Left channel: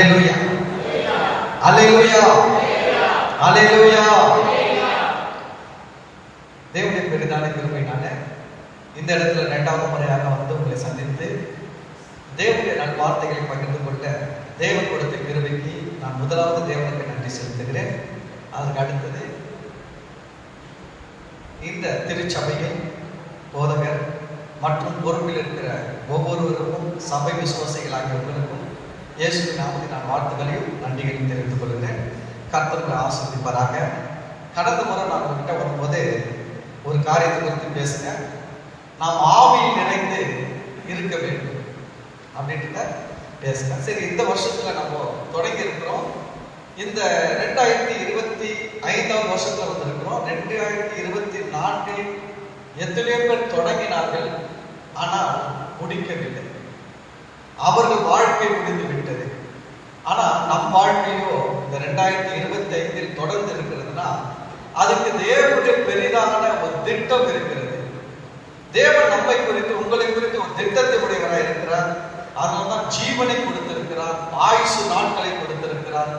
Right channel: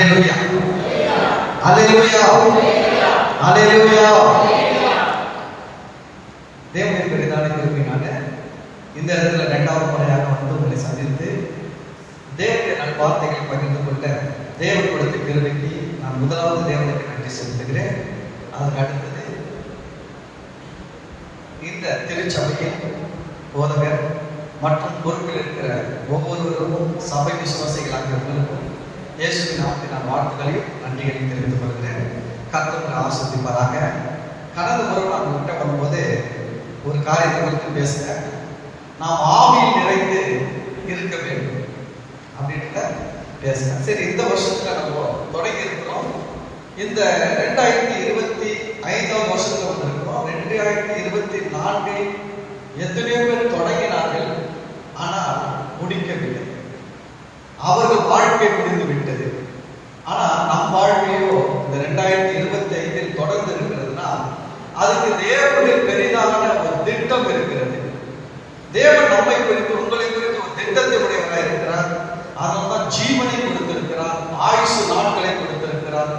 ஹல்லேலூயா, ஹல்லேலூயா, ஹல்லேலூயா. தேவனுடைய பெரிதான கிருபையினால இந்த இடத்துல இரண்டாவது முறையாக வந்து உங்களை சந்தித்து தேவனுடைய நல்வார்த்தைகளை பகிர்ந்து கொண்ட தேவனுடைய கிருபைக்கு நான் முதலாவது தேவனுக்கு நன்றி செலுத்துகிறேன். அதுக்கு அடுத்தது இந்த திருச்சபையில் போதகர் மற்றும் பொறுப்பில் இருக்கிற ஒவ்வொருவருக்கும் சபை விசுவாசிகளாகிறவர்களுக்கும் இயேசுவின் நாமத்தில் நான் வாழ்த்துக்களையும் நன்றிகளையும் தெரிவித்துக் கொள்கிறேன். கர்த்தர் ஆசீர்வதிப்பாராக. கடந்த முறை நான் உங்கள்கிட்ட வரும்போது ஒரு காரியத்தை குறித்து பேசுகிறேன். நாம் ஆவியில் நிறைந்து இருக்க வேண்டும் அப்படின்ட்டு பேசுகிறேன். சரி, இந்த வருஷத்துல நம்ம தொடங்கி இருக்கிறோம். இந்த 2025 வருஷத்துல வந்திருக்கிறோம். 2024 எத்தனையோ பேர் தொடங்கினார்கள், ஆனால் முடிக்கவில்லை. அவர்கள் வாழ்க்கை முடிந்து விட்டது. ஆனா நம் வாழ்க்கையோ இந்த 2025 தொடர்ந்து இருக்கிறதுனா அதுக்கு தேவனுடைய பெரிதான ஒரு திட்டம் இருக்கிறது. தேவன் நம்மை குறித்து உங்களை குறித்து ஒரு திட்டத்தை உடையவராக இருக்கிறார். அதனால்தான் ஜீவனை கொடுத்திருக்கிறார், ஆயுசு நாட்களை கொடுத்திருக்கிறார்,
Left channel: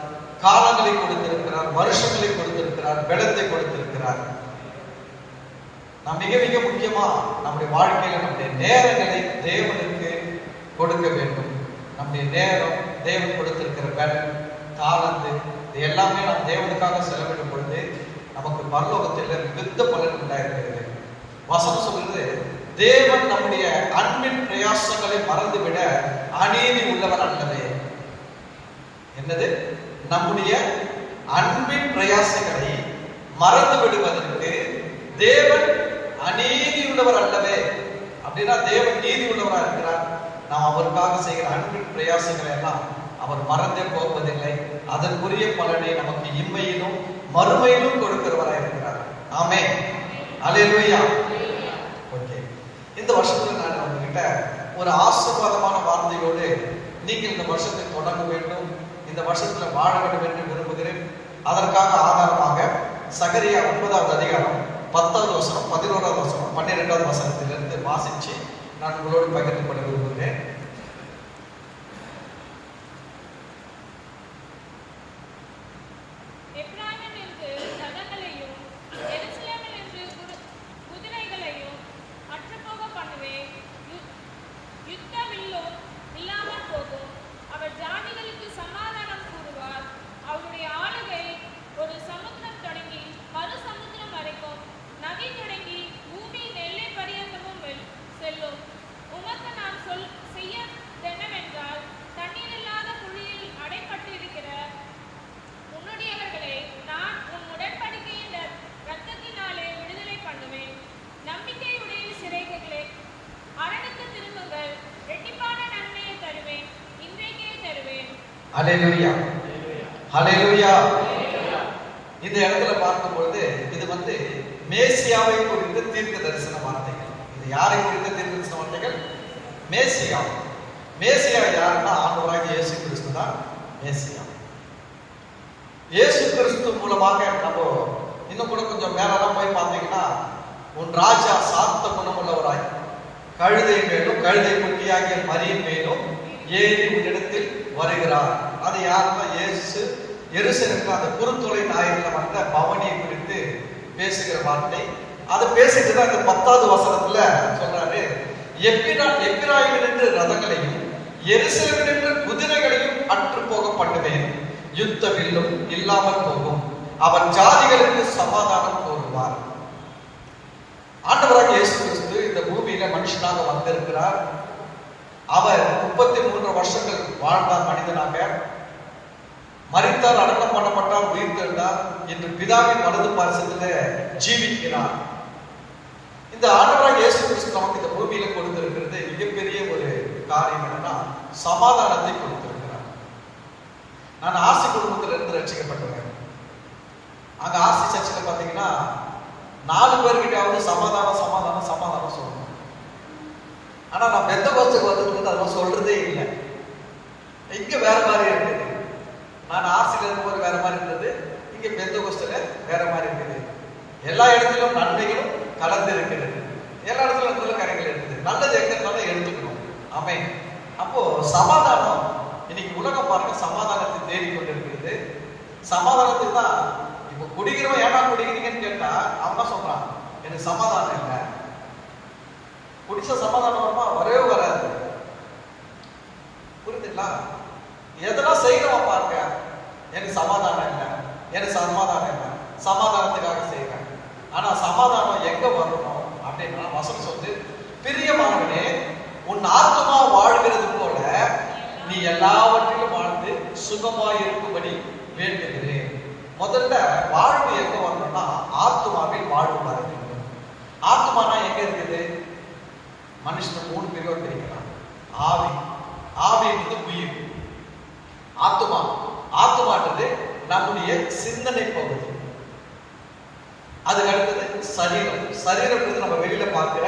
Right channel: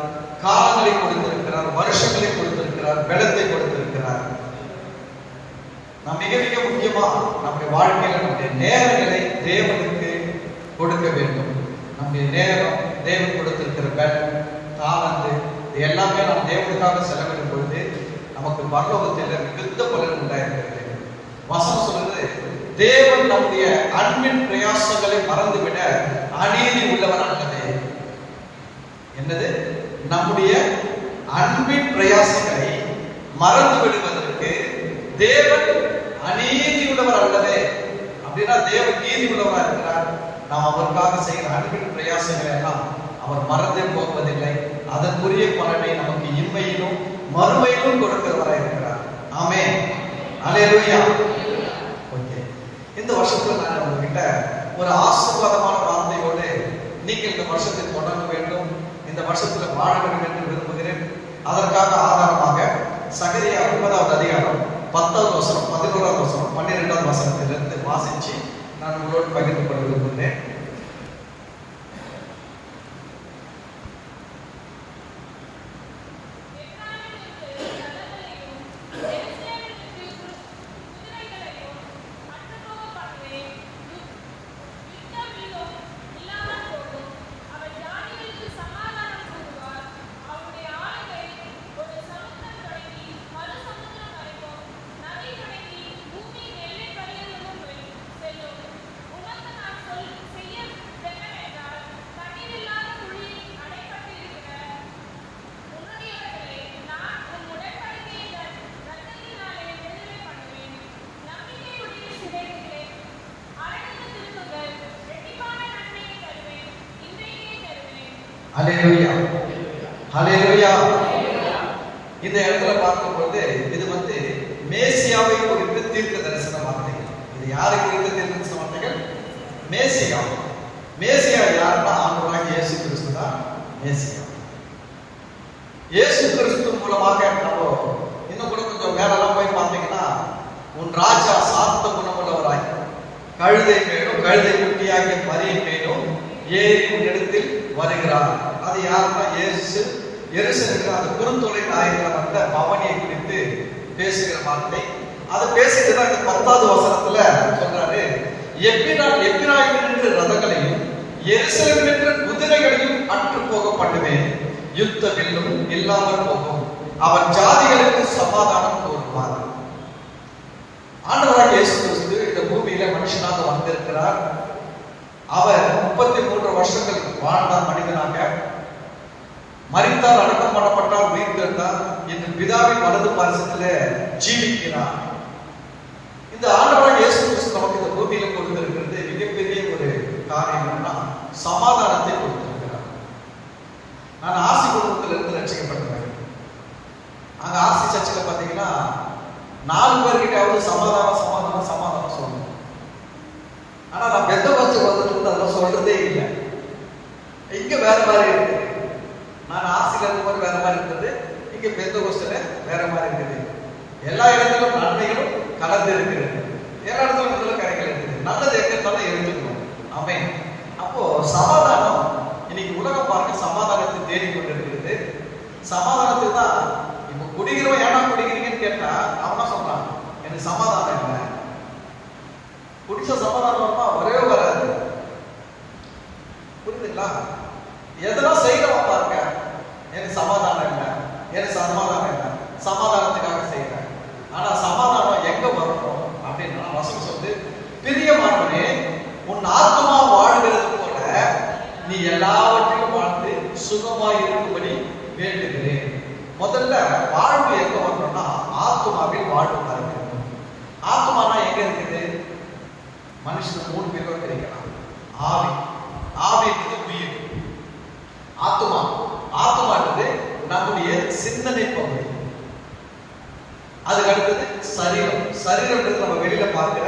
காலங்களை கொடுத்திருக்கிறார், வருஷங்களை கொடுத்திருக்கிறார், பலத்தை கொடுத்திருக்கிறார். நாம் மிக மிக முக்கியமா நம்முடைய வாழ்க்கையில் நம்முடைய நேரங்களை தேவனுக்கு கொடுக்க வேண்டும். நம்முடைய நேரம், தேவன் கொடுத்திருக்கிற பலம், காலத்தை இது எல்லாமே நாம் தேவனுக்காக செலவிடும் பொழுது நமக்கு பரலோகத்தில் மிகுந்த பலன் உண்டாயிருக்கிறது. வசனம் சொல்றது, தேவன் நம்முடைய அன்பின் பிரயாசங்களை மறந்துவிட அநீதி உள்ளவர் அல்லவே. என்னது? நம்முடைய அன்பின் பிரயாசங்களை மறந்து விடுவதற்கு தேவன் அநீதி உள்ளவர் அல்லவே. அப்படின்னா தேவன் நீதி உள்ளவராக இருக்கிறார். நாம் அவருக்காக செய்கிற அன்பின் பிரயாசங்களை எல்லாம் அவர் மறந்தே போவதில்லை. அதற்குரிய பலனை நமக்கு இம்மையிலும் மறுமையிலும் கொடுக்கிறவராக இருக்கிறார். ஆமென், ஹல்லேலூயா. ஓகே, இந்த வருஷத்துல நான் உங்ககிட்ட ஒரு ஆசீர்வாதமான வார்த்தையோடு நீங்கள் இந்த வருஷத்தை தொடங்க வேண்டும், இந்த வருஷத்துல வாழ வேண்டும் என்று விரும்புகிறேன். அதற்காக ஆதாரமாக சகரியா 9வது அதிகாரம் 10வது வசனம், 11வது வசனம், 12வது வசனத்திலிருந்து வாசிச்சு நான் உங்களோடு பகிர்ந்து கொள்ள விரும்புகிறேன். ஹல்லேலூயா, ஹல்லேலூயா. இந்த இடத்துல பார்க்கும்போது இது வந்து மேசியாவை குறித்து தீர்க்க தரிசன வார்த்தைகள். இது யாரை குறித்த தீர்க்க தரிசன வார்த்தைகள்? மேசியா. மேசியா யாருன்னா ஆண்டவராகிய இயேசு கிறிஸ்து தான் மேசியா. இயேசு கிறிஸ்து மூலமாக நம்ம இன்னும் கூட கொஞ்சம் மேலெல்லாம் போய் பார்த்தீங்கன்னா, உன் ராஜா சாந்த குணமுள்ளவராய் கழுதை மேலும் கழுதை குட்டியாகிய மரியின் மேலும் ஏறி இடத்தில் வருகிறார். அது யாருன்னா இயேசு எருசலேமுக்கு அந்த குறுந்தொலை நாயகன் அந்த பவனியை குறித்து பேசுகிற வார்த்தை. அதை பேசிட்டு தான் இந்த 10வது வசனத்துல சொல்றாரு, எப்பிராயிம் என்ற ரதங்களையும் எருசலேம் என்ற குதிரைகளையும் அற்று போக பண்ணுவேன், யுத்த வில்லும் இல்லாமல் போகும், அவர் ஜாதிகளுக்கு சமாதானம் கூறுவார். ஆண்டவராகிய இயேசு கிறிஸ்து இந்த பூமியில மனுஷனாக வந்திருக்கிறார். அவர் 33 வருஷங்கள் வாழ்ந்தார் மனிதனாக. மரித்தார், அடக்கம் பண்ணப்பட்டார், உயிர் தெழுந்தார், என்று பிதாவின் வலது பாரசத்துல ஜீவிக்கிறார். இந்த ஆண்டவராகிய இயேசு கிறிஸ்து நமக்கு இந்த பூமியில கொடுத்திருக்கிறது மிகப்பெரிய ஒரு காரியம் என்னன்னா, சமாதானத்தை கொடுத்திருக்கிறார். நான் ஆசி குடும்பத்தில் இருந்து ரட்சிக்கப்பட்டேன். அங்க ஆசி சர்ச்சில் பாத்தீங்கன்னா 4 பேர்கிட்ட சமாதானம் சமாதானம் சமாதானம் சொல்லணும். ஆனா நான் பெந்தகோஸ்தே வந்துட்டு அதை சொல்றதே இல்லை. இங்க வேற மாதிரி இருக்குது. நான் ஆசிரியர் இருக்கும்போது வேற மாதிரி இருந்தது, இங்க பெந்தகோஸ்தேல வேற மாதிரி இருக்குது. எல்லா இடத்திலும் நன்மைகளும் கலந்து இருக்கிறது, எல்லா இடத்துல கரைகள் இருக்குது. நல்லது எங்க இருந்தாலும் எடுத்துக்கணும். ஆமென். அப்போ சமாதானம் இன்னைக்கு உலகம் பாருங்க, சமாதானம் குடிச்ச சமாதானமா வரவே வராது. புரியுதுங்களா? எதனா செய்யறவா பாருங்க, எனக்கு சமாதானம் இல்லை, எனக்கு சமாதானம் இல்லை, சமாதானத்துக்காக செய்யறேன். ஆனா சமாதானம் எங்க வரணும் அப்படின்னா வசனம் சொல்லுது, பிரியமானவனே உன் ஆத்மா வாழ்கிறது போல நீ எல்லாவற்றையும் வாழ்ந்து சுகமாய் இருக்கும்படி வேண்டுகிறேன். முதல்ல வாழ்வு எங்க வரணும்னா ஆத்மாவில் வாழ்வு இருக்கு. ஆத்மானா எங்க இருக்குது? மனுஷனுக்கு 3 பேர் தெரியும். ஆவி, ஆவி என்பது உயிர். ஆத்மா, ஆத்மான்றது நம்முடைய சிந்தனை பகுதி. அதுக்கு அடுத்தது சரீரம். சரீரம்ன்றது நம்ம வெளியில பார்க்கிற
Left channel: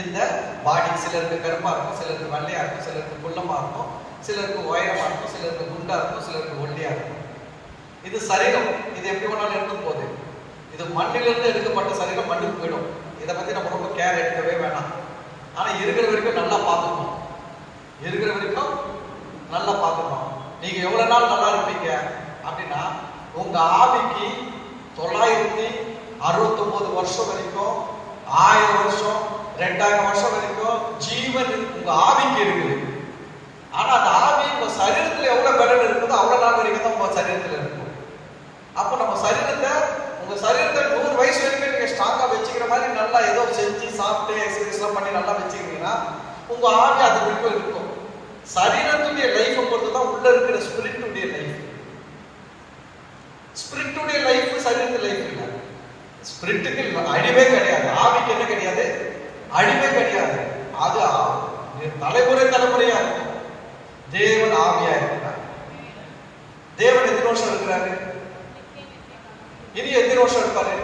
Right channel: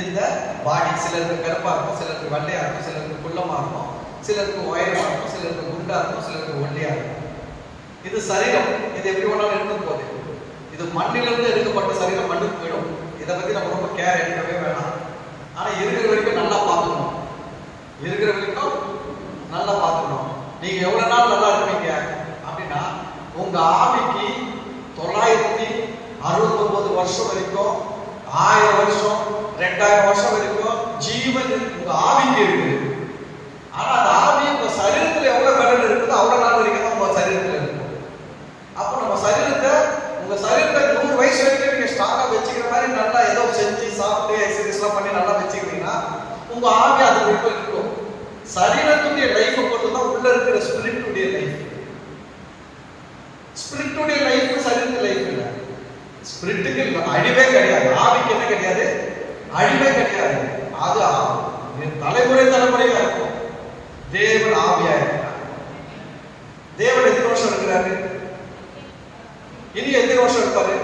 இந்த பாடி. சிலருக்கு கருப்பா இருக்கும், சிலருக்கு வெள்ளையா இருக்கும், சிலருக்கு குள்ளமா இருக்கும், சிலருக்கு உயரமா இருக்கும், சிலருக்கு குண்டா இருக்கும், சிலருக்கு ஒல்லியா இருக்கும். இது சரீரம். இது எப்படி வேணாலும் எடுத்து போகுது. இது மண்ணிலிருந்து எடுக்கப்பட்ட சரீரம் மண்ணுக்கு போயிடும். இதை பத்தி நம்ம ரொம்ப கேர் எடுக்கவே வேணாம். ஆனா இருக்கிற வரைக்கும் நல்லா பார்த்துக்கணும். இருக்கிற வரைக்கும் நல்லா பார்த்துக்கணும். நீங்க எவ்வளவு நாள் நல்லா இருப்பீங்க அப்படின்னா, உங்க ஆவிக்கு 969 வருஷம் வரைக்கும், 1000 வருஷம், 2000 வருஷம் வரைக்கும் ஜீவன் உங்க ஆவிக்கு இருக்குது. ஆனா அந்த ஆவி உங்க சரீரத்துல எவ்வளவு கடன் இருக்குதோ அவ்வளவு நாள் வரைக்கும் தான் உங்க சரீரத்துல இருக்கும். அப்ப நம்ம சரீரத்தை, உங்க சரீரத்தை 100 வயசு வரைக்கும் நீங்க ஸ்ட்ராங்கா வச்சுக்கிற மாதிரி நல்லா ஏதோ செஞ்சு சாப்பிட்டு எக்ஸசைஸ் எல்லாம் பண்ணி நல்லா வச்சுக்கிட்டீங்கன்னா உங்க ஆவி அது வரைக்கும் இருக்கும். சரீரத்துடைய லைஃப் பொறுத்து தான் உள்ள இருக்கிற ஸ்பிரிட்டுடைய லைஃப். ஸ்பிரிட்டுடைய லைஃப் சரீரத்து லைஃப் இல்ல. ஸ்பிரிட்டுக்கு அழிவே கிடையாது, ஆவிக்கு என்ன கிடையாது, அழிவே கிடையாது. அது தலைமுறை தலைமுறையா இருக்கும். தேவன் ஆவியா இருக்கிறார். தேவன் எத்தனை வருஷம் இருக்கிறாரு? இனி எத்தனை வருஷம் இருப்பாரு?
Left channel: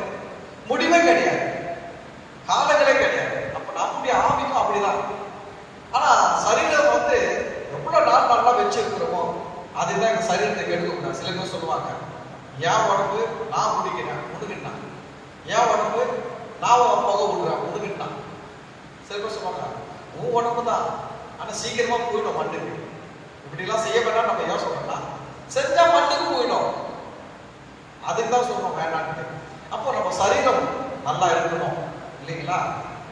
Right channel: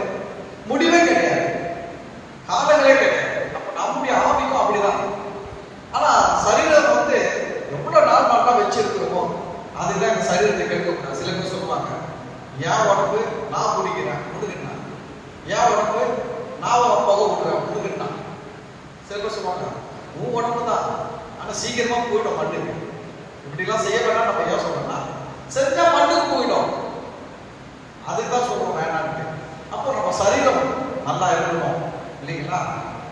முடிவே கிடையாது, காலங்களே கிடையாது. நம்முடைய ஆவிக்கும் அப்படிதான். ஆனா சரீரம் வந்து எவ்வளவு நாள் நல்லா வச்சிருக்கிறோமோ அதுதான் இந்த சரீரத்தை கேட்க. சில பேர் சொல்லுவாங்க, என் உடம்பு நான் குடிக்கிறேன் முதுகிட்டா, என் உடம்பு நான் புகை விடுறேன் முதுகிட்டா. சில பேர் சொல்லுவாங்க, உன் உடம்பு தான் ஆனா சீக்கிரமா போயிடும் மண்ணுக்கு. இப்படிலாம் செய்ய வேண்டாம் நம்ம யோசனை பண்ணலாம். செஞ்சா மண்ணுக்கு போயிடும். அதுக்கு தான் சொல்றோம் வேண்டாம். அப்போ நம்ம சரீரம் நல்லா இருக்கணும் இல்லைங்களா?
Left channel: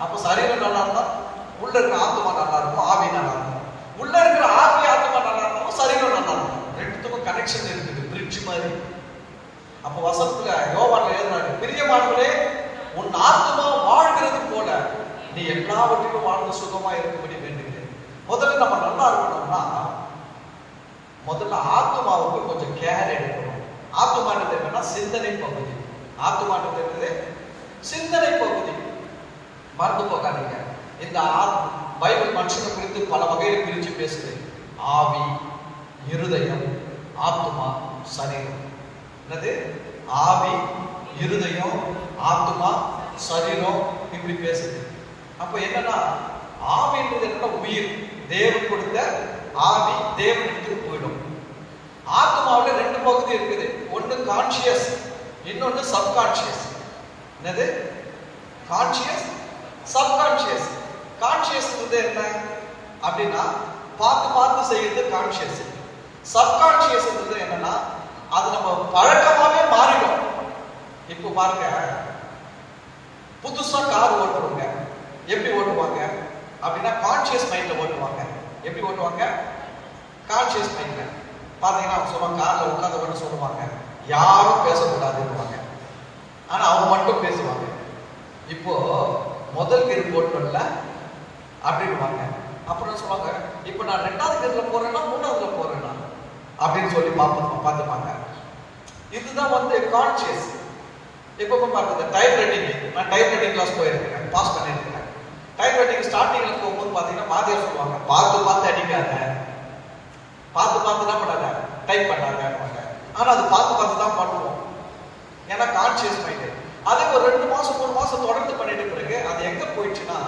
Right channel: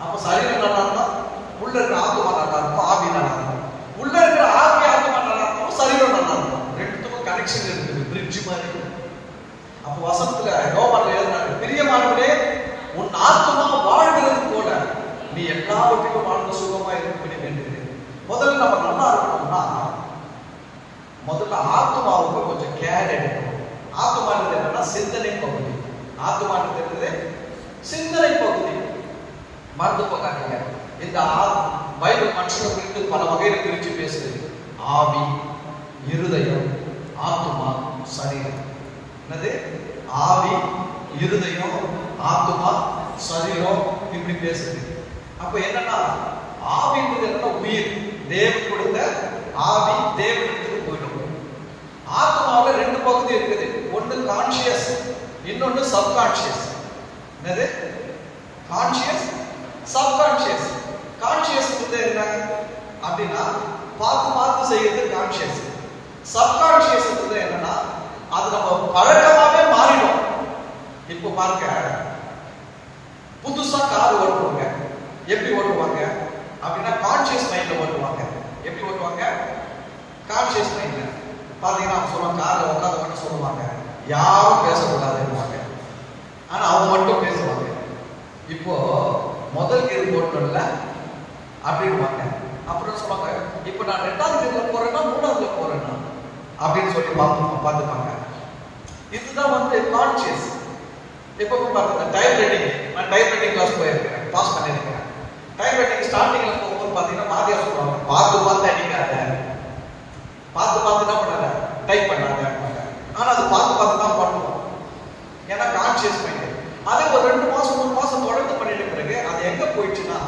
அப்போ சரீரம் நல்லா இருந்தா உள்ள இருக்கிற ஆத்மா நல்லா இருக்கும், ஆவி நல்லா இருக்கும். உள்ள இருக்கிற ஆவி ஆத்மா நல்லா இருக்கும், சரீரம் நல்லா இருக்கும். ரெண்டுத்துக்கும் கனெக்ஷன் இருக்குது, பிரிட்ஜ் மாதிரி. அப்போ வசனத்துல யோவான்ல எழுதுறாரு, பிரியமானவனே உன் ஆத்மா வாழ்கிறது போல நீ எல்லாவற்றையும் வாழ்ந்து சுகமா இருக்கும்படி வேண்டுகிறேன். முதல்ல நம்ம நல்லா இருக்கணும்னா முதல்ல ஆத்மாவுக்கு கொஞ்சம் கேர் எடுக்கணும். ஆத்மானது என்னன்னா சிந்தனை பகுதி. ஆத்மானது சிந்தனை பகுதி. மறந்து போகாதீங்க. இந்த பைபிள் மனுஷனை குறித்து பல வகையில பிரிச்சு பேசுது. ஆவி, இருதயம், ஆத்மா, சரீரம். என்னது? ஆவி, இருதயம், ஆத்மா, சரீரம் இப்படி பேசுது. அப்ப என்னன்னா ஆவின்றது என்ன? உயிர். தேவன் கொடுத்த ஆவி தேவனுக்கு போயிடும். ஆத்மாவில் 2 பகுதி இருக்குது. ஒன்று கான்சியஸ், இன்னொன்று சப்கான்சியஸ். என்னது? Conscious, subconscious. கான்சியஸ் என்ன அப்படின்னா பார்த்து பார்த்து செய்யறது கான்சியஸ். சப்கான்சியஸ் என்னன்னா அது நம்ம பழக்கமாவே மாறிடும். இப்போ பாருங்க, புதுசா கார் ஓட்டுவாங்க. எப்படி ஓட்டுவாங்க அப்படின்னா கான்சியஸ் மைண்ட்ல ஓட்டுவாங்க. எப்படி ஓட்டுவாங்க? கான்சியஸ் மைண்ட்ல. பாத்தீங்கன்னா சொல்லுவாங்க, கார்ல உட்காந்து சொல்லுவாங்க, யாரும் பேசக்கூடாதுன்னு. ஆனா அவங்க மட்டும் பேசுவாங்க. இப்போ முதல் கீர் போட்டோம்ல அப்படின்வாங்க. அப்புறம் சொல்லுவாங்க, இப்போ நான் 2வது கீர்ல போறேன்னா 3வதுல போறேன்னா அப்படின்னு சொல்லி பார்த்துப்பாங்க. இதுதான் வந்து கான்சியஸ். இப்போ பாருங்க, டைப் ரைட்டிங். நான் டைப் ரைட்டிங் கிளாஸ் போயிருக்கேன், பாஸ் பண்ணியிருக்கேன். டைப் ரைட்டிங் ஸ்டார்டிங்ல போகும்போது பாத்தீங்கன்னா வாத்தியார் சொல்லுவாங்க, பார்த்து அடிக்காத, பார்த்து என்ன பண்ணாங்க, டைப் பண்ணாங்க. ஆனா அது பார்த்து தான் பண்ணுவோம். ஏன்னா கான்சியஸ் மைண்ட். அதை ஒரு 2 மாசம் 3 மாசம் தொடர்ந்து பண்ணிட்டு பிறகு அது எங்க போயிடுச்சுன்னா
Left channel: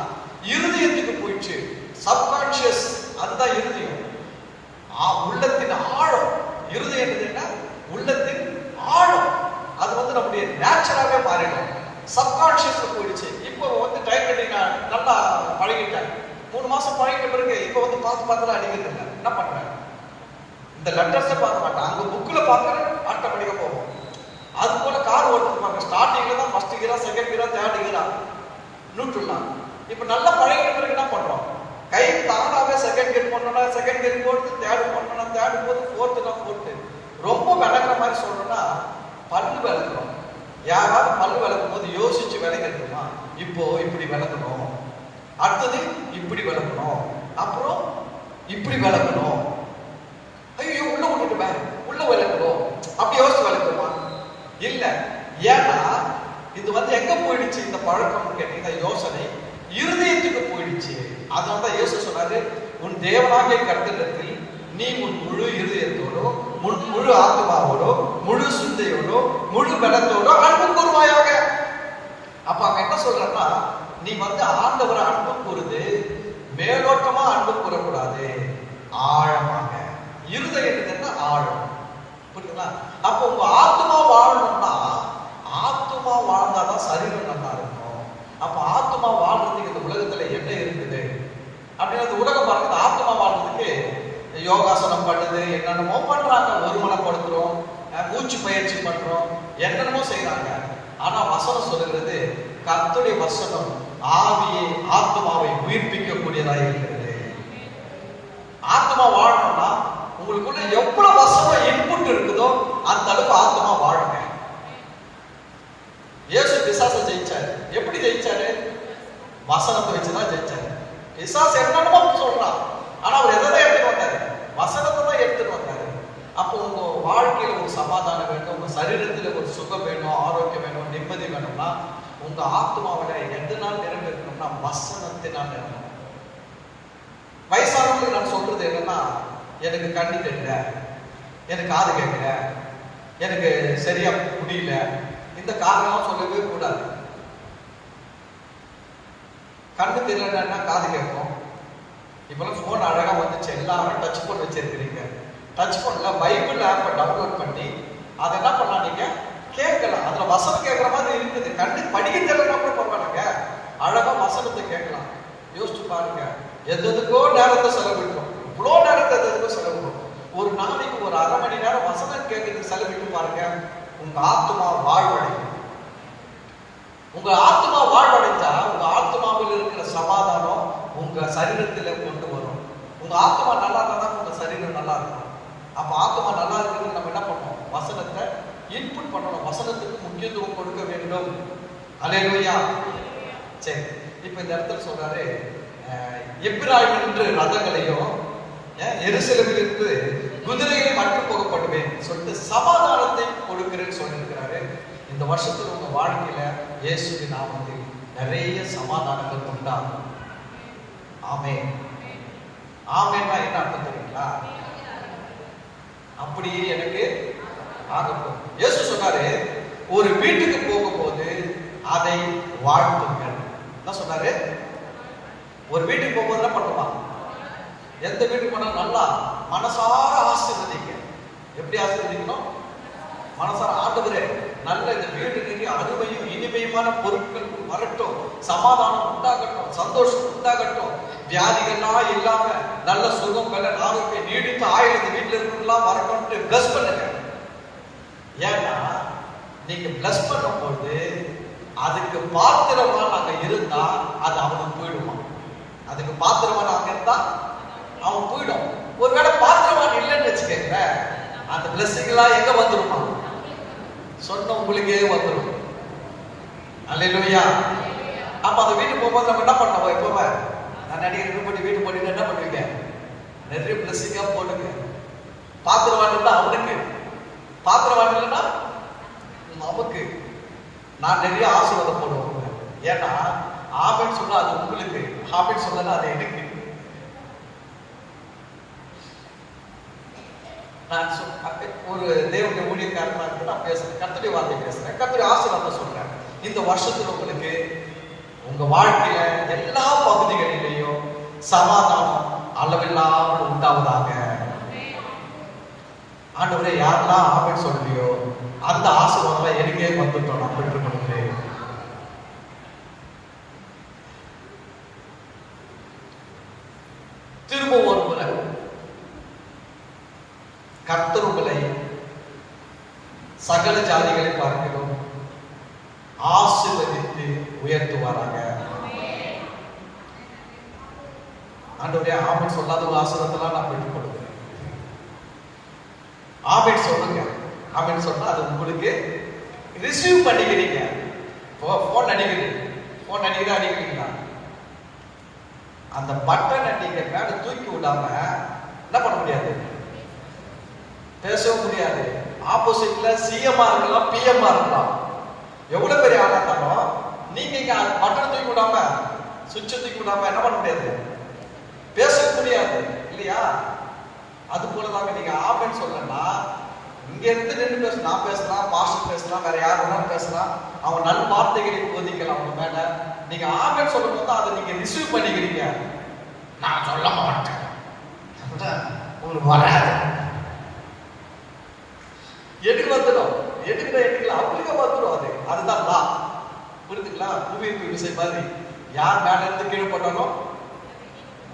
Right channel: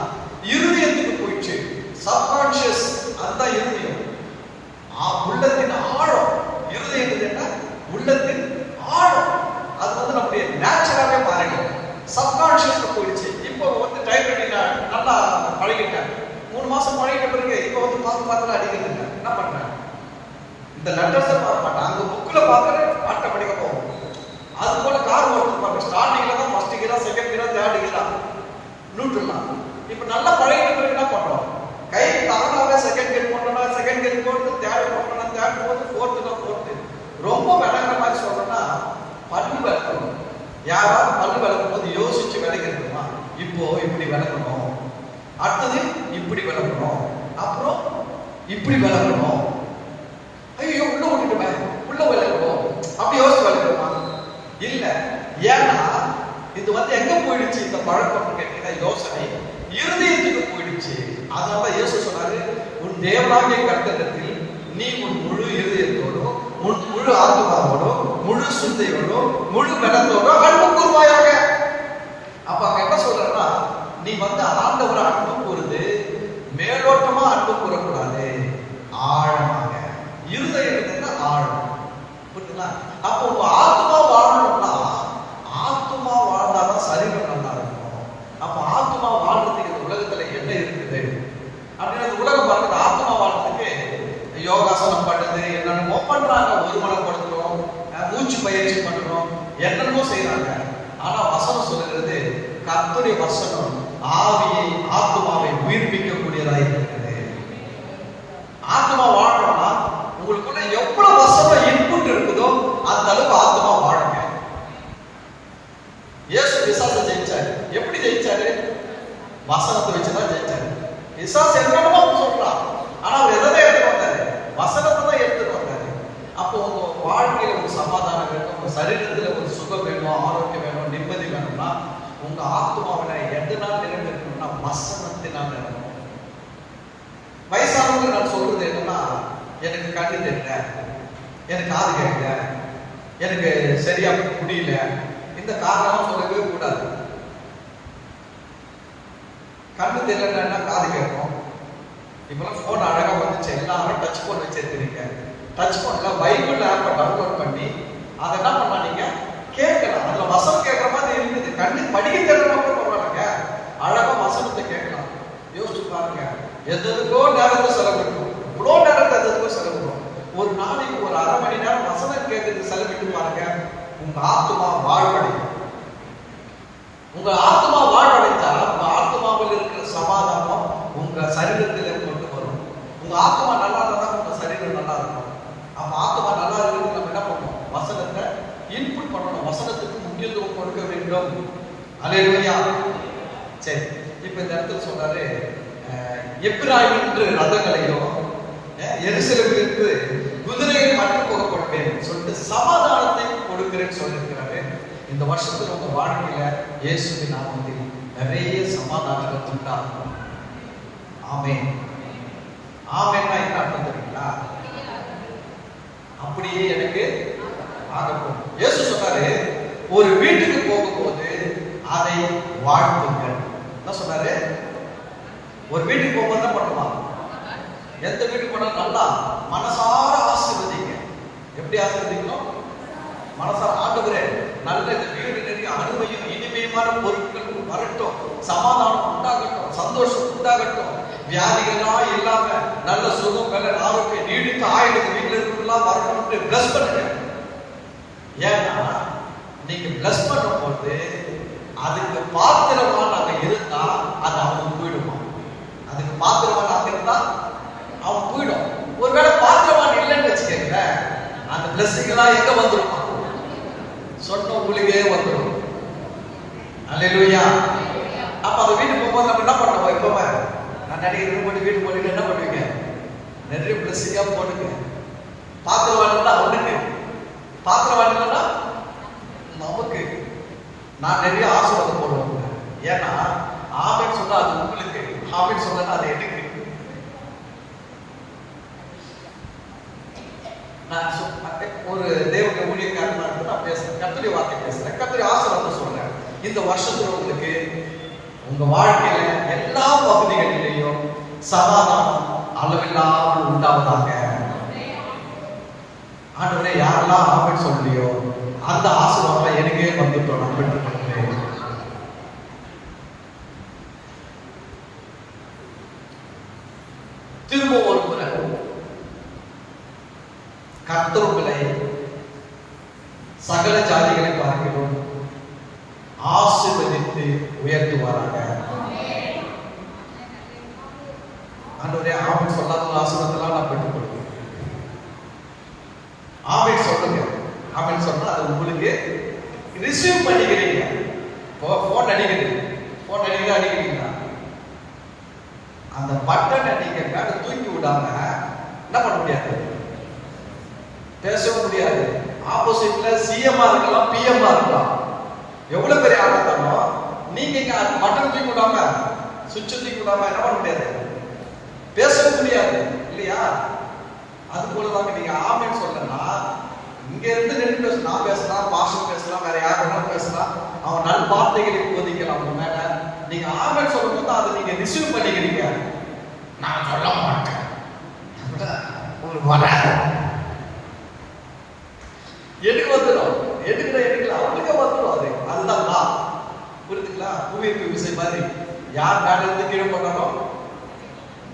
இருதயத்துக்கு போயிடுச்சு. சப்கான்சியஸ், அதுதான் இருதயம். உள்ளத்தின் ஆழம். இருதயம் என்ன? உள்ளத்தின் ஆழம். அது வந்து நம்முடைய நேச்சராகவே மாறிடும். சப்கான்சியஸ்க்கு போயிடுச்சு. இப்போ வந்து டைப் ரைட்டிங் நல்லா பழகிட்டேன். 3 மாசம் பழகிட்ட பிறகு இப்போ வந்து பார்த்து அடிக்கிறது இல்லை. என்ன பண்றேன்? இந்த லெட்டர்ஸை பார்க்க மாட்டேன், அந்த புக்ல பார்க்க ஆட்டோமேட்டிக்கா போகும். அது போல கார் ஓட்டு பாருங்க, ஸ்டார்டிங்ல தான் ஃபர்ஸ்ட் கியரா, செகண்ட் கியரா, தேர்ட் கியரா, நியூட்ரலா. இப்போ நல்லா பழகிட்ட பிறகு என்ன பண்ணுறோம்? இப்படி விளக்கணும். ஐயோ உள்ள விட்டுட்டுமே, உள்ள விளக்கணும் அப்படி யோசிச்சு விளக்கணும் இல்ல. ஏன்னா இது எங்க போயிடுச்சு இந்த பழக்கம் கேட்டீங்க, யோசனை இருதயத்துக்கு போயிடுச்சு. அதனால இயேசு சொல்றாரு, உன் தேவனாகிய கர்த்தரிடத்தில் நீ உன் முழு இருதயத்தோடும் உன் முழு ஆத்மாவோடும் முழு சிந்தையோடும் முழு கடத்தோடும் அன்பு கூர்வாயாக. அப்ப அவன் என்ன சொல்றா, நீ ஆண்டவரை அன்பு கூறுது மேலோட்டமா அன்பு கூறக்கூடாது, ஆழமாக. இருதயம் ஆழம். புரியுதுங்களா? அப்ப உங்க ஆத்மா வாழணும்னா, ஆத்மா வாழ்ந்தாதான் சரீரம் நல்லா இருக்கும். அப்ப ஆத்மா வாழ்றதுக்கு இந்த உலகத்துல என்ன இருக்குது அப்படின்னா, இந்த உலகம் பார்க்குது ஆத்மா வாழ்றதுக்கு யோகாசனம் பண்ணது என்னென்னமோ பண்றாங்க, ஒருமனப்படுத்தணும், மூச்சு பயிற்சி பண்ணணும், என்னென்னமோ செய்யறாங்க. ஆனா வசனம் சொல்லுகிறது, கர்த்தருடைய வசனம் ஆவியை ஆத்மாவை உயிர்ப்பிக்கக்கூடியதாக இருக்கிறது. ஆத்மா வாழணும்னா உங்களுக்குள்ள எவ்வளவு வசனம் இன்புட் இருக்குதோ அந்த அளவுக்கு ஆத்மா வாழுங்க. இயேசு பிசாசை ஜெயிச்சாரு. எப்படி ஜெயிச்சாரு? வசனத்தை வச்சுதான் ஜெயிச்சாரு. பிசாசு என்னமோ சொல்றான், ஆனா அவர் எதை எடுத்து வந்தாரு? வசனத்தை தான் எடுத்து வந்தாரு. அப்போ உங்க வாழ்க்கையில ஒரு சமாதானம் வேணும், உங்க சரீரத்துல ஒரு சுகம் வேணும், ஆரோக்கியம் வேணும், நிம்மதி வேணும்னா உங்க ஆத்மாவில எதனால் நிறைவேற்றணும்னா வசனத்தினால் நிறைவேறும். வயசானவங்க நான் சொல்றது என்னன்னா, எனக்கு கண்ணு தெரியல, எனக்கு காது கேட்கல, எனக்கு சரியா முடியல, இந்த காரணம் சொல்லவே கூடாது. கண்ணு தெரியலன்னா காது கேட்கும். இப்பெல்லாம் போன் அழகா வந்துச்சு, எல்லாமே டச் போன் வச்சிருக்கிறீங்க. டச் போன்ல பைபிள் ஆப்பை டவுன்லோட் பண்ணி அதை என்ன பண்ணலாம், நீங்க கேட்கலாம். அதுல வசனம் கேட்கற மாதிரி இருக்குது. கண்ணு படிக்க தெரியல மட்டும் பரவாயில்லைங்க, அழகா வசனத்தை கேட்கலாம். யோசிச்சு பாருங்க, எதுக்கோ நேரத்தை செலவிடும், இவ்வளோ நேரத்தை எதுக்கோ செலவிடும். ஒரு நாளைக்கு ஒரு அரை மணி நேரம் வசனம் கேட்கறதுக்கு செலவிட்டு பாருங்க, உங்க ஆத்மா வாழ்வடையும். உங்க ஆத்மா வாழ்வடைந்தா உங்க ஆத்மாவில் இருக்கிற சமாதானம் உங்க சரீரத்தில் கொண்டு வரும். உங்க ஆத்மா நல்லா இருந்தா உங்க சரீரம் நல்லா இருக்கும். அப்ப ஆத்மா நல்லா இருக்கிறது நம்ம என்ன பண்ணணும்? வசனத்தை இன்புட் பண்ணணும், வசனத்துக்கு முக்கியத்துவம் கொடுக்க வேண்டும். அல்லேலூயா. சரி, இப்ப இந்த இடத்துல சொல்றாரு, எப்பிராயிம் என்று ரதங்களையோ எருசலேமிலிருந்து குதிரைகள் மட்டும் போகப்படுவேன் சொல்லிட்டு சமாதானத்தை கொடுக்கிறேன்னு சொல்லியிருக்கிறாரு. இந்த வருஷத்துல உங்க வாழ்க்கையில இயேசுவின் நாமத்தில் நிறைய சமாதானங்கள் உண்டாகும். ஆமென். ஆமென்னா என்ன அர்த்தம் தெரியுங்களா? அப்படியே எனக்கு ஆகட்டும். இயேசு சொன்னாரு, ஒரு வீட்டுக்கு போகும்போது அதை வாழ்த்துங்கள். என்ன சொன்னாரு? ஒரு வீட்டுக்கு போகும்போது என்ன பண்ணலாம்? எந்த வீட்டுக்கு போனாலும் நல்லா மனசார ஆசீர்வதிங்க. எப்படி ஆசீர்வதிக்கணும்? மனசார, ஆண்டவரே நல்ல இந்த வீடு நிறைய அருமையும் இனிமையுமான பொருட்கள் வரட்டும், சமாதானம் உண்டாகட்டும், சந்தோஷம் உண்டாகட்டும், வியாதிகள்லாம் இல்லாம நல்ல சுகம் கலர் ஆரோக்கியம் நீடித்த ஆயுள் வீட்டில் இருக்கலாம் வரணும்னு பிளஸ் பண்ணுங்க. ஏன்னா நீங்க பிளஸ் பண்ணும்போது அதுக்கு பாத்திரமா நாங்க இருந்தா அது அவன் போயிடுவான். அதுக்கு பாத்திரமா நாங்க இருந்தா அவன் போயிடும். ஒருவேளை பாத்திரமான இல்லைன்னு வச்சுக்கோங்க, அந்த பிளஸிங் எல்லாம் எங்க வந்துருமா? சொன்ன உங்களுக்கே வந்துடும். அல்லேலூயா. அப்ப அந்த வீட்டுக்கு போகும்போது நம்ம என்ன பண்ணுவோம்? எப்ப நான் நடிகருக்கு போட்டு வீட்டுக்கு போட்டு என்ன பண்ணுவீங்க? நிறைய பிளஸிங்கா போட்டுங்க. பாத்திரம் வாட்டா அவனுக்கு, பாத்திரம் வாட்டா நமக்கு. நான் நிறைய ஆசீர்வாதம் போடுவேன். ஏன்னா ஆமென் சொன்னா அது உங்களுக்கு, ஆமென் சொன்னா அது எனக்கு. நான் ஒரு தேவனுடைய ஊழியக்காரன் தான் பேசுறேன், கர்த்தருடைய வார்த்தை பேசுறேன், கர்த்தருடைய ஆசீர்வாதத்தை சொல்றேன். இந்த வருஷத்துல உங்களுக்கு உங்க வாழ்க்கையில எல்லா பகுதிகளிலேயும் சமாதானம் அளவில்லாமல் உண்டாவதாக. ஆண்டவரே, யாரெல்லாம் ஆமென் சொல்லியோ அந்த ஆசீர்வாதம் எனக்கே வந்துட்டோம். நான் பெற்றுக்கொள்கிறேன். திரும்ப ஒரு முறை கர்த்தர் உங்களை சகல ஜாதிகளை பார்க்கிறோம் ஆசீர்வதித்து உயர்த்துவாராக. ஆண்டவரே, ஆமென் சொல்லாத ஆசீர்வாதத்தெல்லாம் நான் பெற்றுக்கொள்கிறேன். ஆமென் சொல்லுங்க. ஆமென் சொன்னா அது உங்களுக்கு ரிசீவ் பண்ணிக்கிறீங்க. போன் அடிக்கிறீங்க, போன் அடிக்கிறீங்களா? அந்த பட்டனை நீங்க மேல தூக்கி விடாம பேசவே முடியாது. ஆப்போசிட்ல சிஎம்ஆ இருக்கலாம், பிஎம்ஆ இருக்கலாம். எவ்வளவு பெரிய ஆளா இருந்தாலும் நீங்க இங்க பட்டன் தூக்கி விடாம சுவிட்ச் தூக்கி விடாம என்ன பண்ண முடியாது, பேசவே முடியாது இல்லையா? அது போலதாங்க நீங்க ஆமென் சொல்லனா இங்க இருந்து நின்று பேச, நான் பேசலாம், பாஸ்டர் பேசலாம், வேற யார் வேணாலும் பேசலாம், அவன் நல்ல வார்த்தைகளை உபதிக்கலாம் அவங்க மேல. நீங்க ஆமென் சொல்லும் போது அதை நீங்க ரிசீவ் பண்ணிக்கிறீங்க. நான் சொல்ல மாட்டேன் உங்களுக்கு வராது, எடுக்க வந்துடும், எடுக்கலாம் அப்படியே வந்துடும். அதுதான் தான், புரியுதுங்களா? புவிக்கு விசை மாதிரி யார் மேல இருந்து கீழே போட்டாலும்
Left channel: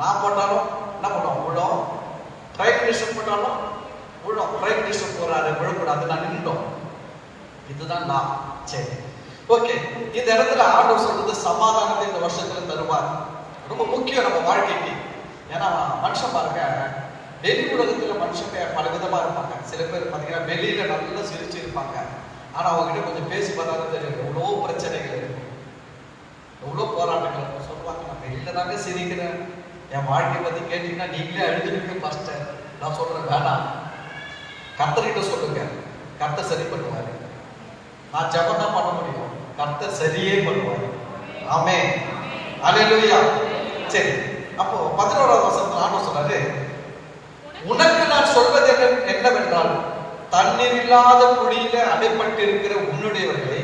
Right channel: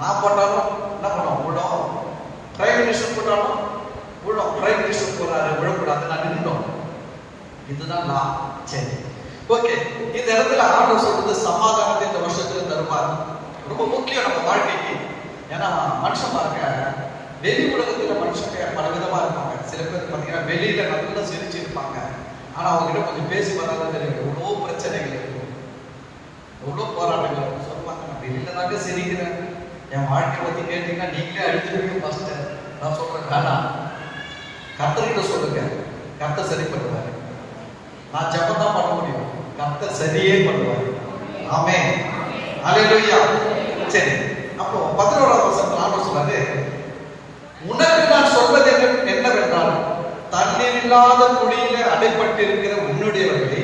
நான் போட்டாலும் என்ன பண்ணுவோம், விடும். பிரைம் மினிஸ்டர் போட்டாலும் விடும். பிரைம் மினிஸ்டர் போறாரு, விடக்கூடாது, நான் நின்றுடும். இதுதான் நான். சரி, ஓகே. இந்த இடத்துல ஆண்டவர் சொல்றது சமாதானத்தை இந்த வருஷத்துல தருவார். ரொம்ப முக்கியம் நம்ம வாழ்க்கைக்கு. ஏன்னா மனுஷன் பாருங்க, வெளி உலகத்துல மனுஷங்க பல விதமா இருப்பாங்க. சில பேர் பார்த்தீங்கன்னா வெளியில நல்லா சிரிச்சு இருப்பாங்க, ஆனா அவங்க கிட்ட கொஞ்சம் பேசி பார்த்தா எவ்வளோ பிரச்சனைகள் இருக்கும், எவ்வளோ போராட்டங்கள் இருக்கும். சொல்லுவாங்க நான் வெளியில தாங்க சிரிக்கிறேன், என் வாழ்க்கை பத்தி கேட்டீங்கன்னா நீங்களே அழுதுவீங்க மாஸ்டர். நான் சொல்றேன் வேணாம், கர்த்தர்கிட்ட சொல்லுங்க, கர்த்தர் சரி பண்ணுவாரு. நான் ஜெபம் தான் பண்ண முடியும், கர்த்தர் சரியே பண்ணுவாரு. ஆமென், அல்லேலூயா. சரி, அப்போ 11வது வசனத்துல ஆண்டவர் சொல்றாரு, உனக்கு நான் சொல்வது என்னவென்றால் தண்ணீர் இல்லாத குழியில அடைப்பட்டிருக்கிற உன்னுடையவர்களை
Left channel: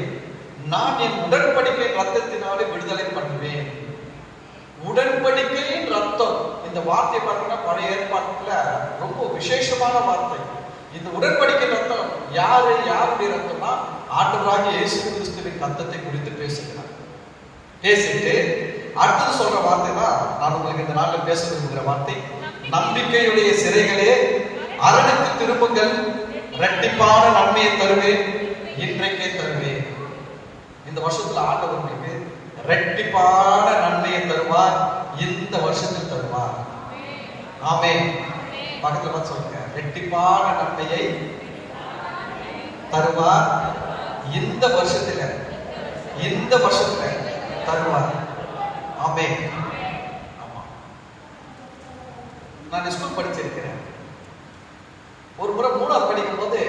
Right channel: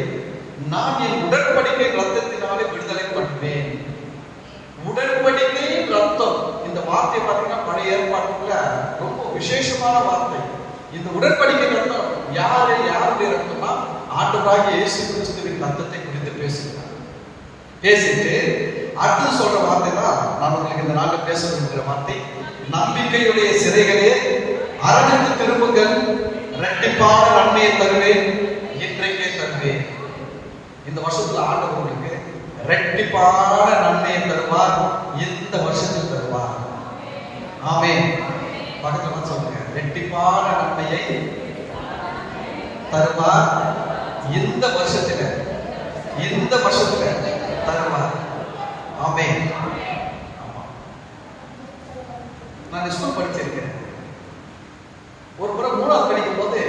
நான் என் உடன்படிக்கை ரத்தத்தினாலே விடுதலை பண்ணுவேன். உடன்படிக்கை ரத்தம், இந்த வார்த்தை பார்த்தீங்கன்னா பழைய ஏற்பாட்டுல ரொம்ப விசேஷமான வார்த்தை. இந்த உடன்படிக்கை ரத்தம் யாருடைய ரத்தம்னா ஆண்டவராகிய இயேசு கிறிஸ்துவின் ரத்தத்தை குறித்து பேசுகிறார். பேசிட்டு அடுத்து சொல்ற வார்த்தை தான் நான் உங்களுக்கு இந்த நாளில் பேச விரும்புகிற வார்த்தை. நம்பிக்கையுடைய சிறைகளே அரணுக்கு திரும்புங்கள், இரட்டிப்பான நன்மையை தருவேன், இன்றைக்கே தருவேன். இந்த வருஷத்துல ஆண்டவர் உங்களுக்கு இரட்டிப்பான நன்மையை தருவார், இந்த வருஷத்தில் தருவார். ஆமென். பக்கத்துல சொல்லுங்க, இரட்டிப்பான நன்மையை தருவார், இந்த வருஷத்துல தருவார். ஆமென். நான் ஸ்கூல் படிச்சிருக்கிறேன். ஒரு முறை 3வது படிக்கும் போது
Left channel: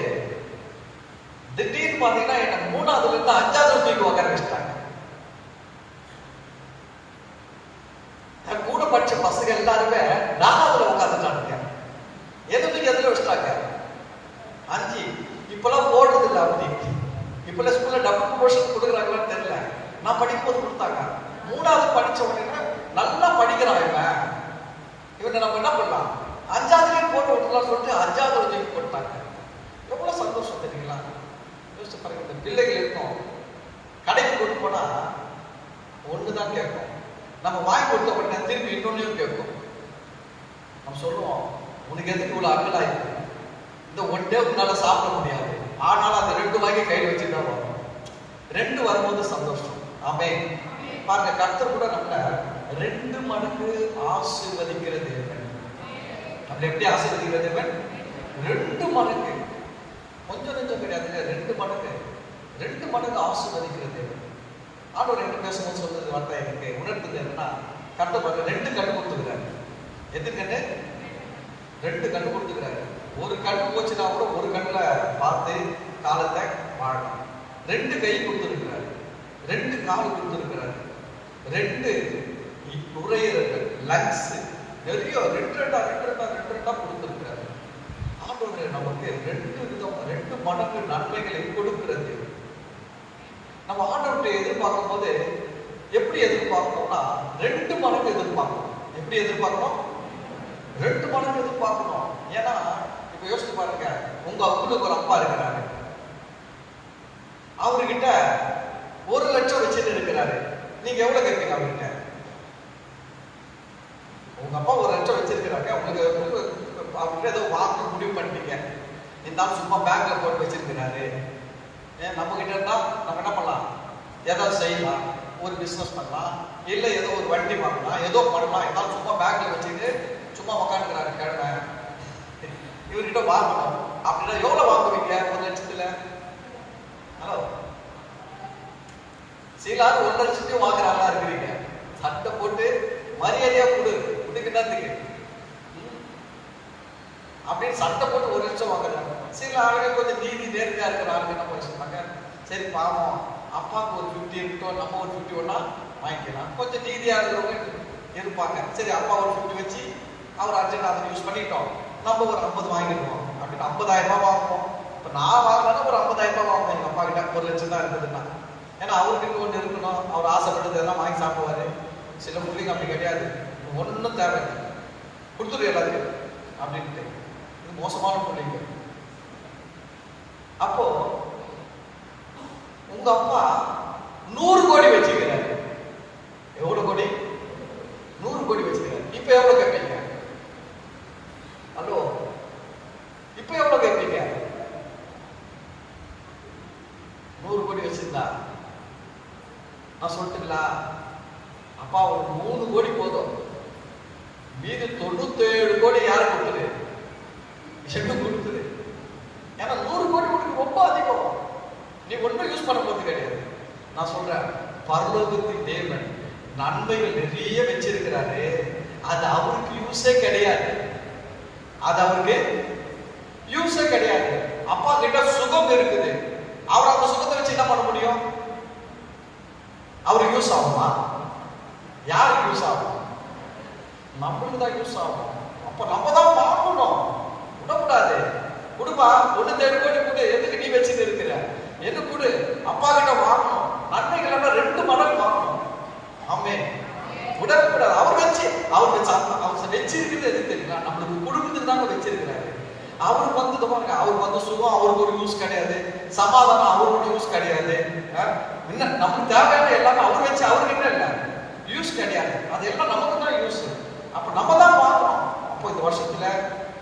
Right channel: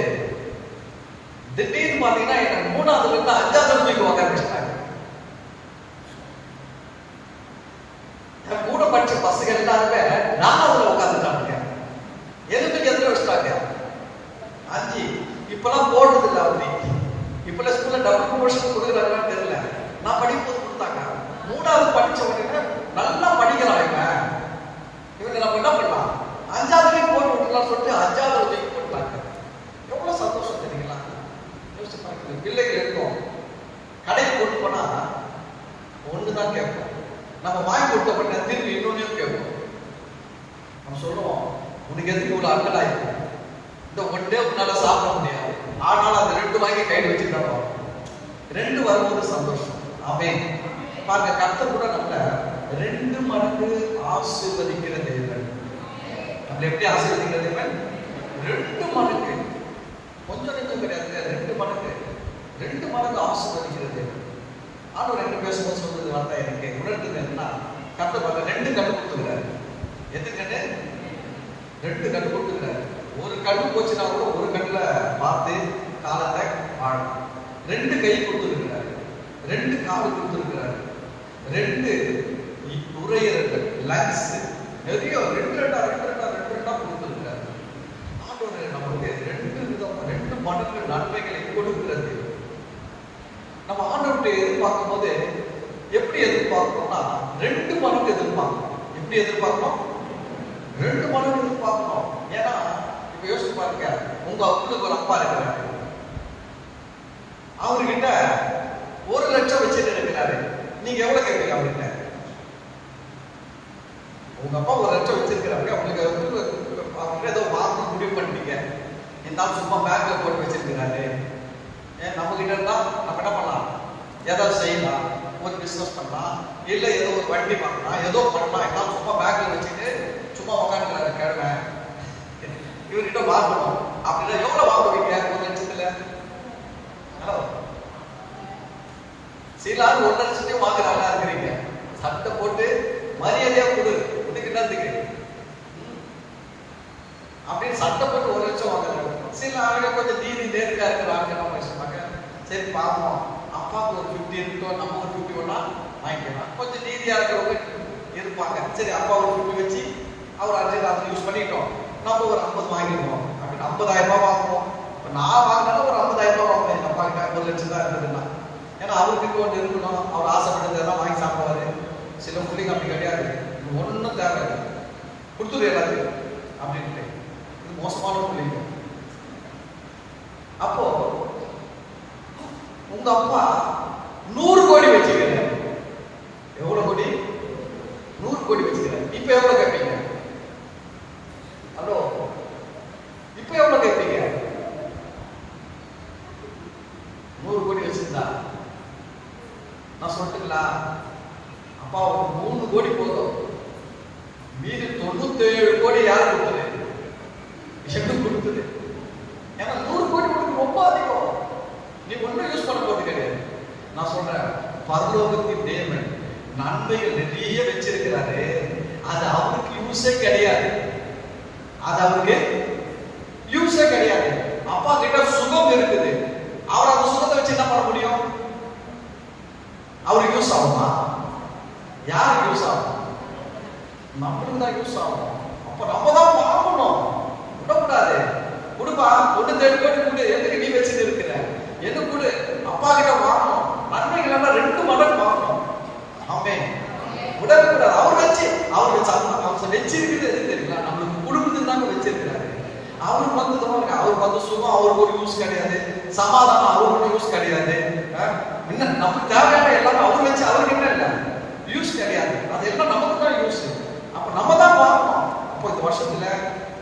திடீர்னு பாத்தீங்கன்னா எனக்கு 3வதுல இருந்து 5வது தூக்கி உட்கார வச்சிட்டாங்க. என் கூட படிச்ச பசங்க எல்லாருமே 4வதுல உட்காந்துட்டாங்க. எதுக்கு எதிர வச்சிட்டாங்க 5. இப்பெல்லாம் போடுறது இல்லை அப்படி. இப்பெல்லாம் ஸ்கூல்ல டபுள் ப்ரொமோஷன் கொடுக்குறாங்கன்னு தெரியல. நான் படிக்கும்போது கொடுத்தாங்க. 3வது படிச்சவங்க நல்லா படிக்கிறாங்க, இவங்க நம்ம என்ன பண்ணலாம் 5வதுலயும் போட்டு விடலாம் சொல்லிட்டு 5வதுல தூக்கி கொடுத்தாங்க. எவ்வளவு சந்தோஷம் தெரியுங்களா? யோசிச்சு பாருங்க. பிள்ளைகள் இருக்கும், கடைக்கு கொண்டு போனா ஒண்ணுதான் கேட்போம், நம்ம வாங்கி கொடுத்தப்பட்ட திருப்பி இன்னொன்னு கேட்போம். நம்ம சொல்லுவோம், உனக்கு எதுக்கு இவ்வளவு அக்கல் ஆயிருக்கு, இந்த ஒன்றே உன்னால சாப்பிட முடியாது, ஆனால் அந்த 2 வாங்கி கையில் வச்சிருக்காங்க. 2 வரும்போது சந்தோஷம். ஆமென். பாருங்க, கர்த்தர் கூட நம்மள 2 மடங்கு ஆசீர்வதிக்கிற தேவன். நம்ம எப்படி ஆசீர்வதிக்கிற தேவன்? 2 மடங்கு, கொஞ்சம் நெஞ்சம் கிடையாது, 2 மடங்கு ஆசீர்வதிக்கிற தேவன். ஆண்டவர் என்ன பேசும்போது சொல்றது வார்த்தை எனக்கு உணர்ந்தது என்னன்னா, கர்த்தர் 2 கண் கொடுத்துக்கிறாரு. எது கண்ணு? 2 கண் கொடுத்துக்கிறாரு. ஒரு கண் போச்சுன்னா கூட ஒரு கண்ணுல பார்த்து காலத்தை வாழணும். 2 கை கொடுத்துருக்கிறாரு, 2 கால் கொடுத்துருக்கிறாரு, 2 நுரையீரல் லங்ஸ் நிறைய 2 கொடுத்துருக்கிறாரு. ஆண்டவர் நமக்கு 2 மடங்கு நன்மைகளை கொடுக்கிறது. நம்ம ஆண்டவர்கிட்ட எதிர்பார்க்கும் போது எப்படி எதிர்பார்க்கணும்னா 2 மடங்கு எதிர்பார்க்கணும். எப்படி எதிர்பார்க்கணும்? 2 மடங்கு எதிர்பார்க்கணும். ஏன்னா இப்ப யோசிச்சு பாருங்க, உங்களுக்கு ஒரு அப்பா இருக்கிறாரு, அவர்கிட்ட 1 லட்சம் வச்சுட்டு இருக்கிறாரு. நீங்க எவ்வளவு கேட்பீங்க அவர்கிட்ட? உங்க அப்பா 1 லட்சம் வச்சிருக்கிறாரு, அவங்களுக்கு அவர்கிட்ட ஏதோ வாங்க முடிவு பண்ணிட்டீங்க. இந்த சும்மா பேங்க்ல போட்டு வச்சிருக்கிறாரு. நம்ம கிட்ட இருந்தா நம்ம என்ன பண்ணலாம்? ஏதாவது செய்யலாம், ஒரு பிசினஸ் பண்ணலாம், இல்ல ஏதோ ஒரு வண்டி பண்ணலாம், ஏதோ பண்ணலாம். ஏதாவது சும்மா பேங்க்ல வச்சுட்டு சும்மா உட்காந்துக்கிறாரு கேட்கிறேன். இவர்கிட்ட வாங்கணும் அப்படின்னா எவ்வளவு வாங்குவீங்க 1 லட்சத்துல? ஹலோ, சிலர் 1 லட்சத்தையும் வாங்குறாங்களா இருக்கிறீங்க. சட்டை போட்டு மரியாதையா கொடு, இதுக்கு என்னத்துக்கு அப்படின்னு சட்டை போட்டு 1 லட்சம் வாங்குறாங்க. சரி பாப்போம், அப்பாவுக்கு ஒரு 50 இருக்கோ, நம்ம ஒரு 50 வேணா வாங்கிக்கலாம். கொஞ்சம் நீதியா இருக்கிறவங்க இருப்பாங்க. சரி அப்பா ஒரு 50 வச்சு அவர் அர்ஜென்ட் யூஸ் பண்ணிட்டோம், நம்ம ஒரு 50 வாங்கிருக்கோம் அப்படின்னு 50,000 ரூபாய் வாங்குவோம். நான் வாங்கினாலும் ஒரு 50,000 ரூபாய் வாங்குவேன். அப்பா கிட்ட 50 லட்சம் தான் இருக்குதுன்னா, ஏன்னா அவருக்கு ஒன்று இருக்கணும், அவர் ஆசைப்பட்டதெல்லாம் வாங்கி சாப்பிடுவாரு. சில பிள்ளைங்க அப்படி கிடையாது, ஒன்றும் தேவையில்லை, கொடுத்துரு எல்லாத்தையும் அப்படின்ட்டு. இது மோசமான பிள்ளைங்க. அப்போ உங்க அப்பா 100 கோடி வச்சுக்கிறார். எவ்வளவு கோடி? 100 கோடி வச்சுக்கிறார். இப்ப எவ்வளவு கேட்பீங்க? ஹலோ, இப்ப எவ்வளவு கேட்பீங்க? 100 கோடி வச்சிருந்தா நான் சொல்லட்டுங்களா, அப்பா ஒரு 3 கோடி போதும், மீது 97 கோடி யாரு கொடுத்தது? விஷயம் கொடுத்தது. ஏன்னா 100 கோடி கொடுக்க ரொம்ப அதிகம், நீ ஒன்றும் யூஸ் பண்ண போறது கிடையாது. நான் சொல்றேன், பரலோகத்தின் தேவன் நன்மைகள் நிறைய வச்சிருக்கிறாரு, அது அவருக்கு யூஸே கிடையாது. அது அவருக்கு யூஸே கிடையாது. அப்பா கிட்ட சுகம் இருக்குது, அவர் அந்த சுகத்தை வச்சு என்ன பண்ண முடியும்? அவருக்கு யூஸ் ஆகுமா? யாருக்கு யூஸ் ஆகும்? நம்மளுக்கு தான் யூஸ் ஆகும். அப்ப நம்ம தான் பார்க்கணும், விடக்கூடாது. கொடுப்பா, 1 கோடி கொடு, எதுக்கு நீ வச்சுட்டு இருக்கிற? எது கொடு, அப்பா கிட்ட பார்க்கணும். நன்மைகள் எல்லாம் 2 மடங்கு பார்க்கணும். ஆமென். விடக்கூடாது. அவர் வச்சு அவர் வச்சிருக்கிறது எது தெரியல, நம்மளுக்கு குடும்பத்துக்கு தாங்க வச்சிருக்கிறாரு. அவர் வந்தது பாருங்க, அவர் வந்த சுகம் அவருக்கு ஒரு யூஸ் கிடையாது, சமாதானம் அவருக்கு ஒரு யூஸ் கிடையாது. இன்னும் நமக்கு தேவையான எல்லாம் அவர் வச்சு அவருக்கு என்ன இல்லை யூஸ் கிடையாது. அதெல்லாம் நமக்கு தான் யூஸ். அப்ப நம்ம தான் பார்க்கணும். அப்போ இந்த வருஷத்துல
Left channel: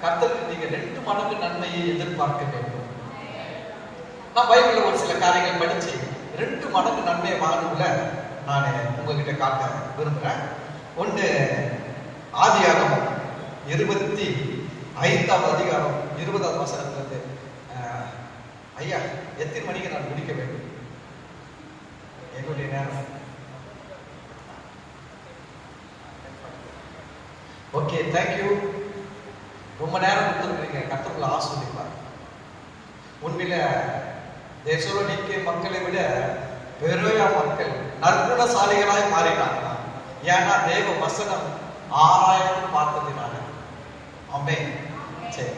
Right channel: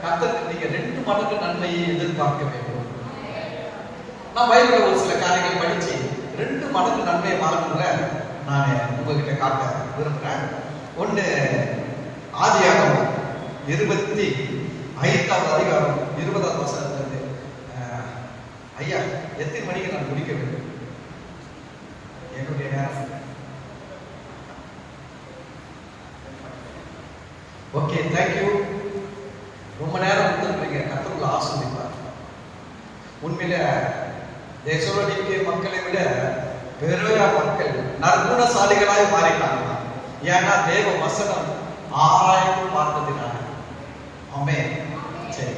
கர்த்தருக்கு நீங்க 2 மடங்கு நன்மையை எதிர்பார்க்க வேண்டும். நான் பைபிள்ல ஒரு சில காரியங்கள் படிச்சு 2 மடங்கு நன்மையை வாங்குற நான் உங்ககிட்ட காட்ட விரும்புறேன். ஒன்று, ஆதியாகமம் 25ஆம் அதிகாரம் 20ஆம் வசனத்திலிருந்து. ஐயா, எத்தனை மணிக்கு நான் முடிக்க வேண்டும்? என்னுடைய நேரம். Okay, thank you. ரொம்ப நேரம் இருந்திருக்கீங்க. கர்த்தருக்குள்ள ஆசீர்வதிப்பார். உண்மையில தெசலோனிக்கே மக்களை விட பெரோயா மக்கள் நற்குணசாலிகளாய் மாறினாங்க. ஏன்னா தேவ வசனம் ஆராய்ந்து பார்த்ததினால. ஆமென். சரி,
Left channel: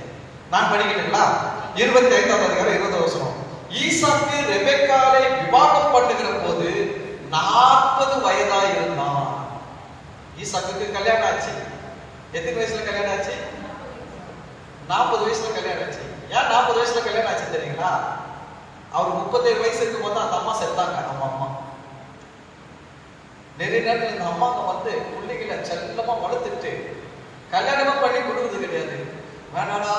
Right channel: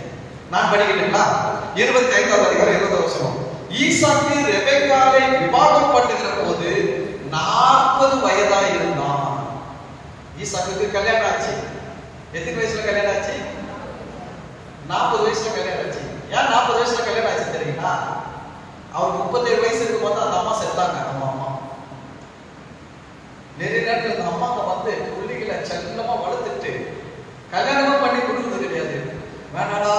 நான் படிக்கிறேங்களா? 25ஆம் அதிகாரம் 20ஆம் வசனம். ஈசாக்கு ரெபெக்காளை விவாகம் பண்ணுகிற போது 40 வயதாய் இருந்தான். ஈசாக்குக்கு கல்யாணம் ஆச்சு. எத்தனை வயசுல கல்யாணம் ஆச்சு? 40 வயசுல கல்யாணம் ஆச்சு. ஏன் 40 வயசுல கல்யாணம் ஆச்சு தெரியுங்களா? அவர் 37 வயசு இருக்கும்போது அந்த அம்மா செத்தாங்க. அவங்க அம்மா நிறைய நேரத்தில் இந்த அம்மா வந்து பிள்ளைகளை செல்லமா வளர்த்துட்டு கல்யாணமும் பண்ணி கொடுத்தது கிடையாது. வேணாடா,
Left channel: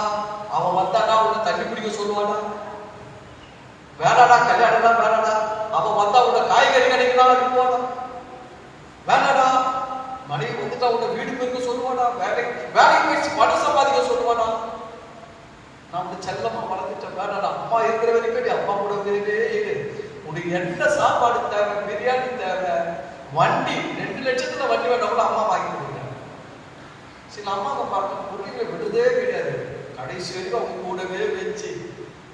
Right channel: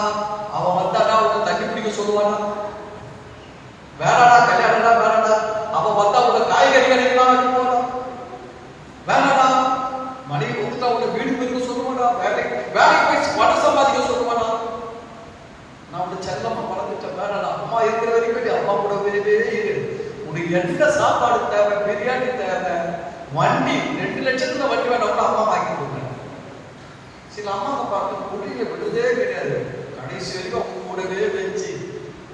அவன் வந்தாடா உங்க தண்ணி பிடிக்க சொல்லுவானா, வேணாடா கல்யாணம்டா, வேணாடா அவன் வந்தா உங்க காய்கறி கிடைக்கலாம், வேணாடா மனைவி வந்துட்டா உங்க வீடு போயிருக்க சொல்லுவானா, வேலைக்கு போயிடுச்சு பணம் சம்பாதிக்க சொல்லுவானா. நான் வந்து செல்லமா வளர்த்துட்டேன், வேணாடா அம்மா இருக்கிற வரைக்கும் அம்மா கூட இரு, உனக்கு என்ன சாப்பாடு தேவை, பிரியாணி தேவை, வண்டி 2 லட்சத்துல வண்டி வேணாம் அம்மா வாங்கி கொடுக்குறேன். சில அம்மாவை பார்த்து பிள்ளைங்க விடுதே கிடையாது, கடைசி வரைக்கும் அவங்க கூடவே வச்சு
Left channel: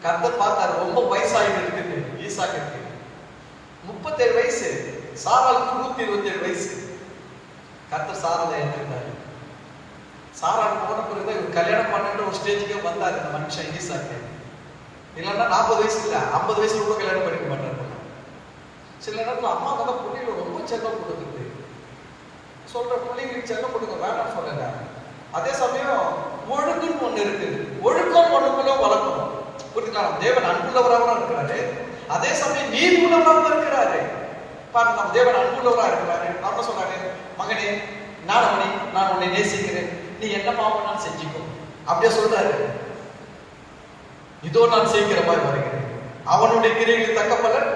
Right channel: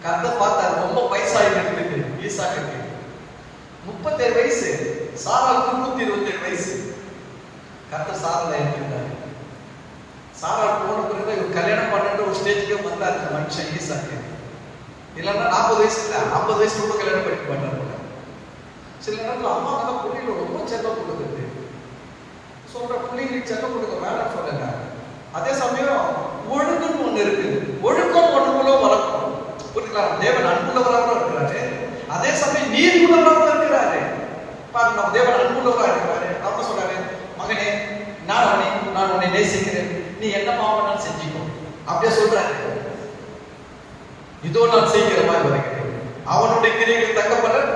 கதை பார்த்தா ரொம்ப வயசாகி இருக்குது. ஈசாக்கு 37 வயசு, சாராளுக்கு 127 வயசு. கர்த்தர் சாராளை ஏற்றுக்கிறார். சாராள் போனது ஒரு கல்யாணம் பண்ணிட்டு ஒரு ஸ்டேஜுக்கு வந்தார் இந்த மனுஷன் ஈசாக்கு. இல்லைன்னா 40 வயசு இல்லை, 50 வயசு கூட கல்யாணம் பண்ணிக்க மாட்டாரு. சில நேரத்தில் அம்மா வந்து பிள்ளைங்களுக்கு ரொம்ப செல்லம் கொடுக்குறது, சொல்ற பிள்ளைங்களுக்கு செல்லம் கொடுக்க வேணாம்னு சொல்லுங்க. அதே சமயம் ஒழுங்குன்னு ஒண்ணு இருக்கு, ஒழுக்கம் ஒண்ணுக்குள்ள வளர்க்கணும். புரியுதுங்களா? தேவன் அன்புள்ளவராக இருக்கிறாரு, அதே சமயம் நீதியுள்ளவராக இருக்கிறாரு. பாருங்க, நம்ம தேவன் அன்புள்ளவராக இருக்கிறாரு. அப்ப சொல்றாரு, மகனே நான் உன்னை நேசிக்கிறேன், நீ என்ன பாவம் செஞ்சுக்கோ அப்படியே சொல்றாரு. இதோ நான் சீக்கிரமாக வருகிறேன், அவனுடைய கிரியைகள் தக்க பலன்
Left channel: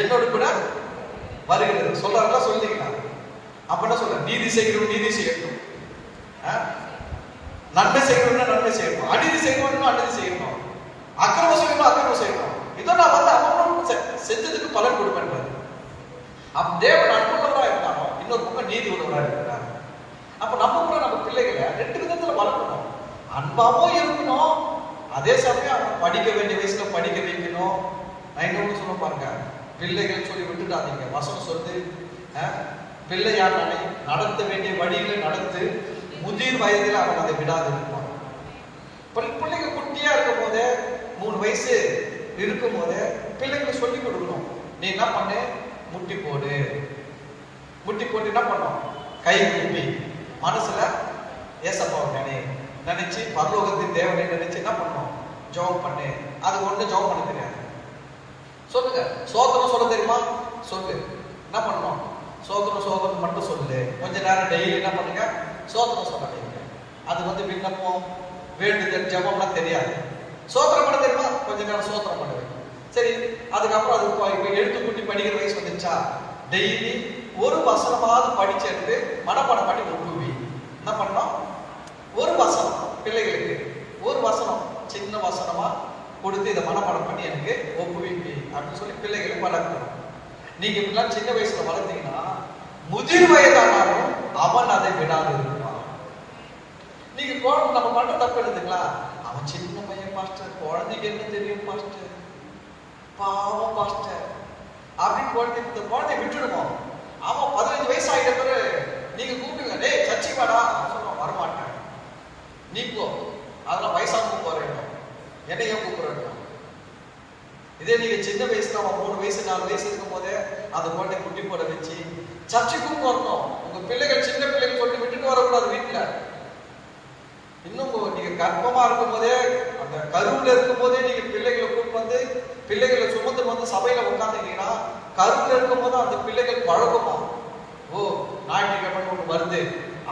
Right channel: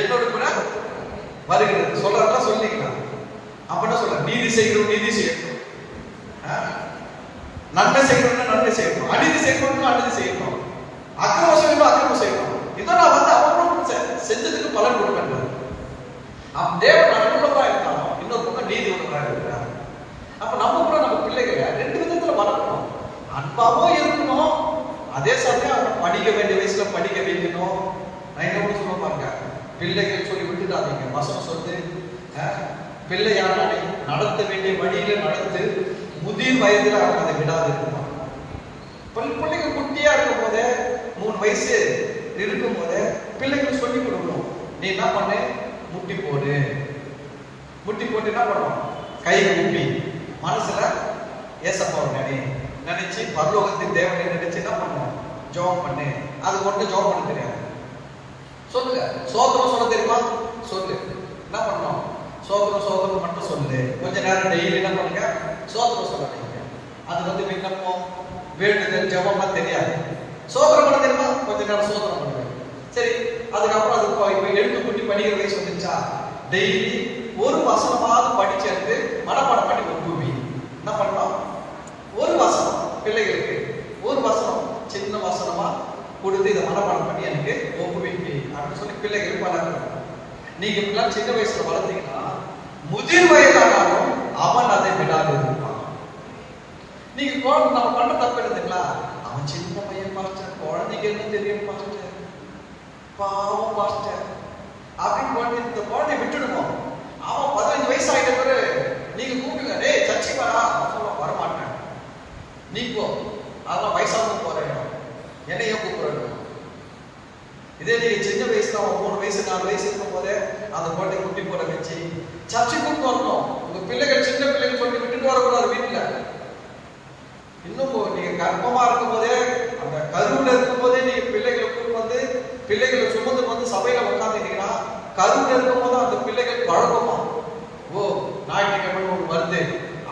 என்னோடு கூட வருகிறது சொல்றாருன்னா சொல்லிக்கலாம். அப்ப என்ன சொல்ற, நீதி செய்யணும், நீதி செய்யணும், நன்மை செய்யணும்னா நன்மை செய்யணும், அநீதி செய்யணும்னா அநீதி செய்யணும், அக்கிரமம் செய்யணும் அக்கிரமம் செய்யணும். இதோ நான் வந்து அவங்களும் செஞ்சதுக்கு பலன் கொடுக்கின்றார். தேவன் அன்புள்ளவராக இருந்தாலும் இன்னொரு பக்கம் நீதி உள்ளவராக இருக்கிறார். அப்ப நம்ம கூட நம்ம பிள்ளைகளை 2 விதத்துல வளர்க்கணும். அன்பாவும் இருக்கணும், அதே சமயம் படிக்க வேண்டிய வயசுல படிக்க வைக்கணும். நான் என்ன சொல்ல பாருங்க, பிள்ளைகள் சொல்லி விட்டுட்டாதீங்க. வசனம் சொல்லு, பிள்ளையானாலே நடத்த வேண்டிய வழியில நடந்து முதிர் வயதில் அவன் அதை விடாது இருப்பான். பிள்ளைங்க குட்டியா இருக்கும் போதே 3 வயசு இருக்கும் போதே பிள்ளைகள் சொல்லி கொடுக்கணும். நீ என்ன பண்ணு, முட்டி போடு. முட்டி போட்டு என்ன பண்ணுவோம், கை குப்பி மனசுல ஏசப்பாவை நினைச்சு பரலோகத்தின் தேவனை நினைச்சு என்ன பண்ணுவோம், ஜெபம் பண்ணு. அது ஒன்று ஜெபம் பண்ண தெரியாது. சொல்லுங்க, சோதனம் சொல்ல தெரியுமா? சொல்லு. என்ன பண்ணணும், சோதனம் மட்டும் சொல்லு. கொஞ்ச நேரம் டெய்லி என்ன பண்ணுங்க, சோதனம் சொல்லுங்க. அது விண்ணப்பம் வேண்டுதல் ஜெபம்லாம் தெரியாது. சோதனம் பண்ண தெரியுமா? கொஞ்ச நேரம் சோதனம் பண்ணுங்க. சரி, அதுக்கப்புறம் அது எழுத்து குட்டி படிக்கிற வயசு வந்துச்சா, டெய்லி ஒரு வசனமாவது படிச்சு எடுத்து மனப்பாடம் பண்ணி கொண்டு என்ன பண்ணலாம், ஒரு வசனம் பிள்ளைகளுக்கு ஒரு வசனம் சின்ன வசனமா கொடுத்து இதை மனப்பாடம் பண்ணி எனக்கு ஒப்புவிப்பி அப்படின்னு சொல்லி பிள்ளைகள் வளர்க்கணும். நீங்க இப்படிலாம் சின்ன வயசுல வளர்த்தீங்கன்னா முதிர் வயதானாலும் அவன் அதை விடாது இருப்பான். நீங்க நம்ம பண்ற தப்பு எழுதுங்களா, அவன் சின்ன பையன் பாஸ்டர், குழந்தைக்கு என்ன தெரியும் பாஸ்டர், பாவம் பாஸ்டர் அப்படின்னு இந்த குழந்தைய விட்டுடுவோம். அவன் 15 வயசு ஆகிட்ட பிறகு நீங்க கூப்பிட்டுங்க, டேய் சர்ச்சை வாடா, வரமாட்டேன், நீக்கோ அதெல்லாம் வயசாக போறேன், என்னைய கூப்பிடுறேன். இதே நீங்க சின்ன வயசுல 3 வயசு 4 வயசு இருக்கும் போதே அந்த குழந்தை குட்டி போட வச்சு சர்ச்சை கூப்பிட்டு வரணும். உங்க பிள்ளைகள் சின்ன பிள்ளைகள் சொல்லி விட்டுட்டு வரக்கூடாது வீட்டுல. இன்னும் நீங்க கர்ப்பமா இருக்கும் போதே, அந்த கருவுல இருக்கும் போதே நீங்க பிள்ளைகளை கூப்பிட்டு வந்து பிள்ளைகளை சுமந்து வந்து சபையில உட்காந்துட்டீங்கன்னா கருவுல இருக்கும் போது அந்த பிள்ளைகள் பழகுமா. ஓ, ஞாயிற்றுக்கிழமை வருது,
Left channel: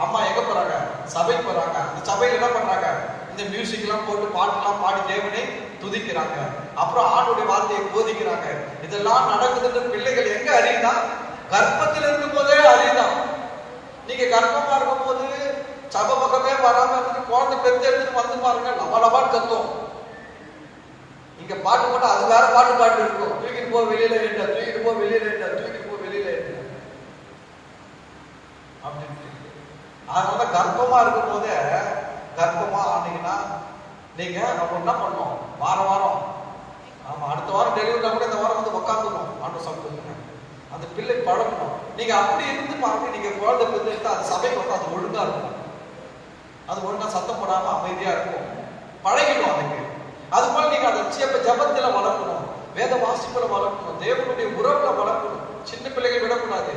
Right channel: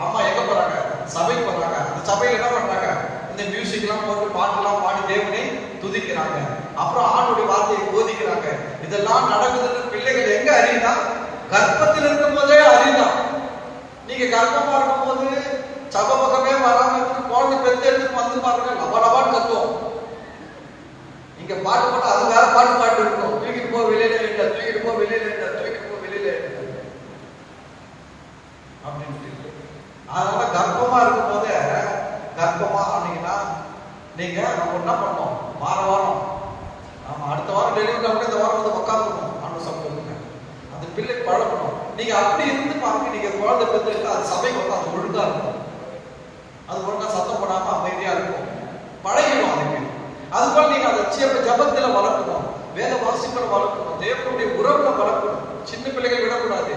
அம்மா எங்க போறாங்க, சபைக்கு போறாங்க. அந்த சபையில என்ன பண்றாங்க, இந்த மியூசிக் எல்லாம் போட்டு பாட்டுலாம் பாடி தேவனை துதிக்கிறாங்க, அப்புறம் ஆண்டுடைய வார்த்தையை போதிக்கிறாங்க. இதெல்லாம் நடக்குதுன்னு பிள்ளைகள் எங்க அறியுதா, கர்ப்பத்தில் இருக்கும் போதே அறியுதா. நீங்க கர்ப்பமா இருக்கும் போது சபை பக்கமே வராம குழந்தை பெற்று எடுத்து வந்து பாருங்க, லபாடு கத்தும். இங்க பாட்டு போட்டா அது வேற பாட்டு இருக்கும், தூக்கி போ வெளியில இல்ல, தூக்கி போ வெளியில இல்ல, தூக்கி போ வெளியில இல்ல அப்படின்ட்டு. அதனால கர்ப்பமா இருக்கும் போதே, கர்ப்பமா ஆனீங்கன்னா நீங்க என்ன பண்ணணும், வாரம் நம்ம அடுத்த வாரம் டெலிவரி இந்த வாரம் வந்து உட்காந்துக்கணும். அன்று சொல்லுங்க, அந்த பிள்ளை பழக்கணும். நீங்க அப்படி இருந்து பாருங்க, நீங்க குழந்தை பெற்று அது சபைக்கு வந்து அது ஒழுங்கா இருக்கும், அது ஒழுங்கா சத்தம் போடாம அமைதியா இருக்கும், பழகிடும் அதுக்கு. அதுபோல நீங்க அந்த ஜபத்துல வளர்க்கணும், வேத வாசிப்புல வளர்க்கணும், தேவனுடைய உறவுல வளர்க்கணும். சின்ன பிள்ளைகள் விடக்கூடாது.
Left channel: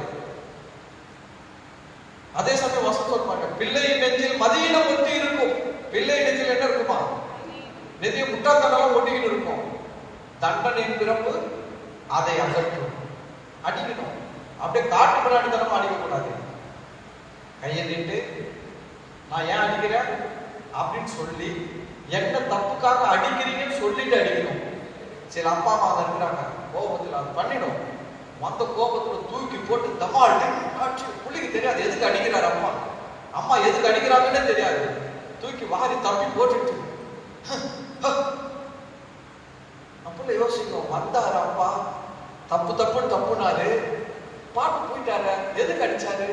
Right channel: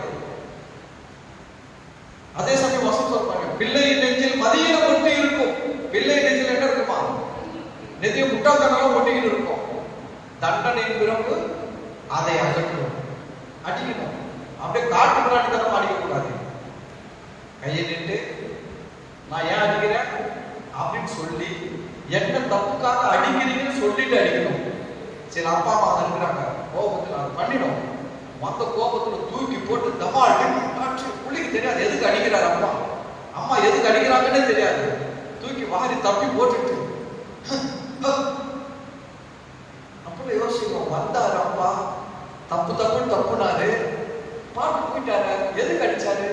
அதே சமயம் வசனம் சொல்றாங்க, பிள்ளை நெஞ்சில் மதியில ஒட்டி இருக்கும். பிள்ளை நெஞ்சில் என்ன இருக்குமா, நெதிய முட்டாள்தனம் ஒட்டிக்கிட்டு இருக்கும். தண்டனையின் பிறப்பு அதை அகற்றணும், அடிக்கணும். அப்படியே காட்டு முன்னாடி தரமா அடிக்கக்கூடாது. கையை நின்று நான் ஏன் அடிக்கிறேன் அப்படின்னு சொல்லி, என்ன தப்புக்காக அடிக்கிறீங்கன்னு சொல்லிட்டு அடிக்கணும். சில அப்பா அம்மா இருக்கிறாங்க, கோபத்தில் அது பண்ணிடும். மொத்த கோபத்தில் தூக்கி போட்டு தம்மா அடிச்சு பிள்ளைக்கு தெரியாது எதுக்கு அடிக்கிறாரு அம்மா, அம்மா எதுக்கு அடிக்கிறாங்கன்னே தெரியாது, தூக்கி வாரி தப்பி போட்டுட்டு அப்ப யோசிக்கும், வந்தாரு அப்பா தப்புனாரு, பாட்டு போயிட்டாரு, எதுக்கு அடிச்சாரு.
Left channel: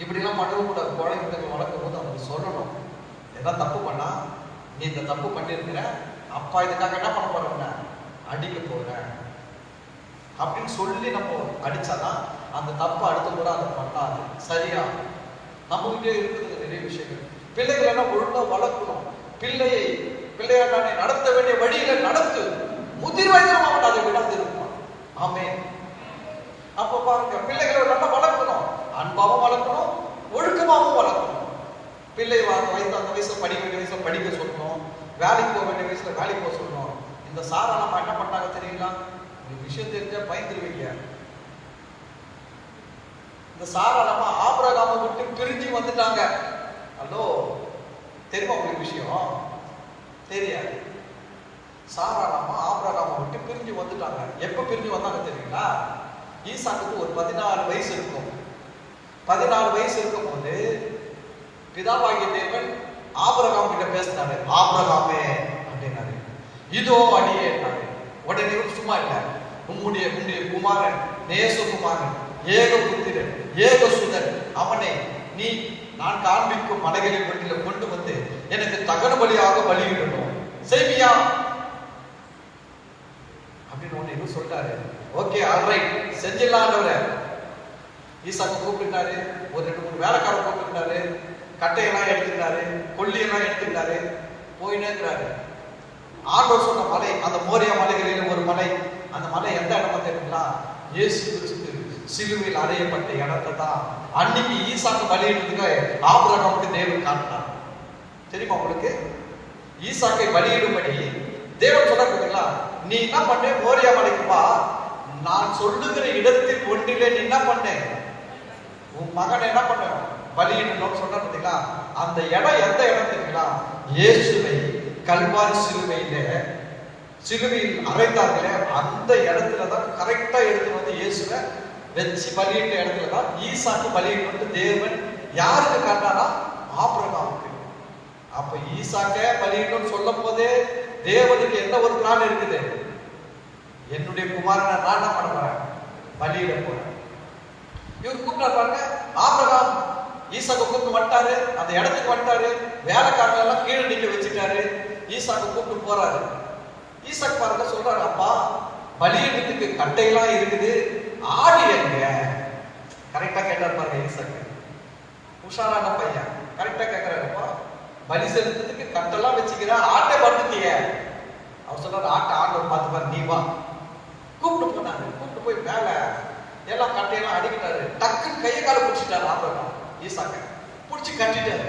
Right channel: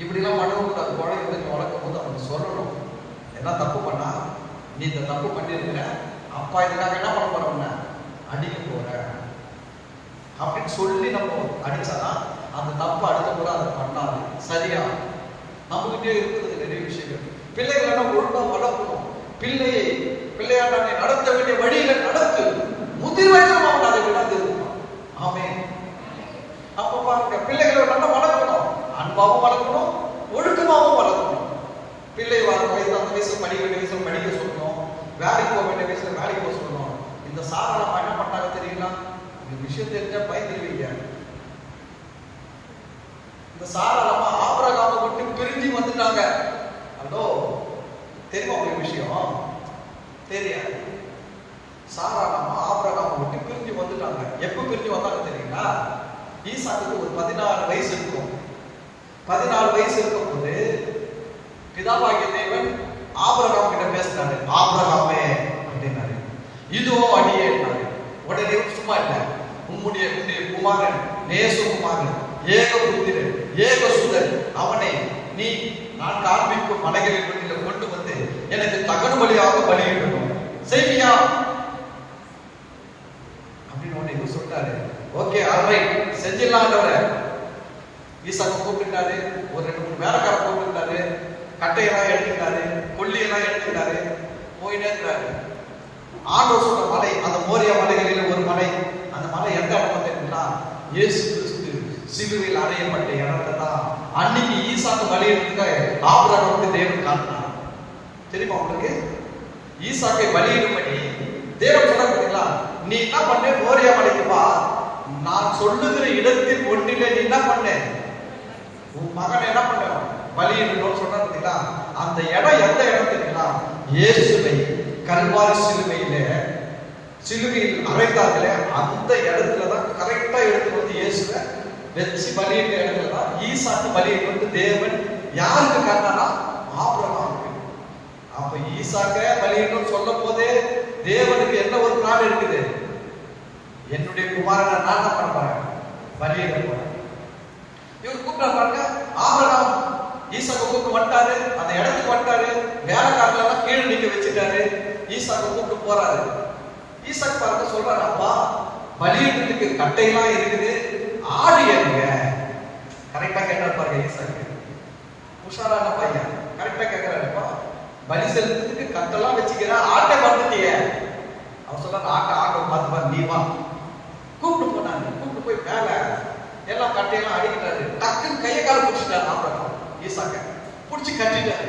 இப்படி எல்லாம் பண்ணவும் கூடாது. குழந்தைங்க வளர்க்கும் போது அவனுக்கு சொல்லணும், என்ன தப்பு பண்ணா, நீ இந்த தப்பு பண்ணிருக்கிற, அப்பா இதுக்காக என்ன பண்ண போறோம்னா அடிக்க போற அப்படின்னு சொல்லி நம்ம அடிச்சாதான் அந்த தப்பு அடுத்த கூட அதை பண்ணாது. சரியா நம்மகிட்டே இருக்கிறது நிறைய விஷயங்கள். பிள்ளைகளை ஒழுங்கா வளர்க்கணும். பிள்ளையாரை நடத்த வேண்டிய வழியில நடத்து, முதிர் வயதில் அதை விடாது. ஆமே. அப்ப பாருங்க, பிள்ளைகளை நம்ம வளர்க்கணும், அன்பாவும் வளர்க்கணும், ஒழுக்கமாவும் வளர்க்கணும். பிள்ளை அந்த வயசுல படிக்க வேண்டிய வயசுல படிக்க சொல்லணும், வேலைக்கு போக வேண்டிய வயசுல வேலைக்கு போக சொல்லணும். இந்த சாரணம் என்ன பண்ணாங்க தெரியுங்களா, இந்த விஷயத்தை இருக்க பயந்துருவீங்க. இந்த சாரணமா ஆபிரகாமை விட்டு பிரிஞ்சு வந்துட்டாங்க. அதோ தெரியுமா உங்களுக்கு விஷயம்? தெரியாது. சாரணமா ஆபிரகாமை விட்டு பிரிஞ்சு வந்துட்டாங்க. எப்ப பிரிஞ்சு வந்தாங்க தெரியுங்களா, ஈசாக்கு ஒரு 14 வயசு இருக்கும். 14 வயசு இருக்கும் போது பிதாவாகிய தேவன் ஆபிரகாம் கிட்ட பேசினாரு. ஆபிரகாமே அப்படின்னாரு, இதோ அடியே. உடனே சும்மா இல்ல, உம்முடைய குமாரன், நேசகுமாரன், ஏக புத்திரன், ஏக சுதன், அவனை நீ நான் காண்பிக்கும் மலைகளில் கொண்டு வந்து எனக்கு தகடு வழியாக பலியிடணும், செய்வியா அப்படின்னு சொல்லிட்டாரு. ஆண்டவர் சொன்ன மலை, அந்த மோரியா மலைகளில் ஒரு மலை. அந்த மலை எந்த இடம் தெரியுங்களா? இயேசு கிறிஸ்து சிலுவையில் அறையப்பட்ட இடத்தை தான் அன்னைக்கு ஈசாக்கு பலியிடுறதுக்கு ஆபிரகாமுக்கு தேவன் காட்டினார். தெரியுமா உங்களுக்கு? ஈசாக்கை பலியிடும்படி தேவன் சொன்ன பார்த்தீங்களா, நீ என்ன பண்ண, மோரியா மலைக்கு வா, நான் சொல்லுகிற இடத்தில் ஒன்றிலே நீ என்ன பண்ண, உன் மகனை என்ன பண்ண பலியிடணும்னு சொன்ன பார்த்தீங்களா. அந்த இடம் எந்த இடம் தெரியுங்களா? இயேசுவை கல்வாரி சிலுவையில் அறைந்தார்களே அந்த இடத்துல தான் கரெக்டா எடுத்துட்டு வந்து இயேசுவை வச்சு பலியிட்ட இடத்துல தான் ஈசாக்கு பலியிட்டு வந்து தேவன் யாருக்கு காட்டினாரா? ஆபிரகாமுக்கு. அப்ப ஈசாக்க பலியிடணும்னு சொல்லும் போதே தேவனுக்கு என்ன ஒரு பிளான் இருக்குது? என்னுடைய குமாரனை நான் என்ன பண்றேன், பலியிடுறேன். இவர் கூப்பிட பாருங்க, ஆபிரகாம் ஈசாக்க கூப்பிட்டு வந்துட்டாரு, அந்த இடத்துக்கு வந்துட்டாரு, வேலைக்காரலாம் கீழே நிக்க வச்சுட்டாரு, ஈசாக்க கூப்பிட்டு போறாரு. ஈசாக்கு பாருங்க சொல்றாரு, அப்பா பலியிடத்துக்கு கட்டையெல்லாம் இருக்குது, ஆடு ஏறுங்க. கரெக்டா கேட்டாரு பாருங்க ஈசாக்கு. உஷாரான பையன் கரெக்டா கேட்கிறாருப்பா, பலி செலுத்துறதுக்கு கட்டெல்லாம் வச்சுக்கிற, ஆட்டை பார்த்துட்டிய. அவர் சொல்றாரு, ஆட்டை பார்த்து பாரு, நீ வா. கூப்பிட்டு போனாரு, கூப்பிட்டு போய் மேல எல்லா கட்டையெல்லாம் அடிக்கிட்டாரு, டக்குன்னு கையை கால பிடிச்சிட்டாரு. ஈசாக்க பிடிச்சி கட்டிட்டாரு,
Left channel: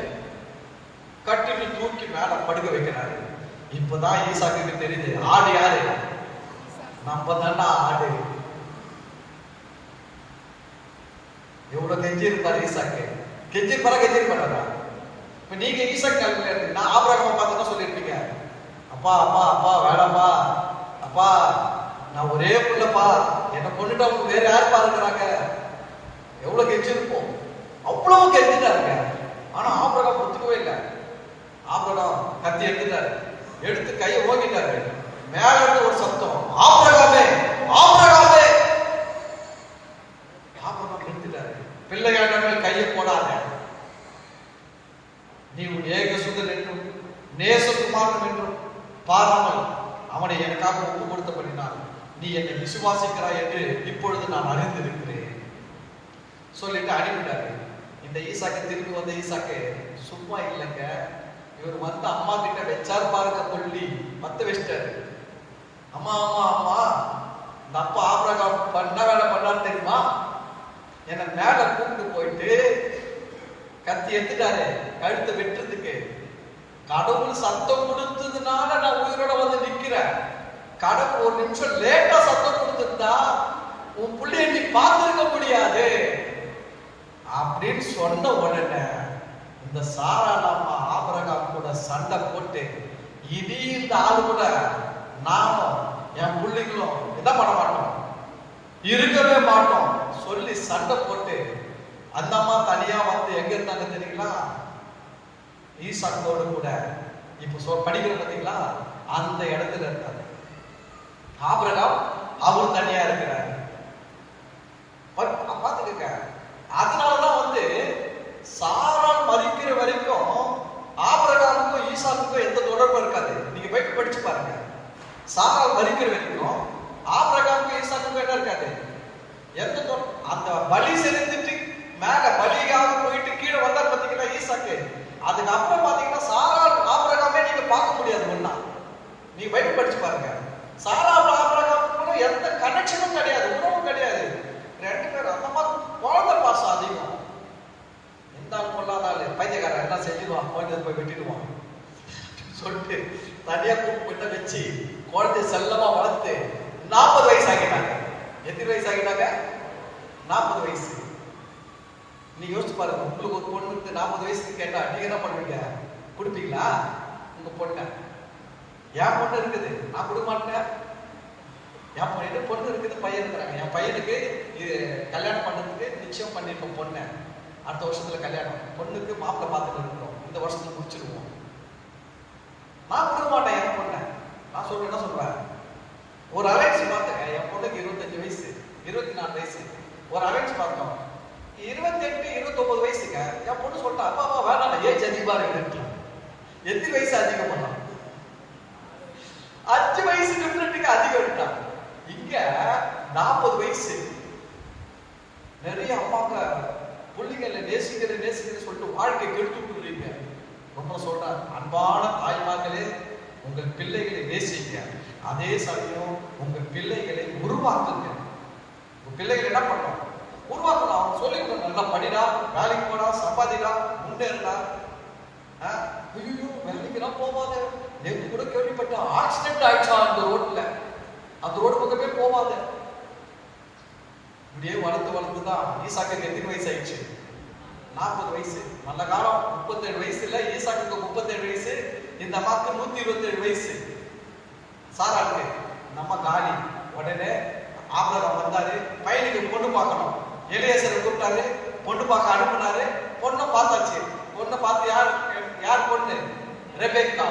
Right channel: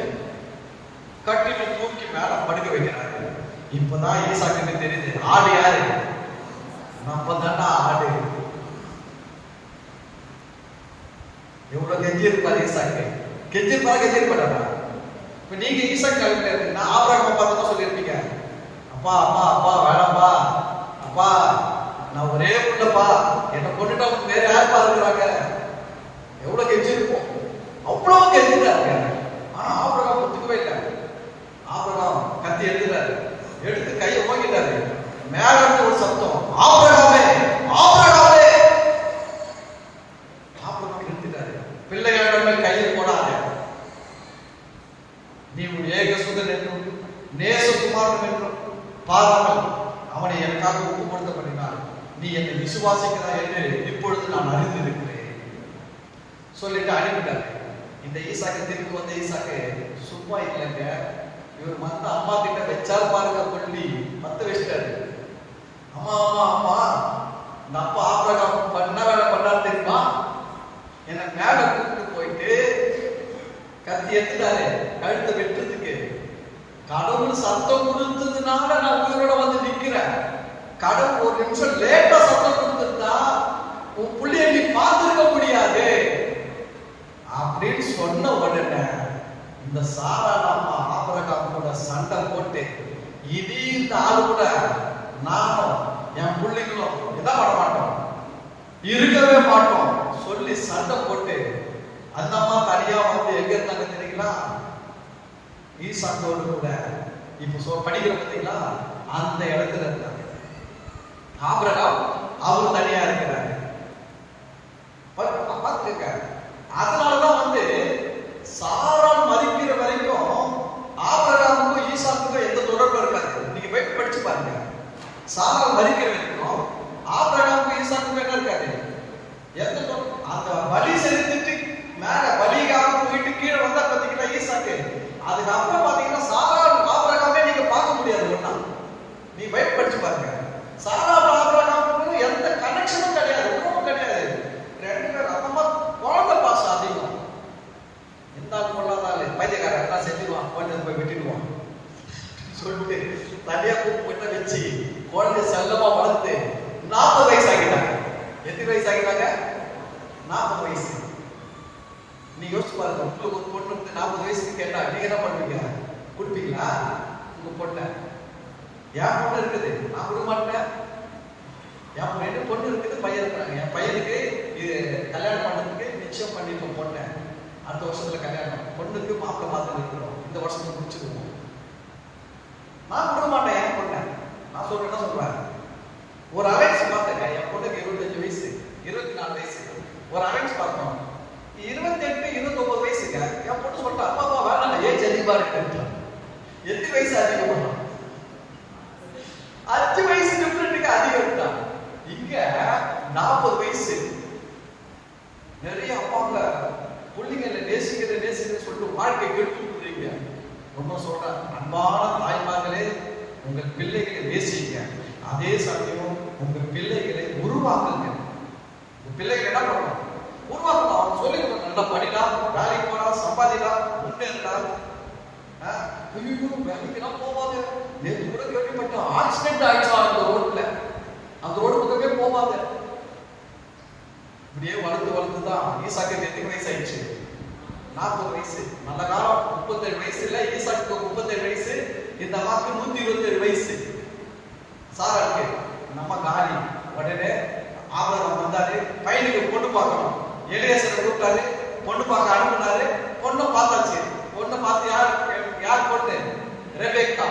கட்டிட்டு தூக்கி மேல படுக்க வைக்கிறாரு. இப்பதான் ஈசாக்கு தெரியுது, ஆடு யாரு? நம்ம தாண்டா ஆடு. எவ்வளவு கெஞ்சி இருப்பாரு ஈசாக்கு, கெஞ்சி இருப்பாரா? நீங்க ஈசாக்கு நான் ஆபிரகாமை பார்த்து தான் சொல்லியிருப்பீங்க, அப்பா அப்பா அப்பா வேணாப்பா, அப்பா நான் ஒரே பிள்ளைப்பா, என்ன கொண்டுட்டா வேற யார் பாருக்கிறாங்க. எவ்வளவு கெஞ்சி இருக்கும், அவ்வளவு கெஞ்சிட்டாங்க. ஆனா ஆபிரகாம் ஒத்துக்கவே இல்லை. ஆபிரகாம் கத்தி எடுத்துட்டாரு, எடுத்து கையை ஓங்கிட்டாரு. மேல ஒரு சத்தம், ஆபிரகாமே ஆபிரகாமே. ஆபிரகாம் நிறுத்திட்டாரு, பிள்ளைகளிடமே கையை போடாத, நீ உன் ஏகசுதன் என்றும் நேசகுமாரன் என்றும் பாராமல் அவனை எனக்காக ஒப்பு கொடுத்த பண்ணினான். நீ என்னை விசுவாசிக்கிறாய் என்று இப்பொழுது நான் அறிந்திருக்கிறேன் சொல்லிட்டு அனுப்பிட்டாரு. இந்த ஈசாக்கு திருப்பி வந்த ஈசாக்கு சும்மா இல்லைங்க, இவர் மத்த அம்மா கிட்ட வச்சார் பாருங்க, சொல்லி மத்த வச்சிட்டாரு. அம்மா அம்மா அம்மா, இந்த அப்பா ஆபிரகாம் பண்ண வேலை பண்ணாரு தெரியுமா? என்ன மேல கூப்பிட்டு போயிட்டு கத்தி எடுத்துட்டாரு, கழுத்து வெட்டுறதுக்கு. கடவுள் சத்தம் கொடுத்ததுனால நான் உயிரோட வந்து நிக்கிறேன். கடவுள் ஒரு நிமிஷம் லேட்டா சத்தம் கொடுத்துட்டா உன் புள்ளிய நீ பார்த்திருக்க முடியாது அப்படின்னு சொன்ன உடனே இந்த சாராளாமா ஆபிரகாம் கூட சண்டை போட்டு, இனி இந்த ஆளு கூட நானும் என் பிள்ளைகளும் இதான் பண்ண மாட்டோம், இருக்கவே மாட்டோம் சொல்லி சண்டை போட்டு அந்த அம்மா தனியா வந்து எங்க இருந்தாங்க தெரியுங்களா? ஈசாக்கோடு கூட இப்ப படிக்கிற பார்த்தீங்களா, அந்த இடத்துல இருந்தாங்க. ஆபிரகாம் அவர் தனியா இருக்கிறார். பார்த்துக்க, அதனாலதான் வந்து சாராள் மதிக்கிற வரைக்கும் ஆபிரகாமுக்கும் ஈசாக்குக்கும் எந்த தொடர்பும் இருக்காது. நீங்க போய் படிச்சு பாருங்க. சாராள் மதிக்கிற வரைக்கும் ஆபிரகாமுக்கும் ஈசாக்குக்கும் என்ன இருக்காது, எந்த அந்த பலி செலுத்திட்டு மேல பலியாக போயிட்டு கீழே வந்தா பாத்தீங்கன்னா ஈசாக்கு, அதுக்கப்புறம் பாத்தீங்கன்னா சாராள் ஆபிரகாமே நீங்க பார்க்க முடியாது. ஒண்ணா நீ போய் படிச்சு பாருங்க. சாராள் ஆபிரகாமுக்கும் எந்த கனெக்ஷனும் கிடையாது, ஒன்றும் கிடையாது. ரெண்டு பேரும் அந்த குழந்தை பாசம் அதிகம். இருந்தாலும் கொள்ளாதாலே பைத்தியக்காரன் என்ன செஞ்சுக்குவான், குழந்தை போய் விட்டுடுவான் சொல்லிட்டு தனியா கூப்பிட்டு வச்சு குழந்தை செல்லமா வளர்த்து 40 வயசு ஆகிட்டாங்க. எத்தனை வயசு ஆகிட்டாங்க? 40 வயசு. நீ யோசிச்சு பாருங்க, உங்களுக்கு ஒரு பொண்ணு 40 வயசுக்கு கேட்டா நீங்க என்ன பண்ணுவீங்க? கொடுப்பீங்களா? உங்க பொண்ணை என் பொண்ணு இருக்குது நான் கொடுக்க மாட்டேன். என் பொண்ணு இருக்குது, பையன் இருக்கிறாங்க. என் பையனுக்கு இது கல்யாணம் பண்றதுக்கு நிச்சயம் பண்ணிருக்கோம் பொண்ணு. அடுத்த வருஷத்துல கல்யாணம், பொண்ணுக்கு மாப்பிள்ளை பார்த்துட்டு இருக்கிறோம், இந்த வருஷத்துல முடிச்சுக்குவோம். நான் கொடுக்க மாட்டேன் என் பொண்ணை. நான் சொல்றேன்னா சொல்றேன், ஒரு அலைன்ஸ் பார்த்தேங்க. என் பொண்ணுக்கு 25 வயசு, 24 வயசு. ஒரு அலைன்ஸ் பார்த்தோம், 28 29 வயசுங்க. என் பொண்ணு சொல்லிட்டா, அப்பா அப்பா வேணாம், ஏஜ் அதிகமா இருக்கு. எத்தனை வயசு அதிகமா? 5 வயசு டிஃபரெண்ட்டுக்கு அதிகம் இருக்கா. இங்க 40 வயசு. நிறைய அம்மாங்க பிள்ளைங்களை நேசிக்கிற சொல்லிட்டு வாழ்க்கை கெடுத்து விட்டுறீங்க. ரொம்ப சொல்றேன், அன்பான தாய்மார்களே, உங்கள் பிள்ளைகளை நேசி அதே சமயம் உங்க பிள்ளைகளை உருவாக்குங்க. உங்க பிள்ளைகள் என்ன பண்ணணும்? உருவாக்கணும். அவன் சொல்லி நல்லா படிடா, வேலைக்கு போடா, சம்பாதிடா, முன்னேறா. ஐயோ வேலைக்கெல்லாம் போவாங்க. நேற்று கூட கேள்விப்பட்ட ஆக்சிடென்ட் ஆயிடுச்சா அந்த ரோட்ல. அந்த ரோடு பக்கமே போவாங்க. இப்படியே வளர்த்துதான் ஈசாக்கு எத்தனை வயசு ஆயிடுச்சு? 40 வயசு. நல்ல காலம் 37 வயசு இல்ல, ஈசாக்கு 37 வயசு, இந்த அம்மாக்கு 127 வயசு. சாராளுக்கு நம்ம காலி. உடனே ஆபிரகாம் வந்தாரு, பையனுக்கு பொண்ணு பார்க்கணும். எலியாசரை கூப்பிட்டாரு, பொண்ணு பார்க்க அனுப்பினாரு. பொண்ணு பார்த்தாச்சு. பொண்ணு பார்த்து யார் பொண்ணு? ரெபெக்கா.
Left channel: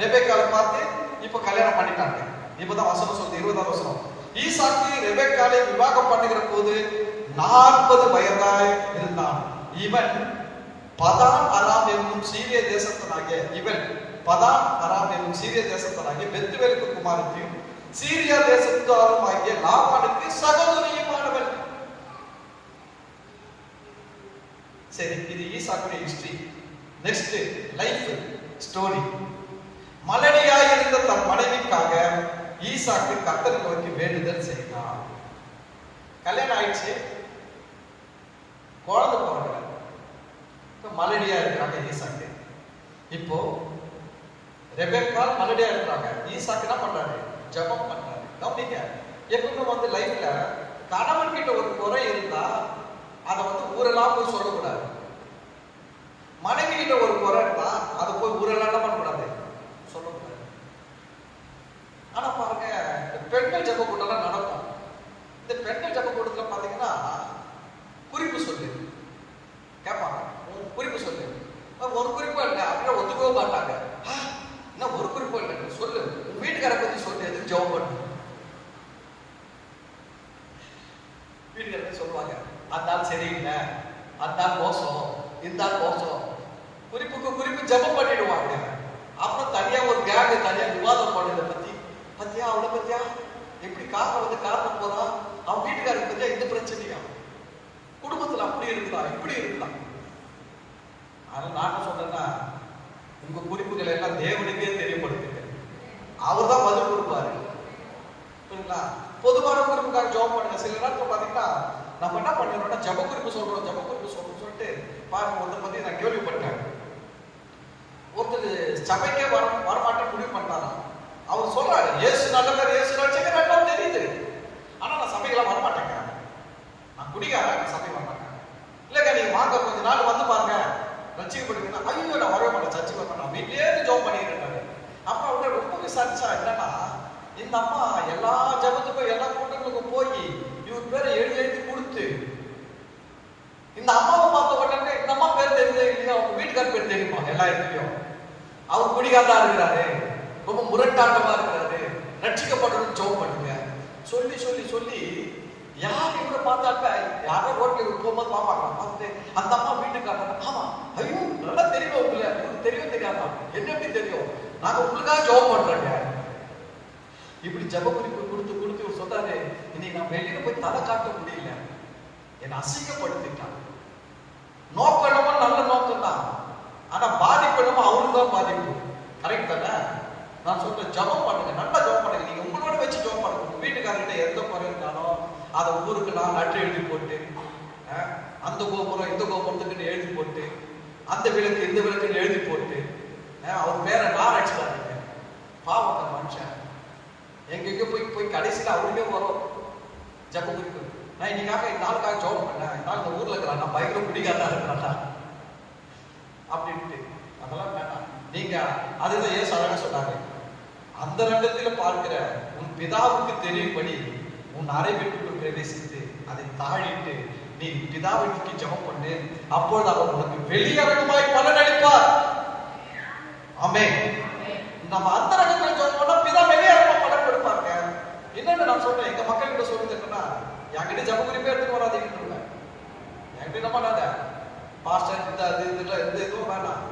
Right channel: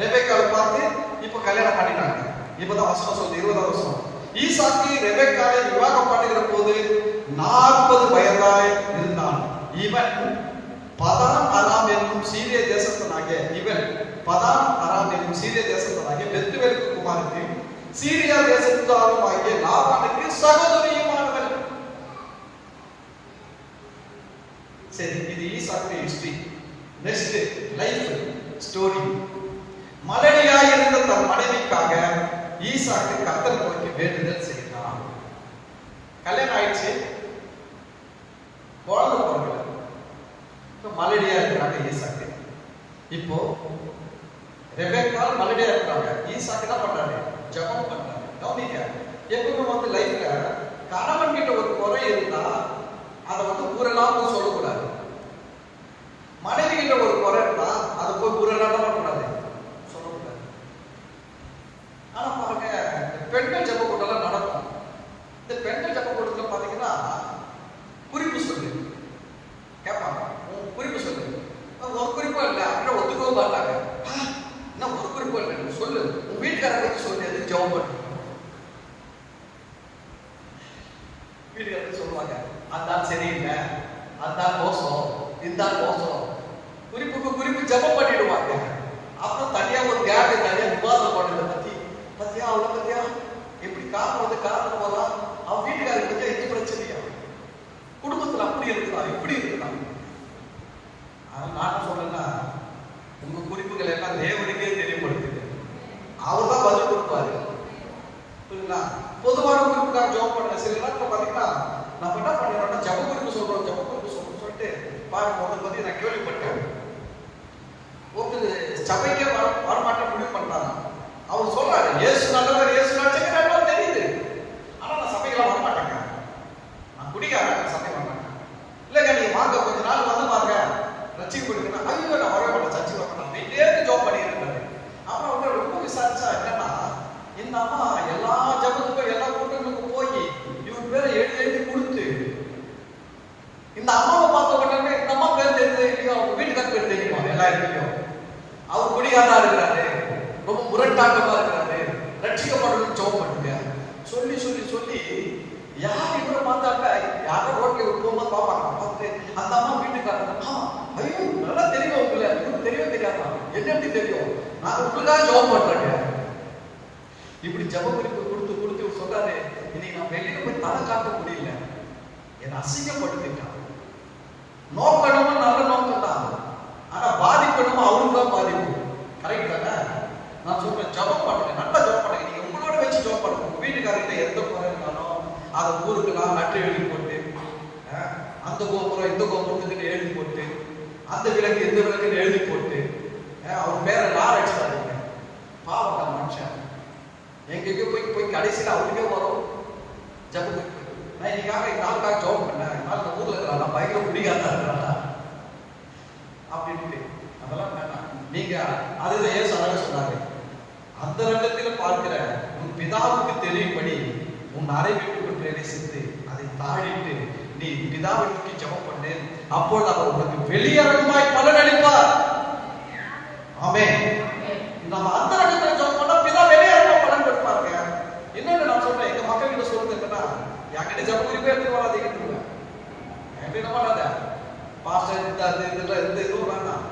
ரெபெக்காவை பார்த்து இப்ப கல்யாணம் பண்ணிட்டாங்க. இப்பதான் வசனம் சொல்லுது, 20ஆம் வசனம். ஈசாக்கு ரெபெக்காவை விவாகம் பண்ணுகிற போது 40 வயதாய் இருந்தான். இவன் பதான் அராம் என்னும் சீரிய தேசத்தனாகிய பெத்துவேலுக்கு குமாரத்தையும் சீரியா தேசத்தாரும் ஆகிய லாபானுக்கு சகோதரியுமானவள். சரி, இது ஈசாக்கு ஹிஸ்டரி. Next life story. மலடியாய் இருந்த தன் மனைவிக்காக ஈசாக்கு கர்த்தர் நோக்கி வேண்டுதல் செய்தான். கல்யாணம் ஆயிடுச்சு, குழந்தை பிறகு மலடியா இருக்கிறாங்க ஈசாக்கு. இப்போ ரெபெக்கா மலடியா இருக்கிறாங்க. ஈசாக்கு என்ன பண்றாரு? ஜெபம் பண்றாரு. கவனிக்க, எப்பவும் வந்து லைஃப்ல கணவன் கிட்ட ஒரு குறை இருந்தா அதை வந்து ஊரெல்லாம் சொல்லக்கூடாது. மனைவி கிட்ட ஒரு குறை இருந்தா அதை போய் ஊரெல்லாம் பண்ணக்கூடாது, சொல்லக்கூடாது. ஆனா பாருங்க, பெண்கள் ஜெப கூட்டம்லாம் நடக்கும். இந்த பெண்கள் ஜெப கூட்டத்துல பாத்தீங்கன்னா குறிப்பு சொல்லு கேட்பாங்க. குறிப்பு சொல்லு. ஒரு குறிப்பா இல்லை அப்படின்னா ஒத்துக்கவும் மாட்டாங்க. என்ன ஒரு குறிப்பா இல்லை சொல்லு, வீட்டுக்காரங்க வந்து சொல்லு, எதுக்கு ஜெபம் பண்ணு. வீட்டுக்காரங்க சொல்லுவாங்க, அந்த ஆள் சரியில்லை, அந்த ஆள் மோசம், இந்த ஆள் மோசம். குறிப்புக்கு குறிப்பு ஜெபம் பண்ணிடுவாங்க. அப்புறம் தனியா ஒரு கேட் தனியா விவாதம் பண்ணுறத பத்தி, பத்தியா அவளை பத்தியா எப்படி காரணம் வந்து காரணம் போதா, அவன் வீட்டுக்காரங்க பத்தியா இந்த பிரச்சனையா, குடும்பத்துல அப்படி இருக்கலாம் இப்படி இருக்கலாம். நான் சொல்றேன்னா, உங்க குறிப்புகள் எல்லாம் தேவனுக்கே தெரியப்படுத்துங்க. அவர் தான் பதில் கொடுப்பாரு. பொதுவான குறிப்புக்காக ஜெபம் பண்ண சில நேரத்தில் பாத்தீங்கன்னா நம்ம என்ன பண்ணிடுறோம்னா ஜெப குறிப்பு சொல்றோம், ஜெப குறிப்பு சொல்லிட்டு பாருங்க. முதல்ல பத்தி நான் கேள்விப்பட்டேன். ஒருத்தர் சபைக்கே வரமாட்டேன் முடிவு பண்ணாங்க. அவர் சொல்றாரு, இயேசு நல்லவர், இயேசு ரட்சகர் எல்லாம் தெரியுது, ஆனா நான் சபைக்கெல்லாம் வரமாட்டேங்க, நான் குடிக்காரன், சபை வரேன். இல்லைங்க நீங்க வாங்க, கொஞ்ச நாள் வந்து பாருங்க, ரட்சிப்பு கொடுக்கணும். ஐயோ நான் வரவே மாட்டேன், சர்ச்சை வரணும், வீட்டிலே ஜாப் பண்ணிடுறாரு. அப்புறம் அவங்க ரொம்ப விசாரிச்சா என்னன்னா, இந்த அம்மா எல்லா ஜபத்துக்கும் எல்லா கூட்டங்களுக்கும் போய் இவர் பேரை எழுதி கொடுத்து இந்த அம்மாவை பார்க்க பண்ணவே இந்த அம்மா பேர் தெரியுது இல்லையா, அவங்க வீட்டுக்கார பேர் தெரியுமா எல்லா இடத்துலையும். அவர் குடிகாரா இருக்கிறாரு, ரொம்ப முரட்டாட்டமா இருக்கிறாரு, ரட்சிக்கப்படணும்னு ஜெபம் பண்ணுங்க சொல்லி சொல்லி சொல்லி யார் இவரை பார்த்தாக்க யாரை ஓகே போகும்போது பார்ப்பாங்க. பார்த்துட்டு அந்த அம்மா வீட்டுக்காரங்க, ஐயோ நல்லா தெரியும் இல்லையா, தெரியவே தெரியாதா, என்ன எப்படி தெரியும், நாங்க உங்களுக்காக ஜெபம் பண்றேங்க. இப்படி ஜெப குறிப்பு கொடுத்து கொடுத்து சொன்னாரு, இன்னைக்கு நான் வெளியில போய் தலை காட்ட முடியல, என்னை அசிங்கப்படுத்திட்டான். நோக்கணும்னு நல்ல நோக்கம் தான், ஆனா பாதிக்கணும் அவருக்கு தான் பாதிப்பு. கரெக்ட் தானே? நான் சொல்றேன், ஜெபம் பண்ணுங்க, நல்லா ஜெபம் பண்ணுங்க. நீங்க உங்களோட வச்சு ஜெபம் பண்ணுங்க. உங்க வீட்டுக்காரர்கிட்ட எந்த குறை இருந்தாலும் அதை ஊருக்கெல்லாம் லெட்டர் எழுதி போட்டு, அந்த கோபுரம் இந்த கோபுரத்துக்கு எழுதி போட்டு, அந்த விளக்கு இந்த விளக்குன்னு எழுதி போட்டு, அவர் மேல லாரட்ஸ் பண்ணுங்க. பாவம் தான் மனுஷன். எங்க போய் கடைசியில் அவருக்கே வரும் ஜெப குறிப்பு. நான் இன்னைக்காக இந்த ஆளுக்காக ஜெபம் பண்ணேன், இந்த ஊர்ல இருக்கிறாங்க பயங்கர பிடிக்காதா இருக்கிறாங்க அப்படின்னு. அதெல்லாம் வேண்டாம். நீங்க அதுதான் ஏன் சொன்னாரு, அந்த இடத்தில் பார்க்கிற உன் பிதாவுக்கு தெரியும்படி உன் அறை வீட்டுக்குள் பிரவேசித்து அதை தாழிட்டு நீ பிதாவை நோக்கி ஜெபம் பண்ணு, அப்பொழுது அவர் உனக்கு வெளியரங்கமாய் பலனளிப்பார். ஆமென். நம்ம அந்த இடத்துல ஜெபம் பண்ணா பிதா வெளியரங்கமா பலன் கொடுப்பாங்க. என்னன்னு நான் சொல்றேன், எங்க மக்கள் கிட்ட சொல்லுங்கன்னா என்கிட்ட ஜெப குறிப்பே எடுத்து போறாதீங்க, என்கிட்ட என்ன பண்ணாத பாஸ்டர் இந்த வேணாம்.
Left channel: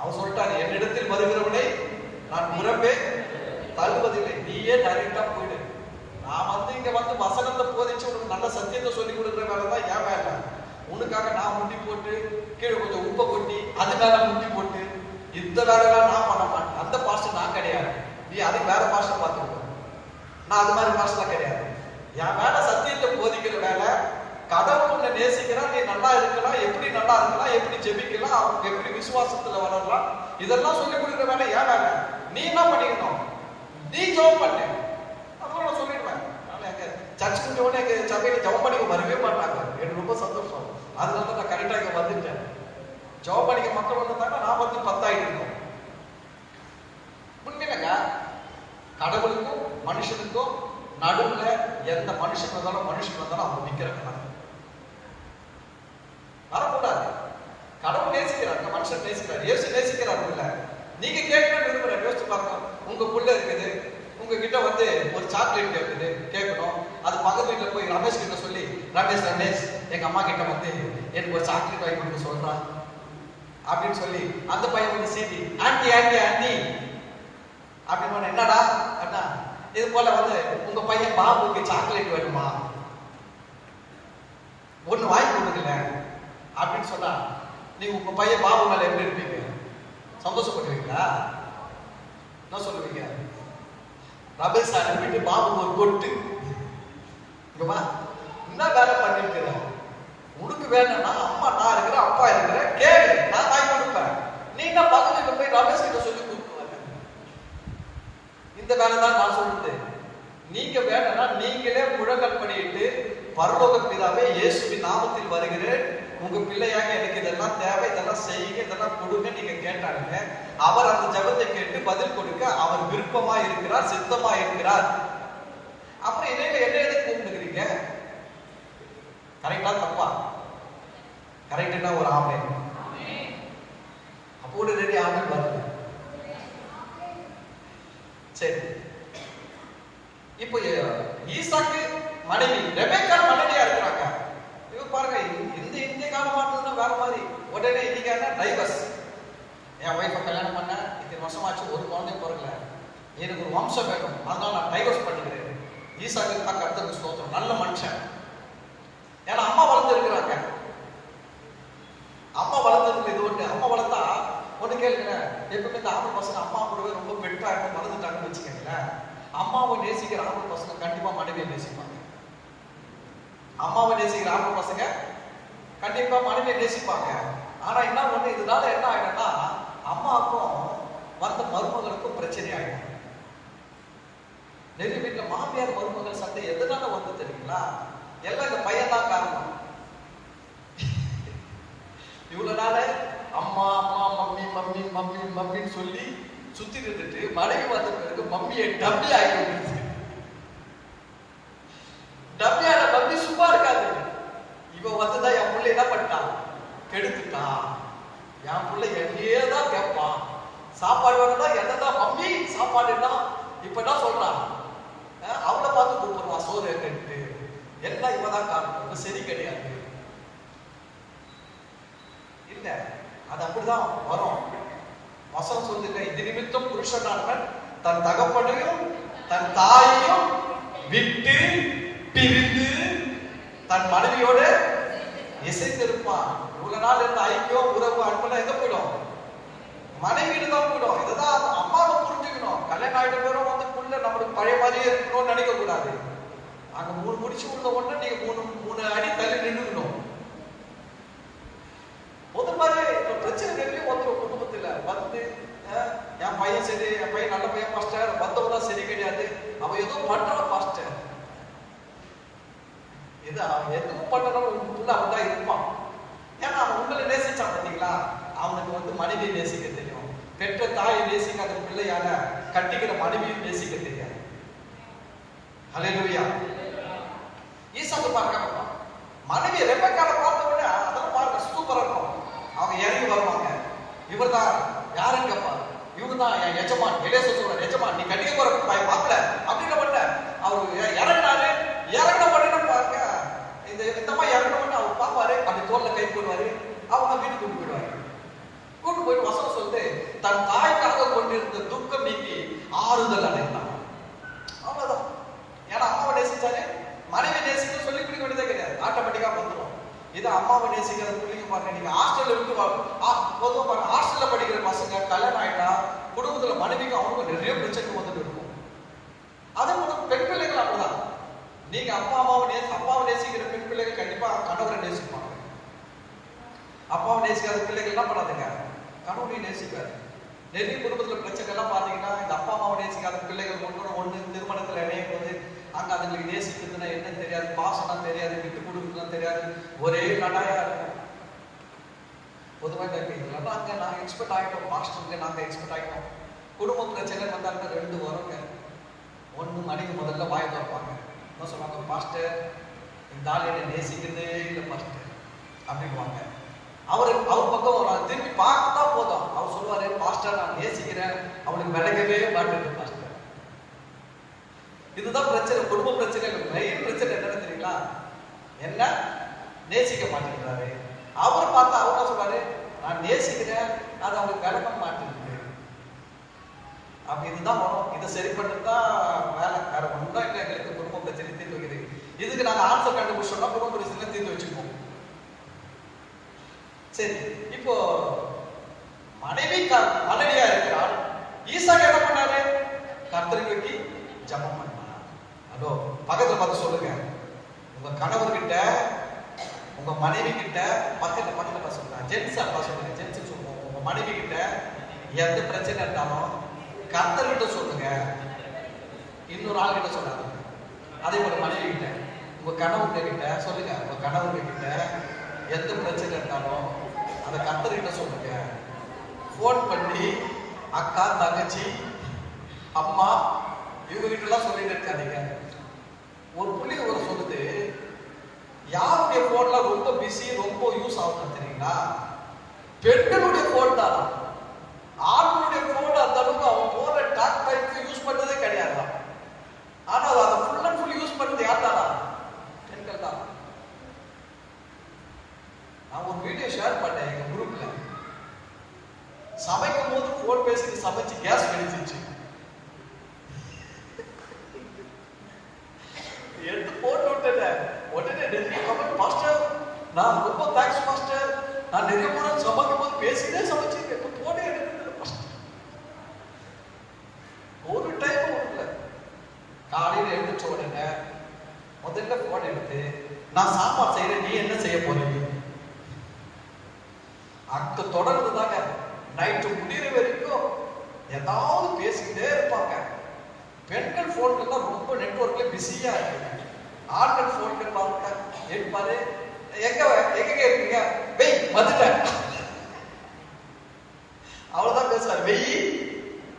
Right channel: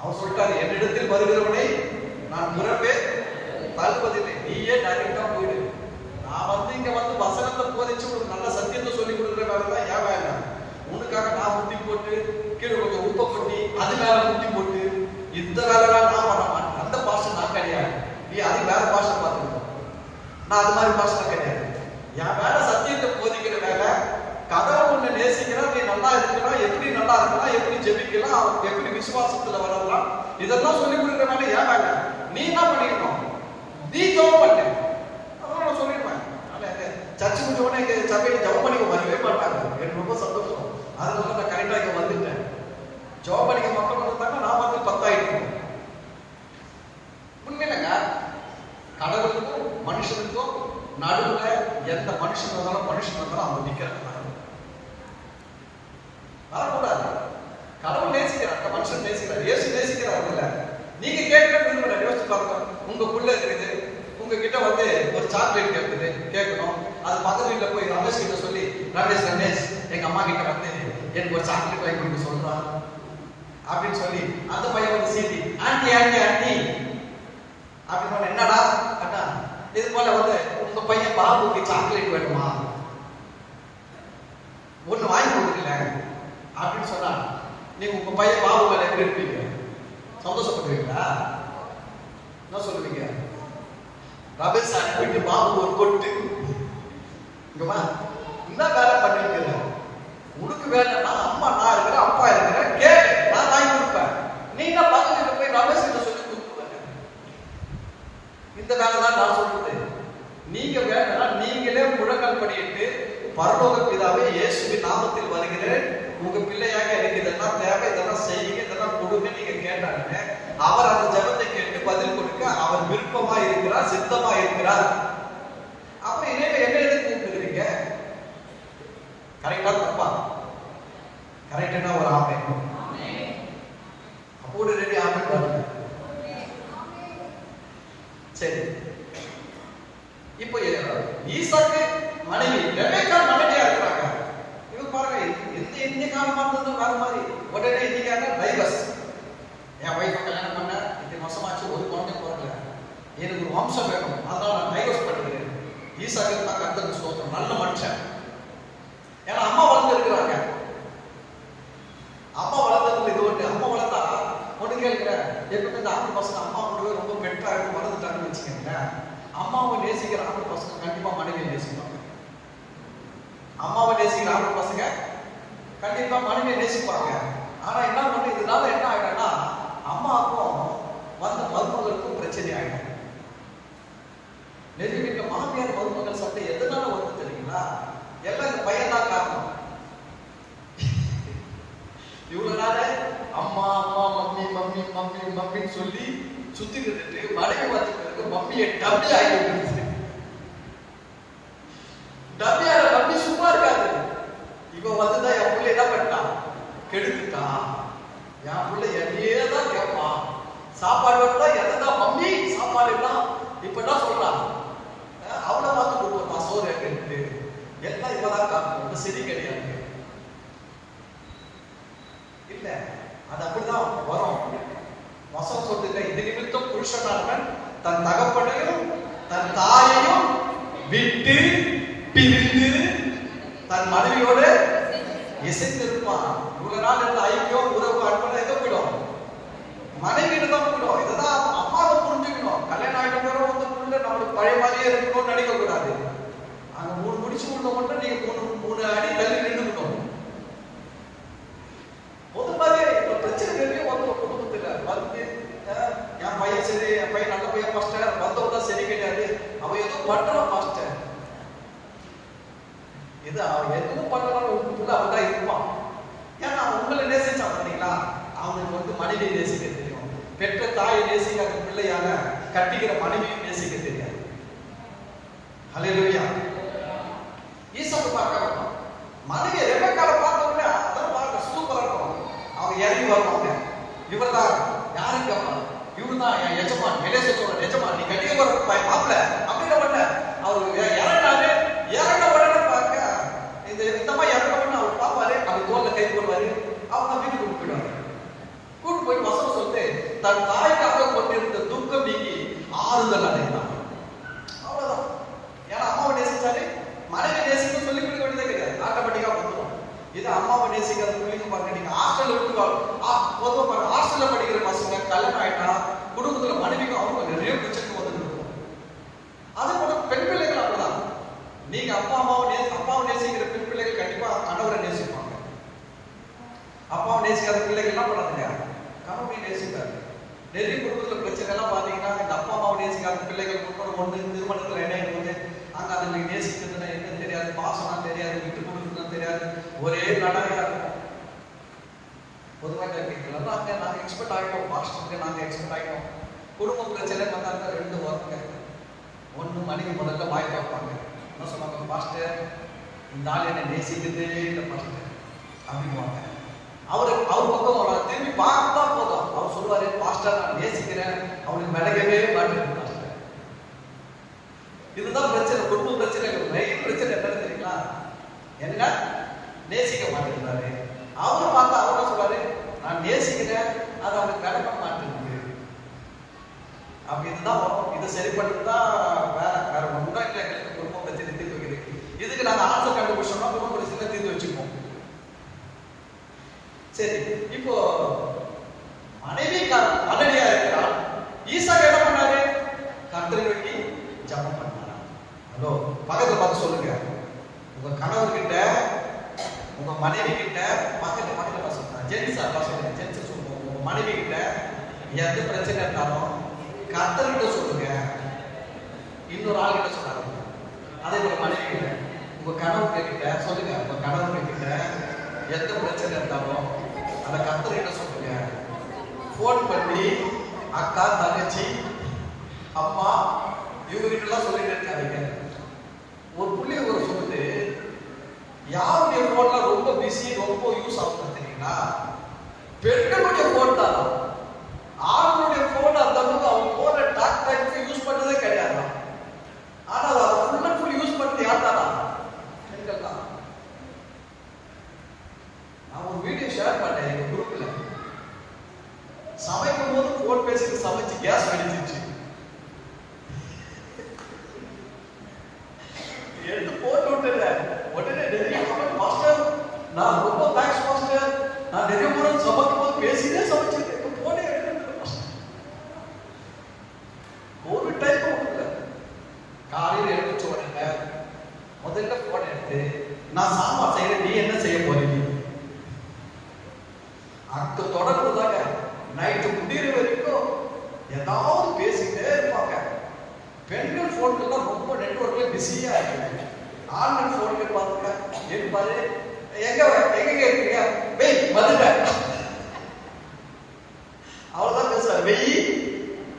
அவர் சொல்லிட்டாரு, என்னிடத்தில் வருகிறவனை நான் முறவே தள்ளுவதில்லை, நீயே டைரக்டா போயிடு. நான் வந்து இங்க வந்து வசனத்தை போதிச்சு ஒரு நல்ல சத்தியத்தை சொல்லி கொடுக்குற வேலை தான் என் வேலை. உனக்காக நான் முட்டி போட்டு கீழே கொஞ்சம் உப்பை கொட்டி அது மேல முட்டி போட்டு இந்த வேலைலாம் நான் பண்ண மாட்டேன். அந்த பாஸ்டர் நான் கிடையாது, நீ அது உங்ககிட்ட வந்து ஒரு சாக்லேட் கேட்கணும். அது பக்கத்து வீட்டில் போய் ரமேஷ் கிட்ட சொல்லி, ரமேஷ் எங்க அம்மா கிட்ட வந்து எனக்கு ஒரு சாக்லேட் வாங்கி கொடுக்க சொல்றான் அப்படின்னு சொல்லி அந்த பையன் வந்து சீட்டி ஆண்டி ஆண்டி ஆண்டி அப்படின்னு என்னடா அண்ணா இது போல வந்து உங்க பையன் பாபுக்கு சாக்லேட் வேணுமா, ஒண்ணு வாங்கி கொடுக்கல அப்படின்னு சொன்னா நீங்க உங்க பையன் பாபு மேல எப்படி இருப்பீங்க? சந்தோஷப்படுவீங்களா? என்ன சொல்லுவீங்க? ரமேஷ் சார் வீட்டு பாபு ஒரு கொட்டு இங்கவா என்ன வேலை பண்ணிட்டு உனக்கு வேணும்னா அம்மா நான் இருக்கிறேன் அப்பா இருக்கிறேன் கேளு நான் வாங்கி கொடுப்பேன். நீங்க பக்கத்துல போய் ரமேஷ் கிட்ட சொல்லி கொடுத்துருங்க. இந்த வேலை தான் நான் சொல்றது. நீங்க வேணும்னா நீங்களே முழங்கால் படியிட்டு பரலோக பிதாவே இயேசுவின் நாமத்தில் வருகிறேன், உங்க பிள்ளையாக எனக்கு இதெல்லாம் தேவை, இதெல்லாம் செய்யுங்க, இதெல்லாம் கொடுங்க நீங்க கேட்டாங்க. அவர் அந்த ஜெபத்தை கேட்டு பதில் கொடுக்க அவர் விருப்பமா இருக்கிறார், சித்தமா இருக்கிறார். அப்படி என்ன எதுக்கு கூப்பிடுறீங்க? கரெக்டா தப்பா? கரெக்டா ஒரு ஆமை அப்போ ரெடி ஆமை பாருங்க. சரி, இப்போ ஈசாக்கு மனைவி ரெபெக்கா மனைவியா இருக்காங்க. இது பாருங்க, இந்த காலமா இருந்தா வேற மாதிரி. உடனே இன்னைக்கு டைவர்ஸ். என் வைஃபை கல்யாணம் பண்ண இது வருஷமாச்சு, ஒரு குழந்தை பிறக்கல, எனக்கு வம்சம் வேணும், அதனால நான் டைவர்ஸ் பண்ணிக்கிறேன். ஈசாக்கு கர்த்தருக்கு ஸ்தோத்திரம், நல்ல மனுஷன். ஏன்னா அம்மா வளர்ந்துருக்கிறாங்க. அம்மா வளர்த்தது இது ஒன்று. அம்மா வளர்த்தா ஒன்று கேட்குற எப்படி இந்த ஆம்பளை பசங்க அம்மா வந்து ரொம்ப பெட்டாக வளர்ந்துட்டாங்கன்னு வச்சுக்கோங்களேன். அம்மாவை நேசிக்கிற ஆம்பளை பசங்க கண்டிப்பா மனைவியை நேசிப்பாங்க. அம்மாவை நேசிக்கிற ஆம்பளை பசங்க கண்டிப்பா மனைவியை நேசிப்பாங்க. ஆனா என்ன பண்ண இதனால என்ன ஆயிடும்னா அம்மாவுக்கும் வந்த மருமகளுக்கும் பிரச்சனை ஆயிடும். நெருங்கிட்ட மாமியார் மருமகள் சண்டை எதனால வருது தெரியுங்களா? எல்லாம் இந்த பையன் தான் காரணம். இவ்வளவு நாள அம்மா அம்மா மம்மி மம்மி மம்மி மம்மின்னு சொல்லி சுத்திக்கிட்டு மனைவி பார்த்துக்கிட்டு மம்மியை டம்மி ஆகிடுச்சு. டம்மியால மம்மி சும்மா இருக்காது. இவ வந்துதான் என் பிள்ளை என்ன பண்ணான், கெடுத்துட்டான். என் பிள்ளை என்னையே தான் கேட்பான். சாப்பாடு வேணும்னா என்னதான் மம்மி சாப்பாடு என்ன இப்ப என்ன சொல்லலாம், அவளை பார்த்து கொடுத்துருவான் சோறு எடுத்து. எல்லாம் இவதான் காரணம், சரி கிடையாது. இல்ல அது அப்படிதான் வரும். வசனம் சொல்லுங்க, இது நிமித்தம் புருஷனானவன் தன் தகப்பனையும் தன் தாயையும் விட்டு பிரிந்து தன் மனைவியோடு இசைந்திருப்பான். இவ்வளவு நாள் இருந்த ஐக்கியம் உறவு அன்புல எதை போயிடும், மனைவியில தான் போயிடும். இதுதான் அம்மாவை புரிஞ்சுக்கணும். கல்யாணம் ஆகிட்டு வந்து புள்ள நம்மளுக்கு பழைய மாதிரியே இருக்கணும்னு நினைக்க கூடாது. அங்க மூணு முடிச்சு கொடுத்த மட்டும் நீங்க மூணு அடி தள்ளி நின்றுக்கணும். முதல் மாதிரி பிரச்சனை வந்து குடும்பத்துல வந்து என் பையன் சரி, என் பையன் நல்ல பையன் பாஸ்டர், வந்தவதான் சரி கிடையாது, அவன் எதுவும் பண்றான் பாஸ்டர், இது அவன் எதுவும் பண்றாலும் அவன்தான் இருப்பான். ஏன்னா உங்களை நேசிச்சான் பண்ணீங்களா, அவனுக்கு வந்து மனைவியை நேசிக்க தெரியும். பெற்ற தாயை நேசிக்காத பிள்ளையாக கட்டிக்கிற மனைவியை நேசிக்க தெரியாது. ஹல்லேலூயா. ஈசாக்கு பார்க்கலாம், மனைவி ரெபெக்காவை பார்த்த உடனே அதெல்லாம் பார்க்க சூப்பரா இருக்கும். அவன் இறங்கி வருவாங்க, இவர் தான் யாரும் கேட்பான், இவரு தான் என் எஜமான், வெளியே சொல்ற எஜமான், நீ கட்டிக்க போற மாப்பிள்ள அப்படின்னு பண்ண அவர் இறங்கினாரு. இறங்கின உடனே பார்க்க இந்த மாதிரி இறங்கின உடனே அவர் பார்ப்பாரு, அப்படி தோல்ல கை போடுவாரு, அவங்க வீட்டுக்கு கூட்டு போயிடுவாரு. கூட்டு போயிட்டு வசனம் சொல்லிட்டு தன் தாய்க்காக கொண்டிருந்த துக்கம் நீக்கி ஆறுதல் அடைந்தான். அவ்வளவுதான். ஏன்னா அம்மாவை நேசிச்சாலே மனைவி நேசிக்க சொல்லி கொடுக்க வேண்டியதே கிடையாது, ஆட்டோமேட்டிக்கா வந்துடும். இது அம்மாவை நேசிக்கிறது பிள்ளைங்க பாருங்க. நீங்க ஹாஸ்டல்ல விட்டு பொதுவாக ஹாஸ்டல்ல படிக்கிற பசங்க கல்யாணம் ஆயிட்டா குடும்பத்துல மனைவிக்கு அவங்க நிறைய பிரச்சனை வந்து இருக்கும். அது கூட பெண் பிள்ளைகள் அப்படிதான். நீங்க அப்பாவை நேசிக்கிற பெண் பிள்ளைகள் கண்டிப்பா கணவரை நேசிப்பாங்க. அப்பாவை நேசிக்காத பிள்ளைகள் என்ன பண்ணாதுங்க, கணவனையும் நேசிக்காது. நிறைய குடும்பத்துல பிரச்சனை எல்லாம் பாத்தீங்கன்னா இந்த அப்பா அம்மாவை நேசிக்காத பிள்ளைகள் ஒண்ணு திருமணத்துல இணையும் போது அங்க அதுங்களுக்கு நேசிக்கிறதுனா என்ன தெரியாது, பாசம்னா தெரியாது, விட்டு கொடுக்குறதுன்னு தெரியாது, ஒரே நடையா இருக்கும். பொதுவாக கேட்கலாம், அங்க நாங்க எக்ஸ்பெக்ட் ஆகிட்டோம், பாஸ்டருக்கு நாங்க எக்ஸ்பெக்ட் ஆகிட்டோம். குடும்ப பிரச்சனை வந்தாங்க, ரெண்டு வருங்க. ஒன்று மனைவி முதல்ல வாய் பார்ப்பாங்க, என்ன சொல்லுவாங்க, பாஸ்டர் இந்த ஆள் என்ன நேசிக்கிறதே இல்லை பாஸ்டர் அப்படின்வாங்க. அவர் பக்கம் அவரை திரும்பி பார்க்கத்தான் போதும், அவர் சொல்லுவாரு, பாஸ்டர் நான் நேசிக்கிறேன், அவனுக்கு விலகவே மாட்டேன் பாஸ்டர். அவர் பார்த்தா அவர் சொல்றாரு, நான் நேசிக்கிறேன், அது அவனுக்கு வேலை பண்ண மாட்டேங்குது. அப்ப இதுதான் இதை சரி பண்ணுறதுதான் வேற வேற ஒன்றும் இல்லை. எங்களுக்கு குடும்ப பிரச்சனை தீர்த்து வைக்கிறது. இதுக்கு நாங்கள் ஆன்சர் கண்டுபிடிச்சோம்னா குடும்ப பிரச்சனை தீர்த்து வச்சுப்போம். சரி, இப்போ மனைவி மலடியா இருக்கிறாள். ஈசாக்கு என்ன பண்ணாரு? கர்த்தரை நோக்கி ஜெபம் பண்ணார். ஹலோ, பக்கத்துல பார்த்து சொல்லுங்க, உங்க கணவர் கிட்ட உங்க மனைவி கிட்ட பக்கத்துல சொல்றேன், ஜென்ஸ் அப்பா சொல்றேன், ஜென்ஸ் சொல்லுவோம், உங்க மனைவி கிட்ட எந்த பிரச்சனை இருந்தாலும் கர்த்தர்கிட்ட சொல்லுங்க, இன்னொரு ஆள் கிட்ட சொல்லாதீங்க. அதே போல மனைவி கிட்ட உங்க கணவர் கிட்ட சொல்லுங்க, உங்க கணவர் கிட்ட எந்த பிரச்சனை இருந்தாலும் அதை கர்த்தர்கிட்ட சொல்லுங்க. போன் பண்ணி அக்கா, தங்கச்சி, அம்மா இவங்க கிட்ட எல்லாம் சொல்லிட்டு இருக்காதீங்க. ஒரு புள்ளி ஒரு சொல்லுது, யாருடைய போன்ல ரொம்ப பிஸி, ரொம்ப யூஸ் ஆகும் தெரியுங்களா? பெண்களுடைய போன் தான். ஆண்களுடைய போன் அந்த அளவுக்கு அவங்க போன டாக்டருக்கு யூஸ் பண்றதே கிடையாது. ஆனால் அதை ஃபுல் அண்ட் ஃபுல் யூஸ் பண்றது யார் தானா? பெண்கள் தான். நான் ஒரு வீடியோ ஷேர் பண்ணேன் எங்க குரூப்ல. சமைக்கும் போது போன் பேசிட்டு சமைச்சு கேஸ் வெடிச்சிச்சு. எடுத்து போட்டு விட்டுட்டேன். உடனே நிறைய கமெண்ட், மாஸ்டர் நான் ரொம்ப தேங்க்ஸ் மாஸ்டர், நான் நிறைய முறை சமைக்கும் போது பேசிட்டே சமைச்சிருக்கேன், போனே ஒரு டைம் இல்லை. காலையில எழுந்துச்சு உடனே முதல்ல போன் எடுத்து, நான் சாம்பார் செய்யறேன், நீ என்ன செய்ய போறீங்க? அங்க தொடர்ந்துதாங்க நைட்டு முடிகிற வரைக்கும் ஏதாவது பேசிக்கிட்டே இருப்பாங்க. பெண்கள் போன்ல ரொம்ப நெட்வொர்க்ல பிஸியா இருக்கு. ஆண்கள் போன்ல பாருங்க, இருப்பாரு, எங்க எங்க இருக்கீங்க? வெய் வந்துட்டேன், அவ்வளவுதான் பேசுவார். வெய்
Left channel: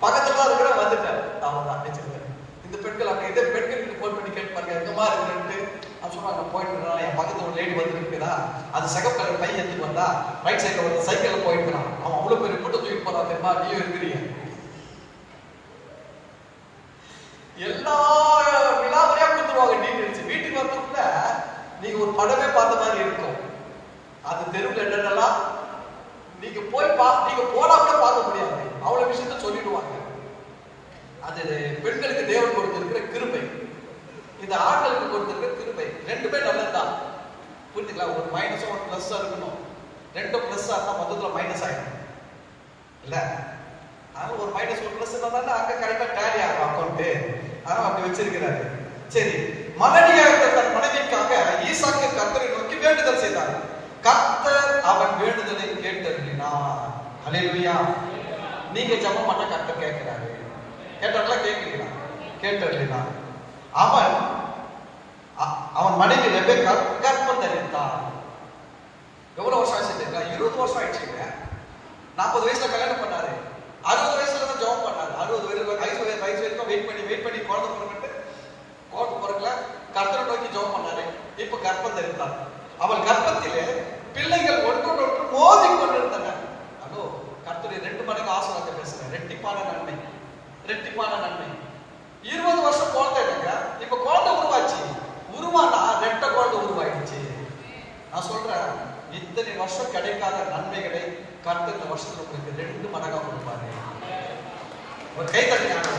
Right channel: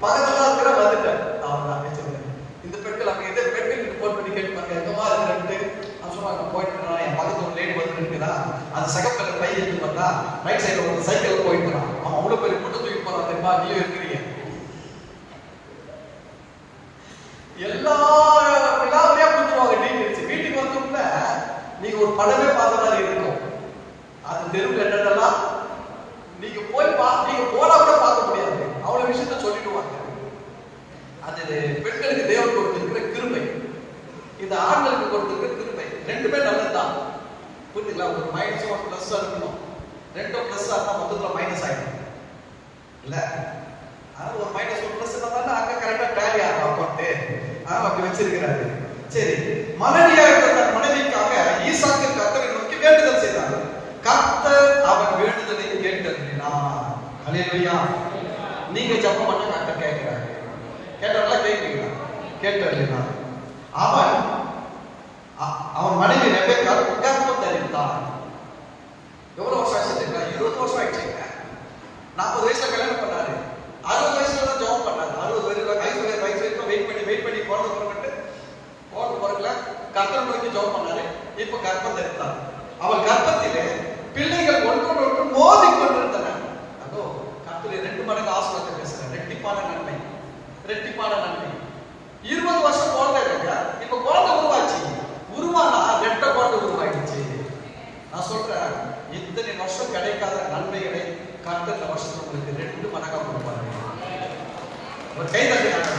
பக்கத்துல இருக்கிற வந்துட்டேன், அவ்வளவுதான் பேசுவாரு. இந்த பெண்கள் அங்க இதே பெண்கள் போன் பண்ணி கேட்பாங்க, எங்கமா இருக்கிறேன்ட்டு. சும்மா போயிட்டு இருக்கா, என் பக்கத்துல லேடி வந்து இருக்கிறா, அது சகப்பல பை எடுத்து வந்தா ரைட் சைடு ஒரு சைக்கிள் போயிட்டு இருக்கான், அவன் அவ்வளவு பேர் போட்டு தூக்கிட்டு போறான் தெரியுமா? நீயும் இருக்கிறீங்க. எல்லா விழாவிலே கொடுத்துருவாங்க டீட்டெயில்ஸ். வீட்டுக்கு வந்துக்குள்ள நீங்க ஒரு படமே பார்த்த மாதிரி இருக்கும். அது தெருவில் என்னென்னலாம் நீங்க போய் நீங்க போனா கூட பார்க்க முடியாது, அவ்வளவு விஷயத்த சொல்லிடுவாங்க. அது பெண்களுக்கு தேவன் கொடுத்திருக்கிற கிருபை, இந்த ஆண்களுக்கு கொடுத்திருக்கிற கிருபை. ரெண்டுமே நல்லதுதான், புரிஞ்சுங்களா? ஒரு மைனஸும் ஒரு பிளஸ் இருக்கணும். ரெண்டும் பிளஸ் ஆகும், மொத்தத்தில் மைனஸ் ஆயிடும் இல்ல? ஒரு மைனஸ் ஒரு பிளஸ் இருந்தாலும் அங்க கரெக்டா டேலி ஆகும் அக்கௌண்ட், அப்படி வச்சிருக்கிறாரு. சரி, மலடியா இருந்த தன் மனைவிக்காக ஈசாக்கு கர்த்தரை நோக்கி வேண்டுதல் செய்தார். கர்த்தர் அவன் வேண்டுதலை கேட்டருளினார். ஹல்லேலூயா. நீங்க ஜெபம் பண்ண கர்த்தர் கேட்கிறாரு. கேட்டாரா? கேட்கிறீங்களா? கேட்டருளினார். அவன் மனைவி ரெபெக்கா கர்ப்பம் தரித்தாள். எவ்வளவு வருஷம் ஆச்சு தெரியுமா? 20 வருஷம் ஆயிடுச்சுங்க. 40 வயசுல கல்யாணம் பண்ணாரு, 60 வயசுல தான் ஜாப் பண்ணாரு. 60 வயசு வரைக்கும் வெயிட் பண்ணி குழந்தை பிறக்கல, கர்த்தரை நோக்கி ஜாப் பண்ணாரு. இப்ப கர்ப்பம் தரித்தாள். அவள் கர்ப்பத்திலே பிள்ளைகள் ஒன்று மோதி கொண்டிருந்தன. அதோ கர்த்தரை 2 மடங்கு ஆசீர்வாதத்தை பேசுறேன். ரெட்டிப்பான நன்மை, ரெட்டிப்பான நன்மை. 20 வருஷம் குழந்தை இருக்க, இப்ப குழந்தை உருவாச்சு. உருவானா 2 குழந்தை உருவாயிடுச்சு. நான் சொல்றேன், இத்தனை வருஷம் கிடைக்காத நன்மைகளை கர்த்தர் இந்த வருஷம் உங்களுக்கு 2 மடங்கா கொடுப்பாரு. கை தட்டுங்க.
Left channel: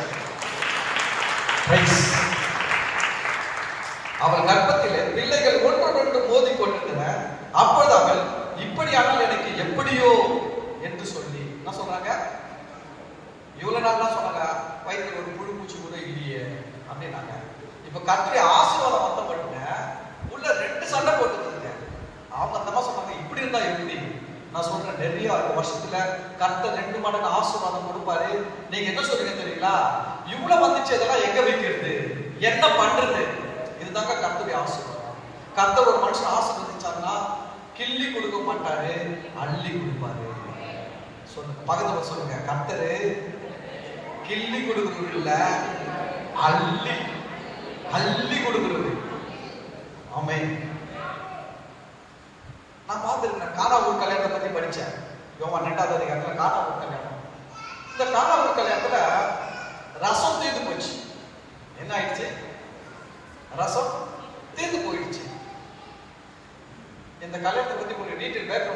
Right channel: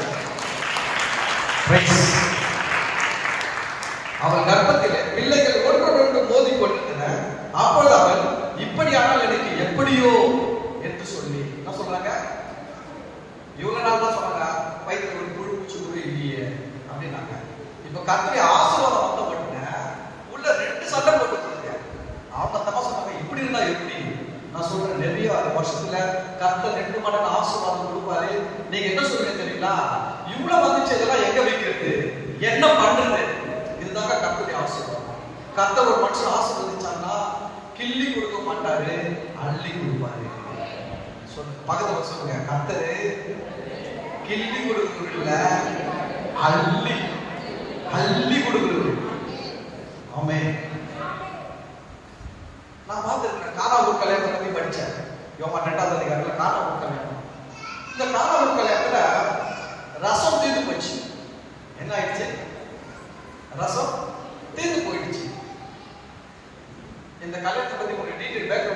அவள் கர்ப்பத்திலே பிள்ளைகள் ஒன்றொன்று மோதி கொண்டிருந்தன. அப்போது அவள், இப்படியானால் எனக்கு எப்படியோ என்று சொல்லி என்ன சொல்றாங்க? இவ்வளவு நாள் தான் சொன்னாங்க, வயிற்று ஒரு புழு பூச்சி கூட இல்லையே அப்படின்னாங்க. இப்ப கர்த்தரை ஆசீர்வாதம் பண்ண உள்ள 2 சண்டை போட்டுருக்காங்க. அவங்க தம்மா சொன்னாங்க, இப்படி இருந்தா எப்படி? நான் சொல்றேன், நிறைய வருஷத்துல கர்த்தர் 2 மடங்கு ஆசீர்வாதம் கொடுப்பாரு. நீங்க என்ன சொல்றீங்க தெரியுங்களா? இவ்வளவு வந்துச்சு, இதெல்லாம் எங்க வைக்கிறது, என்ன பண்றது? இதுதாங்க கர்த்தருடைய ஆசீர்வாதம். கர்த்தர் ஒரு மனுஷன் ஆசீர்வதிச்சாங்கன்னா கிள்ளி கொடுக்க மாட்டாரு, அள்ளி கொடுப்பாரு. பக்கத்துல சொல்லுங்க, கர்த்தரு கிள்ளி கொடுக்குறது இல்ல, அள்ளி அள்ளி கொடுக்குறது. ஆமென். நான் பார்த்திருக்கேன், கானாவூர் கல்யாணத்தை பத்தி படிச்சேன். யோவான் 2ஆவது அதிகாரத்துல கானாவூர் கல்யாணம். இந்த கானாவூர் கல்யாணத்துல ரசம் தீர்ந்து போச்சு. என்ன ஆயிடுச்சு? ரசம் தீர்ந்து போயிடுச்சு. இந்த கல்யாணத்தை பத்தி உங்களுக்கு டீட்டெயில் பேக்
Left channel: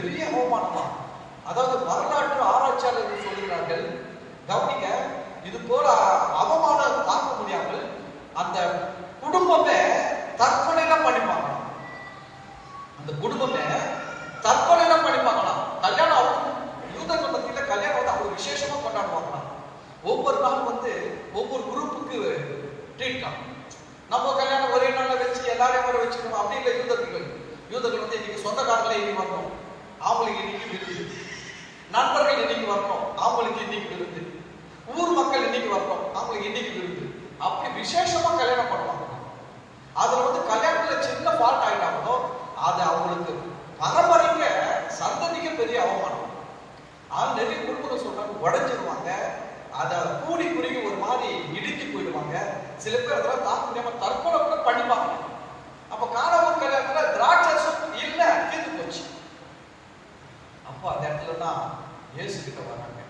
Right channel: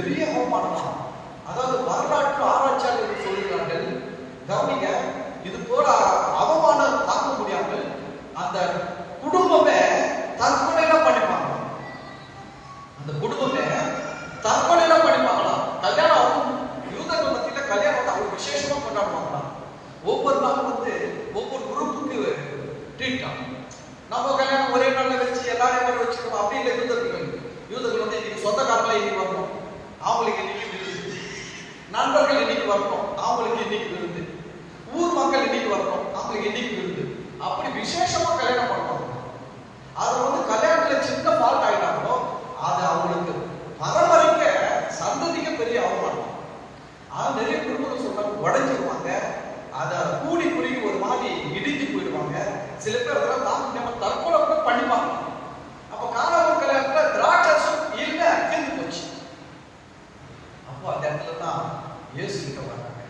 பெரிய அவமானம். அதாவது வரலாற்று ஆராய்ச்சியாளர்கள் சொல்கிறார்கள், கவனிங்க, இது போல அவமானம் தாங்க முடியாமல் அந்த குடும்பமே தற்கொலையில பண்ணிப்பாங்க. அந்த குடும்பமே தற்கொலையில பண்ணிப்பாங்களாம். கல்யாணம் யூதர்கள் மத்தியில கல்யாணத்தை அவங்க விசேஷமா கொண்டாடுவாங்களாம். ஒவ்வொரு நாளும் ஒவ்வொரு குரூப்புக்கு ட்ரீட். நம்ம கல்யாணம் ஒரே நாள்ல வச்சு எல்லாரையும் வர வச்சுக்கணும் அப்படி இல்லை. யூதர்கள் இன்னைக்கு சொந்தக்காரங்களை இன்னைக்கு வரணும், அவங்களுக்கு இன்னைக்கு விருது. நண்பர்கள் இன்னைக்கு வரணும், அவங்களுக்கு இன்னைக்கு விருது. ஊர் மக்கள் இன்னைக்கு வரணும், அவங்களுக்கு இன்னைக்கு விருது. அப்படி விசேஷமா கல்யாணம் பண்ணுவாங்க. அதுல கல்யாணத்துல சின்ன ஃபால்ட் ஆயிட்டாங்களோ அது அவங்களுக்கு பரம்பரைக்க சந்ததிக்கு பெரிய அவமானம். ஆனால் நிறைய குடும்பங்கள் சொல்றாங்க உடைஞ்சிருவாங்க, அதை கூடி குறுகி ஒரு மாதிரி இடிஞ்சு போயிடுவாங்க. சில பேர் தற்கொலை பண்ணிப்பாங்க. அப்ப காணாமல் கல்யாணத்துல திராட்சம் இல்ல, தீர்ந்து போச்சு. அப்போ அந்த இடத்துல தான் இயேசு கிட்ட வர்றாங்க.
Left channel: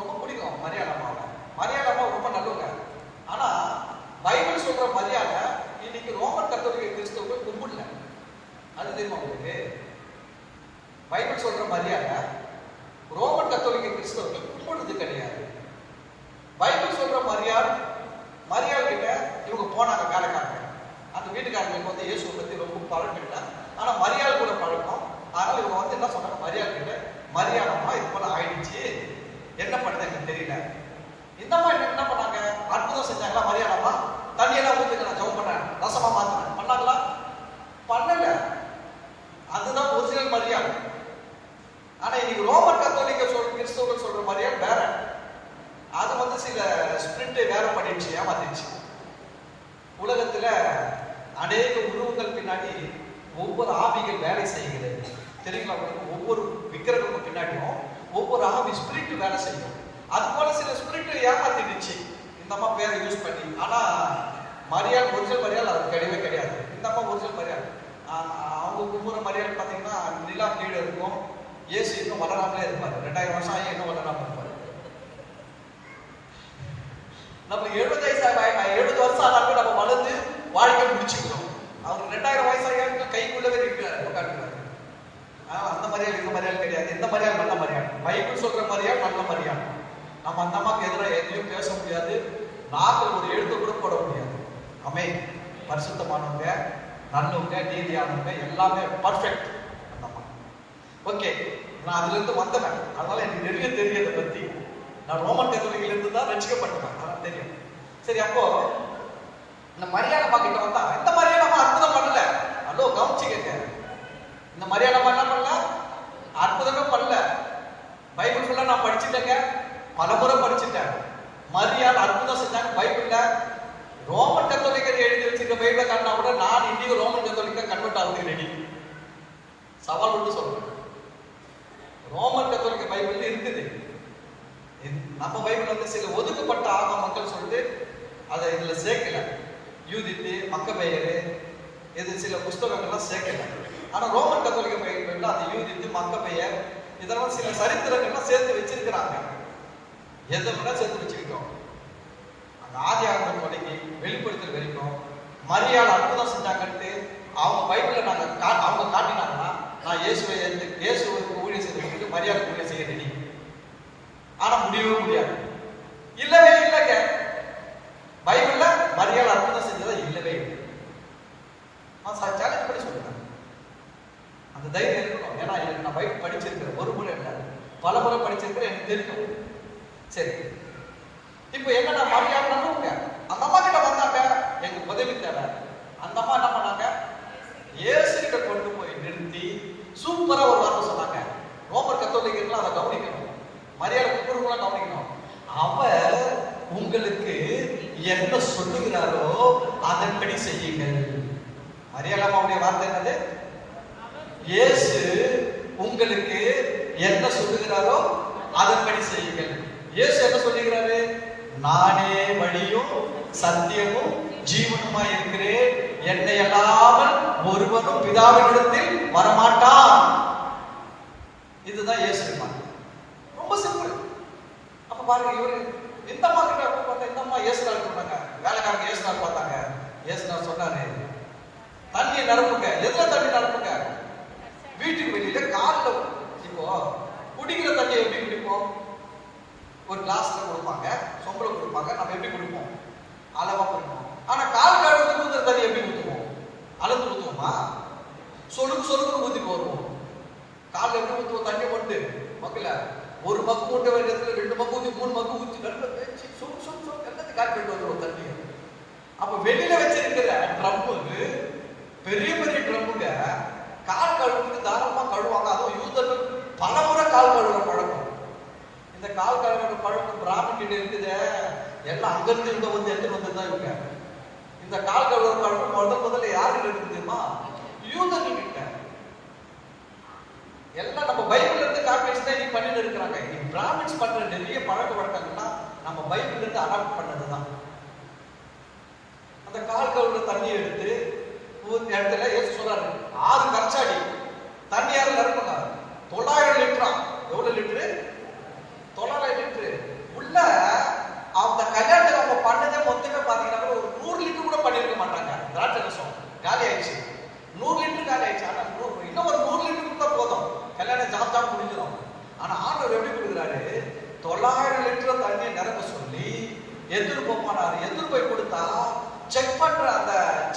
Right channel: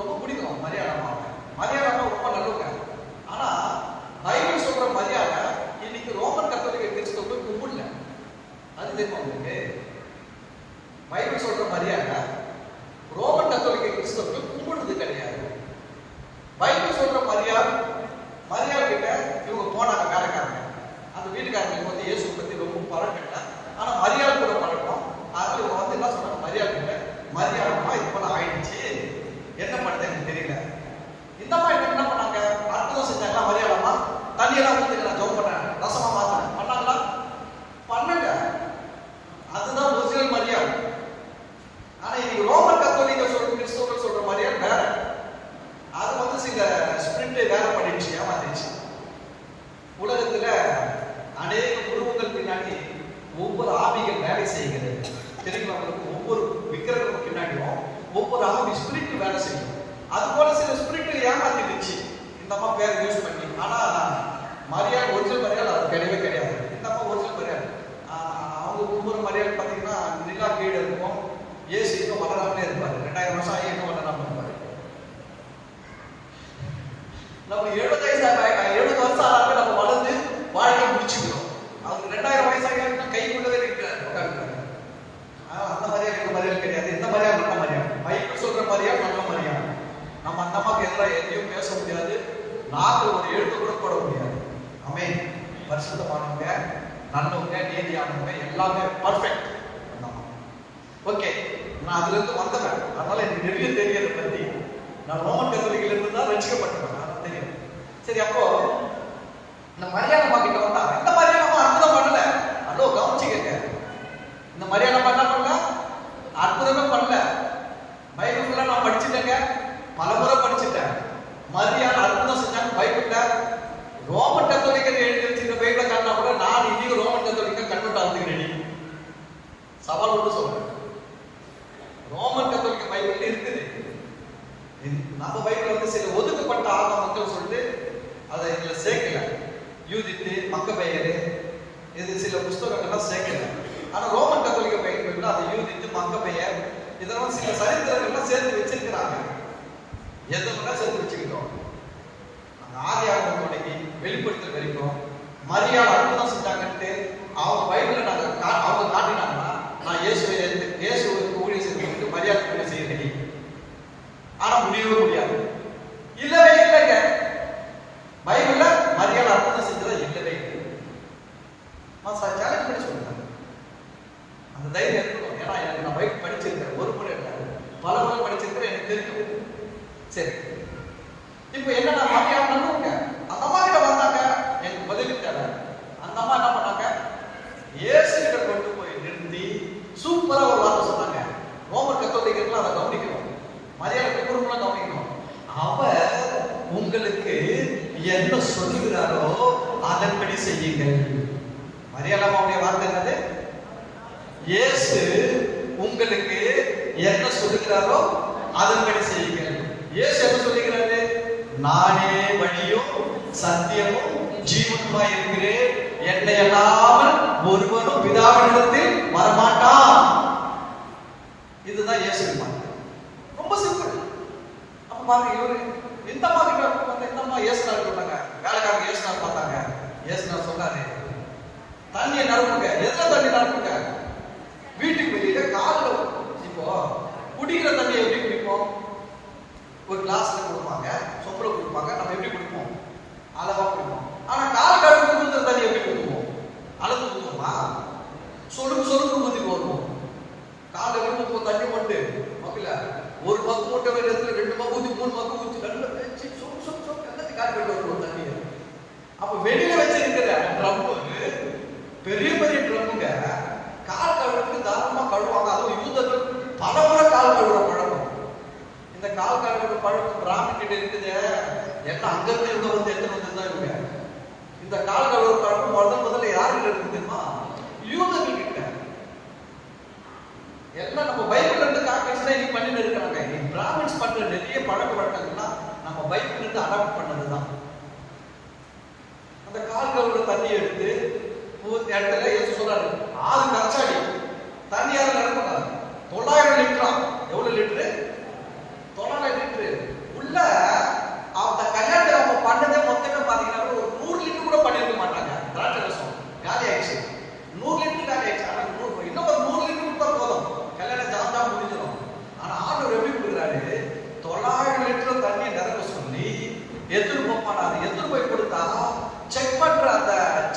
ரொம்ப பிடிக்கும் மரியாதை. மரியாதை ரொம்ப நல்லவங்க. ஆனா பைபிள் சொல்ற மரியாதை இன்னைக்கு ரோமன் கத்தோலிக்க கிறிஸ்தவர்கள் கும்பிடல. அது தெரியுமா உங்களுக்கு? பைபிள் சொல்ற மரியாதை ரோமன் கத்தோலிக்க கிறிஸ்தவர்கள் கும்பிடுறது கிடையாது. பைபிள் சொல்ற மரியாதை கிட்ட இவங்க போனாங்க வேலைக்காரங்க. அந்த வீட்டுக்காரங்களுக்கு இயேசு பத்தி ரொம்ப பழக்கல. ஆனா மரியாதை கூட பழக்கம். அதனால இவங்க என்ன சொல்றாங்க, மரியாதை கிட்ட மரியாதை இது போல ஆயிடுச்சு, என்ன பண்ணுறது எனக்கு தெரியல. இந்த மாதிரி என்ன பண்ணாங்க, அற்புதம் செஞ்சாங்களா? மரியாதை தண்ணியெல்லாம் ஊற்றி நான் ஜோம் பண்றேன், ரசமா மாத்திரம் பண்ணாங்களா? பண்ணல. அதுதான் முஸ்லிம் மரியாதை. ஆனா இன்னைக்கு ரோமன் கத்தோலிக்க கிறிஸ்தவர்கள் சொல்ற மரியாதை வேற. அது சில ஸ்பிரிட் வேற பண்ணிடுச்சு, ஏமாத்திடுச்சு. உலகத்துல அநேக உருவங்கள் பின்னாடி ஒவ்வொரு ஆவிகள் வேலை செய்கிறது தெரியுமா? ஒவ்வொரு விக்கிரகம் பின்னாடியும் ஒவ்வொரு ஆவி ஸ்பிரிட் வேலை செய்யும். அது போல சில ஸ்பிரிட் ஏமாத்திடுச்சு இந்த மாதிரி பேரை யூஸ் பண்ணி. ஆனா மரியாதை ஒரிஜினல் மரியாதை அது கிடையவே கிடையாது. இந்த மாதிரி ஒரிஜினல் மரியாதை அவங்க கும்புற மரியாதை பார்த்தீங்கன்னா நிலா கீழே இருக்கும். இயேசு இன்னும் வளராமலே இருப்பாரு. 2000 வருஷம் ஆகி இன்னும் வளராம இருப்பாரு. நம்ம 70 வருஷம் ஆனாலும் நம்ம வளர்ந்து வாழ்க்கை முடிச்சுக்கணும். அவர் 2000 வயசாக கைக்குள்ளவே இருக்கிறார். அந்த மரியாதை கிடையாது. இந்த மரியாதை நல்ல மரியாதை. பைபிள் சொல்ற மரியாதை நல்ல மரியாதை. நம்ம அந்த மாதிரி எல்லாம் எதையும் பேச முடியாது. நாங்கள் ஒரு எழுத்து கூட போட முடியாது. ஆமென். பரிசுத்தமானவங்க, நல்லவங்க, நீதியானவங்க, எல்லாமே பர்ஃபெக்ட். ஓகே, நான் அதுல இருந்து வந்தவன். அதனால எனக்கு நிறைய தெரியறத பத்தி நான் ரோமன் கத்தோலிக்கல இருந்து தான் ரட்சிக்கப்பட்டேன். அதனால தெரியும். சரி, அப்போ இந்த மரியாதை கிட்ட வந்தா இந்த மரியாதை அற்புதம் பண்ணல. அதோ கவனிச்சுக்க, இந்த மரியாதை என்ன பண்ணல, அற்புதமே பண்ணல. பைபிள் ஃபுல்லா நான் படிச்சுட்டேங்க, பல முறை படிச்சுட்டேன். மரியாதை அற்புதம் செஞ்சாங்க பைபிள்ல. ரோமன் கத்தோலிக்கர் எழுதி வச்சிருக்க பைபிளை காட்டினா கூட நான் இன்னைக்கு ரோமன் கத்தோலிக்க கன்வெர்ட் ஆகுது ரெடி. சவால் கூட சொல்றேன். ரோமன் கத்தோலிக்க பைபிள் இருக்குது. நம்ம பைபிள் சில ஒதுக்கப்பட்ட ஆக மக்கள் சொல்லிட்டு அதை இதுல சேர்க்கல. யூதித்து, மக்கபேயரு, இது சில புஸ்தகங்கள்லாம் சேர்க்கல. ஆனா ரோமன் கத்தோலிக்க பைபிள் அதை யூதித்து, மக்கபேயர் இதெல்லாம் சில சரித்திரங்கள்லாம் சேர்த்து வச்சிருக்கிறாங்க. எதெல்லாம் சேர்த்து வச்சுக்கிட்டோம். ஆதியாகமம் தொடங்கி வெளிப்படுத்தல் வரைக்கும் மரியாதை அற்புதம் செஞ்சாங்கன்ட்டு அவங்க பைபிளை அவங்க காட்டினாங்கன்னா நான் இயேசுவை ஊழியர் செய்ய மரியாதை ஊழியர் செய்ய ரெடி. ஆனா முடியவே முடியாது. இல்லவே இல்லைங்க. பைபிள்ல மரியாதை அற்புதம் செஞ்சதா இல்லவே இல்லை. நான் சேலஞ்ச் பண்ணி சொல்றேன். அந்த தைரியம் இருக்கணும். ஏன்னா எனக்கு நான் பைபிள் படிச்சிருக்கேன். ஒரு முறை இல்லை, பல முறை படிச்சிருக்கேன். எனக்கு தெரியும். சரி, இப்ப என்ன மரியாதை நம்புங்க. அந்த அம்மா கிட்ட வந்தாங்க, எனக்கு உதவி தேவை. அந்த அம்மா என்ன பண்ணாங்க, இயேசு கிட்ட கொண்டு போய் நிறுத்தி சூப்பரா ஒரு வார்த்தை சொன்னாங்க. ரோமன் கத்தோலிக்கர்கள் அதை கவனிக்கணும், மரியாதை குடும்பம் கவனிக்கணும். அவர் உங்களுக்கு என்ன சொல்லுகிறாரோ அதன்படி செய்யுங்கள். மரியாதை அவருடைய வார்த்தை என்னது? இயேசு உங்களுக்கு என்ன சொல்லுகிறாரோ அதன்படி செய்யுங்கள். இயேசு என்ன சொல்லுகிறாரு? நானே வழியும் சத்தியமும் ஜீவனுமாய் இருக்கிறேன், என்னை அல்லாமல் ஒருவனும் பிதாவினிடத்தில் வரமாட்டான். இதுதான் இயேசு. ரொம்ப சிம்பிள். அப்ப பாருங்க, இவரு இந்த மாதிரி இயேசுனார் பண்ணாங்க. வேலைக்காரங்க இயேசுனார் பார்த்தாங்க. இயேசுனார் சொன்னாரு, தண்ணியை நடப்புங்க. எதுல தண்ணி நடப்புங்க?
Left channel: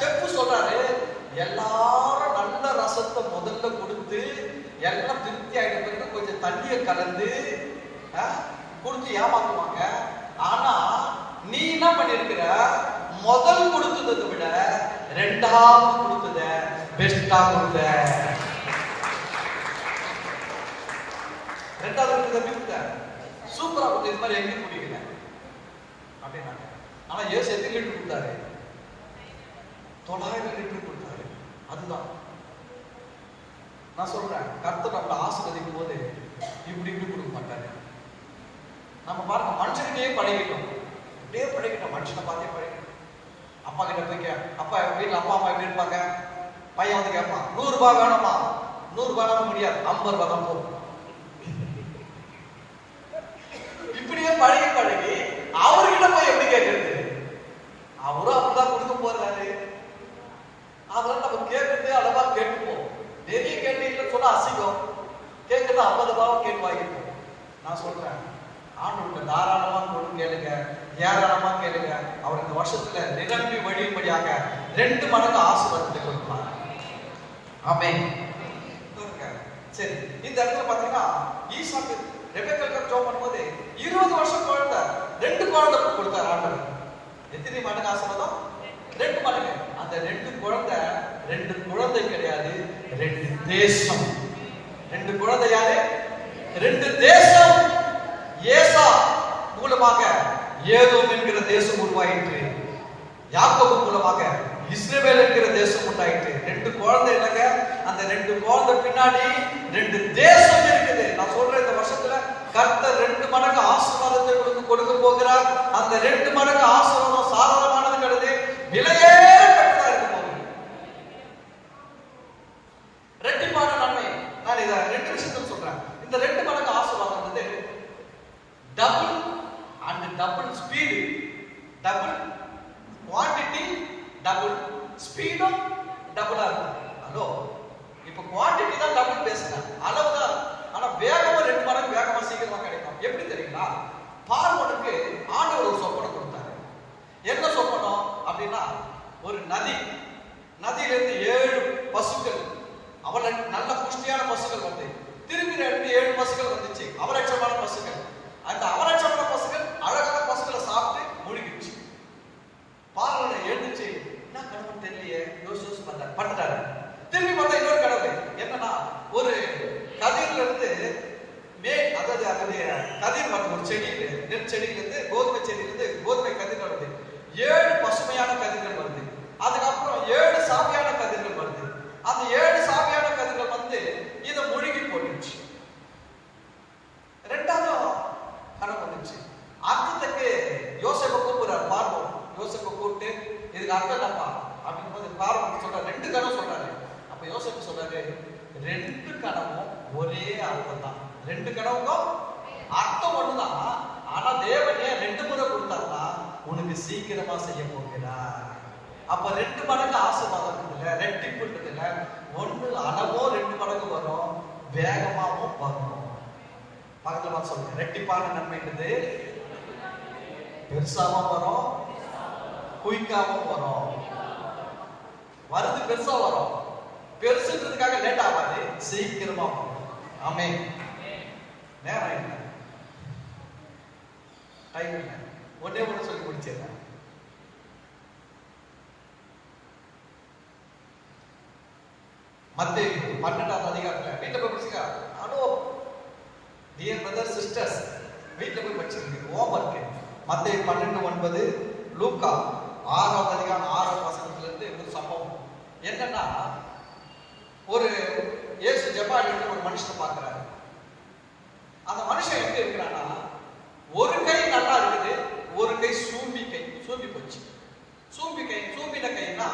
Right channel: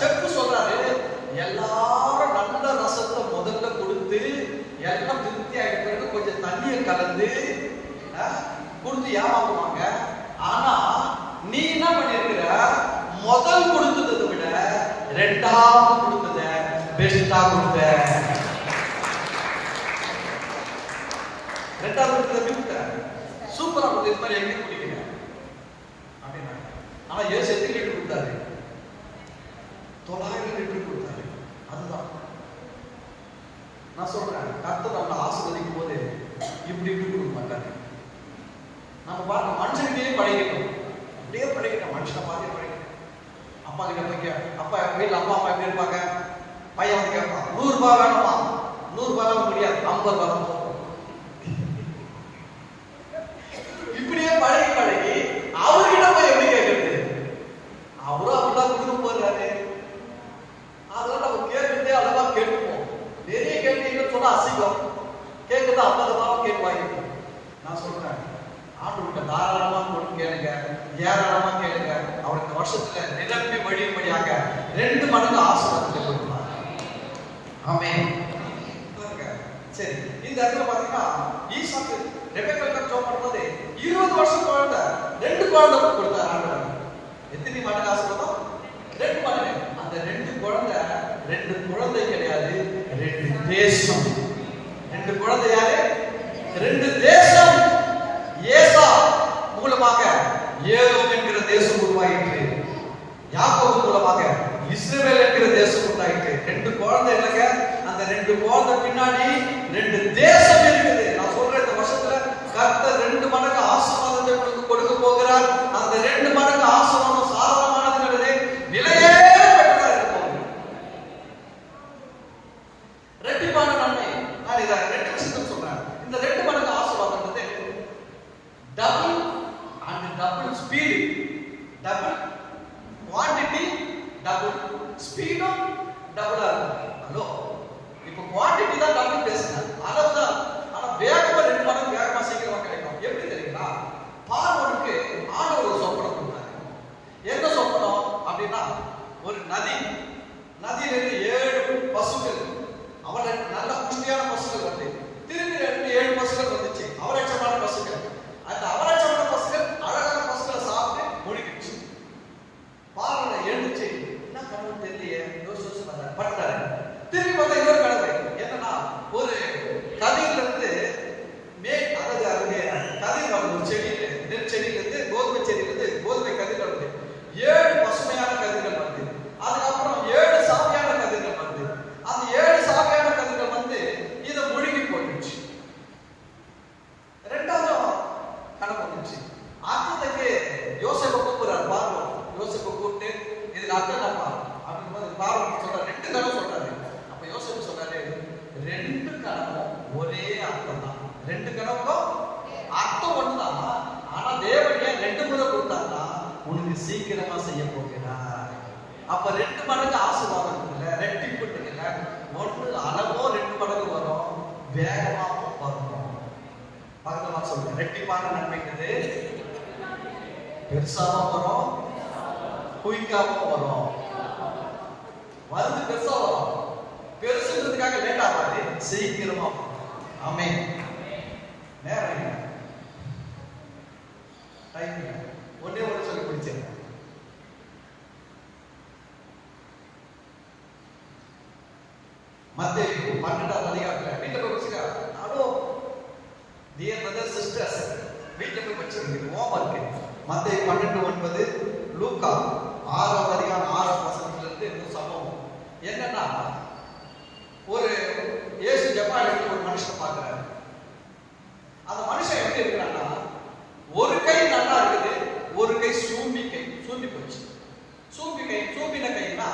செஃப் சொல்றாரு, எல்லாரும் நல்ல ரசத்தை முதல்ல கொடுத்து எல்லாம் திருப்தி ஆகிட்டு கொஞ்சம் தண்ணியை கலந்து கொடுத்து ஏமாத்துவாங்க. ஆனா நீ என்ன பண்ணிருக்கிற, முதல் கொடுத்ததை விட ரெண்டாவது கொடுத்தத பெஸ்டா கொடுத்த. ரெண்டாவது கொடுத்தத கொடுத்த சூப்பரா கொடுத்த. இது மாதிரி எங்க குடிக்கிறீங்க அப்படின்னா, ஆனா ஏசு எத்தனை லிட்டர் கொடுத்தாரு? 900 லிட்டர் கொடுத்தாரு. அதுதான் நான் சொல்றேன், கர்த்தர் அவளை ஆசீர்வதிக்கும் போது இப்படி இப்படி கொடுக்க மாட்டாரு. நம்ம பாருங்க, மனுஷனுக்கே பழகிடும், அப்படியே பழகிடும், மனுஷனை பார்த்தே பழகிடும். அப்பா கிட்ட போய் அப்பா வீட்டில் அப்பா அம்மா எப்படி இருப்பாங்க, பையன் வந்து கேட்பான், 100 ரூபாய் வேணுமா? 100 ரூபாய் முடியாது, 50 ரூபாய் தான். இப்படியே பழகி பழகி அவர்கிட்ட போய் எப்படி கேட்கறது? அவரும் அப்படிதான் கொடுக்க போறாரு. அதனால நம்ம கேட்கறதே அளவா கேட்போம். நிறைய கேட்டீங்கன்னு சொன்னா அசிங்கம். கேட்கறது 50 ரூபாய் கேட்டு வாங்கிப்போம். நான் சொல்றேன், ஆண்டவர்கிட்ட தாராளமா கொடுத்து கேளுங்க, ஏராளமா கேளுங்க. அவருக்கு வருஷத்துல நிரம்பி வழிபடியாக 2 மடங்கு ஆசீர்வாதத்தை கொடுப்பார். ஆமென். சரி, இந்த இடத்துல பாத்தீங்கன்னா ஈசாக்கு ரெபெக்காக்கு ஜெபம் பண்ணும்போது 20 வருஷம் குழந்தை 2 குழந்தை கொடுத்தார் ஆண்டவர். எத்தனை மடங்கு ஆசீர்வாதம்? 2 மடங்கு. அந்த 2 குழந்தை 2 குழந்தை கிடையாது, 2 தேசம். 2 குழந்தை யாரு? 2 தேசம். ஏசா மூலமாக ஏதோம் என்கிற தேசம் உருவாயிற்று. யாக்கோபு மூலமாக இஸ்ரவேல் என்கிற தேசம் உண்டாயிற்று. 2 குழந்தை என்னங்க? அந்த 2 குழந்தை பின்னாடி 2 தேசம் இருக்குது. நான் சொல்றேன், இந்த வருஷத்துல கர்த்தர் 2 மடங்கு ஆசீர்வாதத்தை கொடுக்க போகிறார். அந்த 2 மடங்கு ஆசீர்வாதம் சாதாரணமானது கிடையாது, விலையே பெற்றதா இருக்கும். ரெட்டிப்பான நன்மை. நான் இதை 2 விஷயத்தை சொல்றேன். இந்த 2 மடங்கு ஆசீர்வாதம் வந்து double and double speed. Double quantity, double ஸ்பீடும் டபுளா இருக்கும். ஹலோ, இப்போ குவாண்டிட்டி தான் டபுள் பேசுறேன், அளவு தான். ஆனா வேகமா 2 மடங்கு வேகமா சீக்கிரமா கிடைக்கும். எப்படி தெரியுங்களா? பார்வோனுக்கு ஆண்டவர் ஒரு சொப்பனம் கொடுத்தாரு. என்ன சொப்பனம் அப்படின்னா, ஒரு நதியிலிருந்து 7 பசுக்கள், அவரை நல்ல புஷ்டியான பசுக்கள் வந்து திரும்பி 7 பசுக்கள் வந்துச்சு, அவரட்சமான பசுக்கள். அந்த அவரட்சமான பசுக்கள் அழகான பசுக்களை சாப்பிட்டு முழுகிடுச்சு. பார்வனை எழுந்துச்சு, என்ன கனவு தெரியலையே யோசிச்சு பட்டாரு. திரும்பி பார்த்தா இன்னொரு கனவு. என்னன்னா, ஒரு கதிரில இருந்து அதாவது கதிர் வருது, ஒரு செடியில, நெற்செடியில இருந்து கோதுமை செடியில இருந்து கோதுமை கதிர் வருது. 7 பசுமையான கதிர்கள் வருது. அதுக்கப்புறம் 7 சாவியான கதிர்கள் வருது. அந்த 7 சாவியான கதிர்கள் வந்து இதை முழுகி போயிடுச்சு. 2வது கனவு வந்துச்சு. அர்த்தத்துக்கு யோசேப்பை கூப்பிடுறாரு பார்வோம். யோசேப்பை கூப்பிட்டு இதுக்கு அர்த்தம் என்னப்பா அப்படின்னு போது பார்வோம் சொல்றாரு, 2 கனவு சொல்றாரு. அப்ப யோசேப்பு சொல்றாரு, 2 கனவும் ஒரே அர்த்தம் தான். 2 கனவுக்கும் அர்த்தம் ஒண்ணுதான். ஆனா தேவனே 2 முறை கொடுத்தாருன்னா உனக்கு சீக்கிரமா செய்ய போகிறார். அப்ப 2 மடங்கு ஆசீர்வாதம் இல்ல, ரெட்டிப்பு இல்ல. ஒன்று அளவோ 2 மடங்கு வரும், வேகமாவும் வரும். பக்கத்துல சொல்றேன், ரெட்டிப்பான நன்மைங்கிறது பெருசாவும் வரும், குயிக்காவும் வரும். வருது பெருசா வரும், பெருசுன்றதுக்காக லேட் ஆகாது, சீக்கிரமா. ஆமென். நேரம் இல்லை, டைம் இல்லை. ஒன்னே மட்டும் சொல்லி முடிச்சிருக்கேன். மத்தேயு 12ஆம் அதிகாரத்துல வீட்டுல போய் வச்சுக்க. ஹலோ டியர் பிரதர்ஸ் சிஸ்டர்ஸ், வீட்டுல போய் வச்சிருக்கீங்க ஹோம்வொர்க். மத்தேயு 12:9, லூக்கா 6ஆம் அதிகாரம் 6ஆம் வசனத்துல இருந்து ஒரு சம்பவம். என்னன்னா, ஒரு இயேசு ஜெபம் ஒரு மனுஷன் பார்க்கிறாரு. அந்த மனுஷன் எப்படி இருக்கிறான்னா, ஒரு கை நல்லா இருக்குது, ஒரு கை சூம்பி போச்சு. சூம்பின கைனா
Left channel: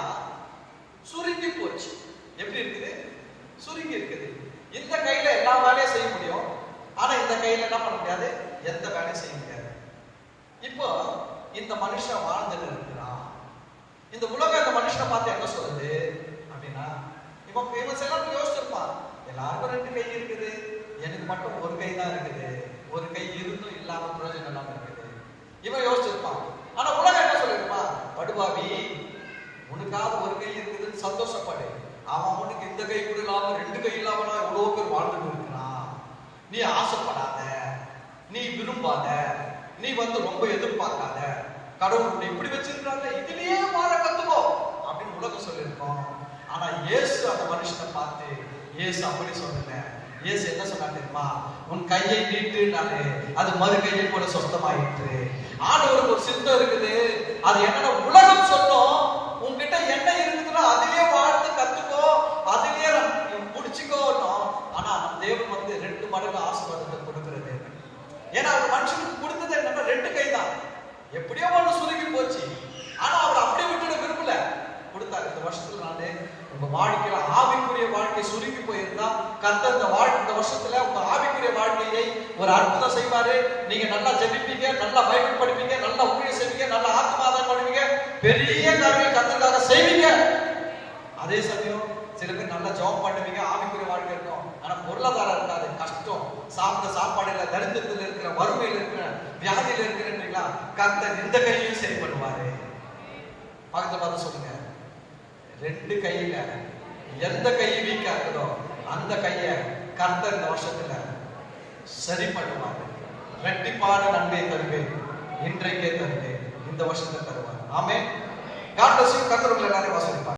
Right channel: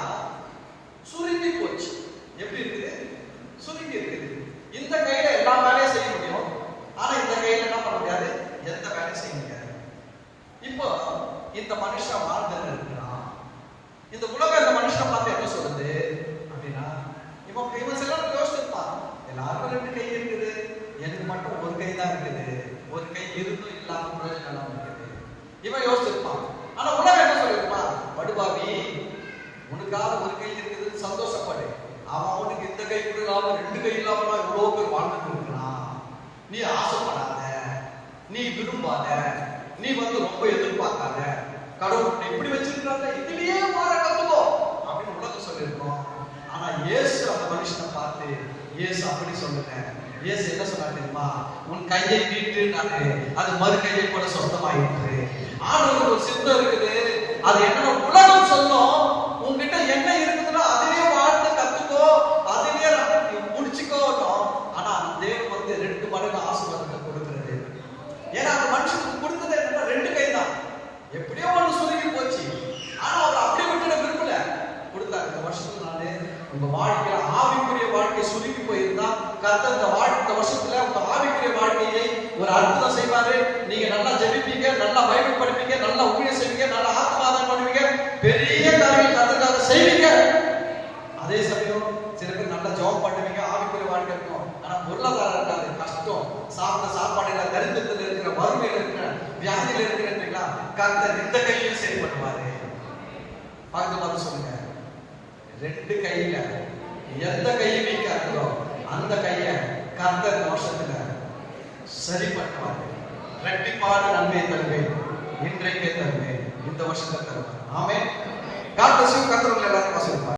சுருங்கி போச்சு. எப்படி இருக்குது? சுருங்கி இருக்குது. இந்த கையில எல்லா வேலையும் செய்ய முடியும், ஆனா இந்த கையில என்ன பண்ண முடியாது, எந்த வேலையும் செய்ய முடியாது. இப்போ இந்த மனுஷன் வாழ்ந்துட்டு இருக்கிறான். இந்த உலகம் இந்த மனுஷனை பார்த்து என்ன சொல்லுது அப்படின்னா, இவன் சில அவனுக்கு இந்த கை கூட இல்லாம ரெண்டு கை இல்லாம எவ்வளவு பேர் வாழ்ந்துட்டு இருக்கலாம். நீ ஆசைப்படாத, நீ விரும்பாத, நீ ரொம்ப எதிர்பார்க்காத. கடவுள் எப்படி வச்சிருக்கிறாங்க, இதுலயே மாற கத்துக்கோ அப்படின்னு உலகம் சொல்லியிருக்கோம். ஆனா இயேசு அந்த மனுஷனை பார்த்து இயேசு அப்படி சொல்லல. இயேசு என்ன சொன்னாரு தெரியுமா? உன் கையை நீட்டு, நானு அது மறு கையை போல சொந்தமாயிற்று. ஆண்டவருக்கு ஒரு சித்தம் இருக்குது. அது என்ன உலகம் சொல்லும், உன்கிட்ட என்ன இருக்குதுன்னா அதிலே வாழ்ந்து கத்துக்கோ, அதிலே முடிச்சுக்கோ. ஆனா தேவன் 2 மடங்கு ஆசீர்வாதத்தை கொடுக்கிறது. ஏன்னா மனுஷனுக்கு கொடுத்தது என்ன, 2 கை தான். எப்படியோ மனு சுருங்கி போச்சு. ஆனா அவர் அப்படி விட்டுட விரும்பல, கொடுத்தாரு. இந்த வருஷத்துல நானே உங்க வாழ்க்கையில ஆவிக்குரிய வாழ்க்கை சுருங்கி போயிருந்தா கர்த்தர் இந்த வருஷத்துல உங்க ஆவிக்குரிய வாழ்க்கையை ஒரு அற்புதம் செய்வாரு. நீங்க நல்லா ஜெபிப்பீங்க, நல்லா பைபிள் படிப்பீங்க, நல்லா ஊழியம் செய்வீங்க, நல்லா ஆத்மாதானம் பண்ணுவீங்க, பெரிய காரியங்கள் கர்த்தருக்காக செய்வீங்க. அதே சமயம் சில பேர் நல்லா ஜெபம் பண்ணுவீங்க, ஆவிக்குரிய வாழ்க்கை இருக்கும். ஆனா பொருளாதாரம் இருக்காது, கஷ்டம், சாப்பிட்ட சாப்பாடு இல்ல, தரித்திரத்துல இருக்கிற, வறுமையில இருக்கிற, வியாதியில இருக்கிறீங்களா, கர்த்தர் இந்த கையிலும் சரி பண்ணுவாரு. பக்கத்துல பார்த்து சொல்லுங்க, 2 கையில எந்த கையை வைக்காதோ அந்த கையை கர்த்தர் வருஷத்துல சரி பண்ணுவார். ரெட்டிப்பாடு நன்மை தருவேன், இன்றைக்கே தருவேன், இந்த வருஷத்தை தருவேன். ஆமென். God bless you. கர்த்தர் எல்லாரும் சொல்லுவார்.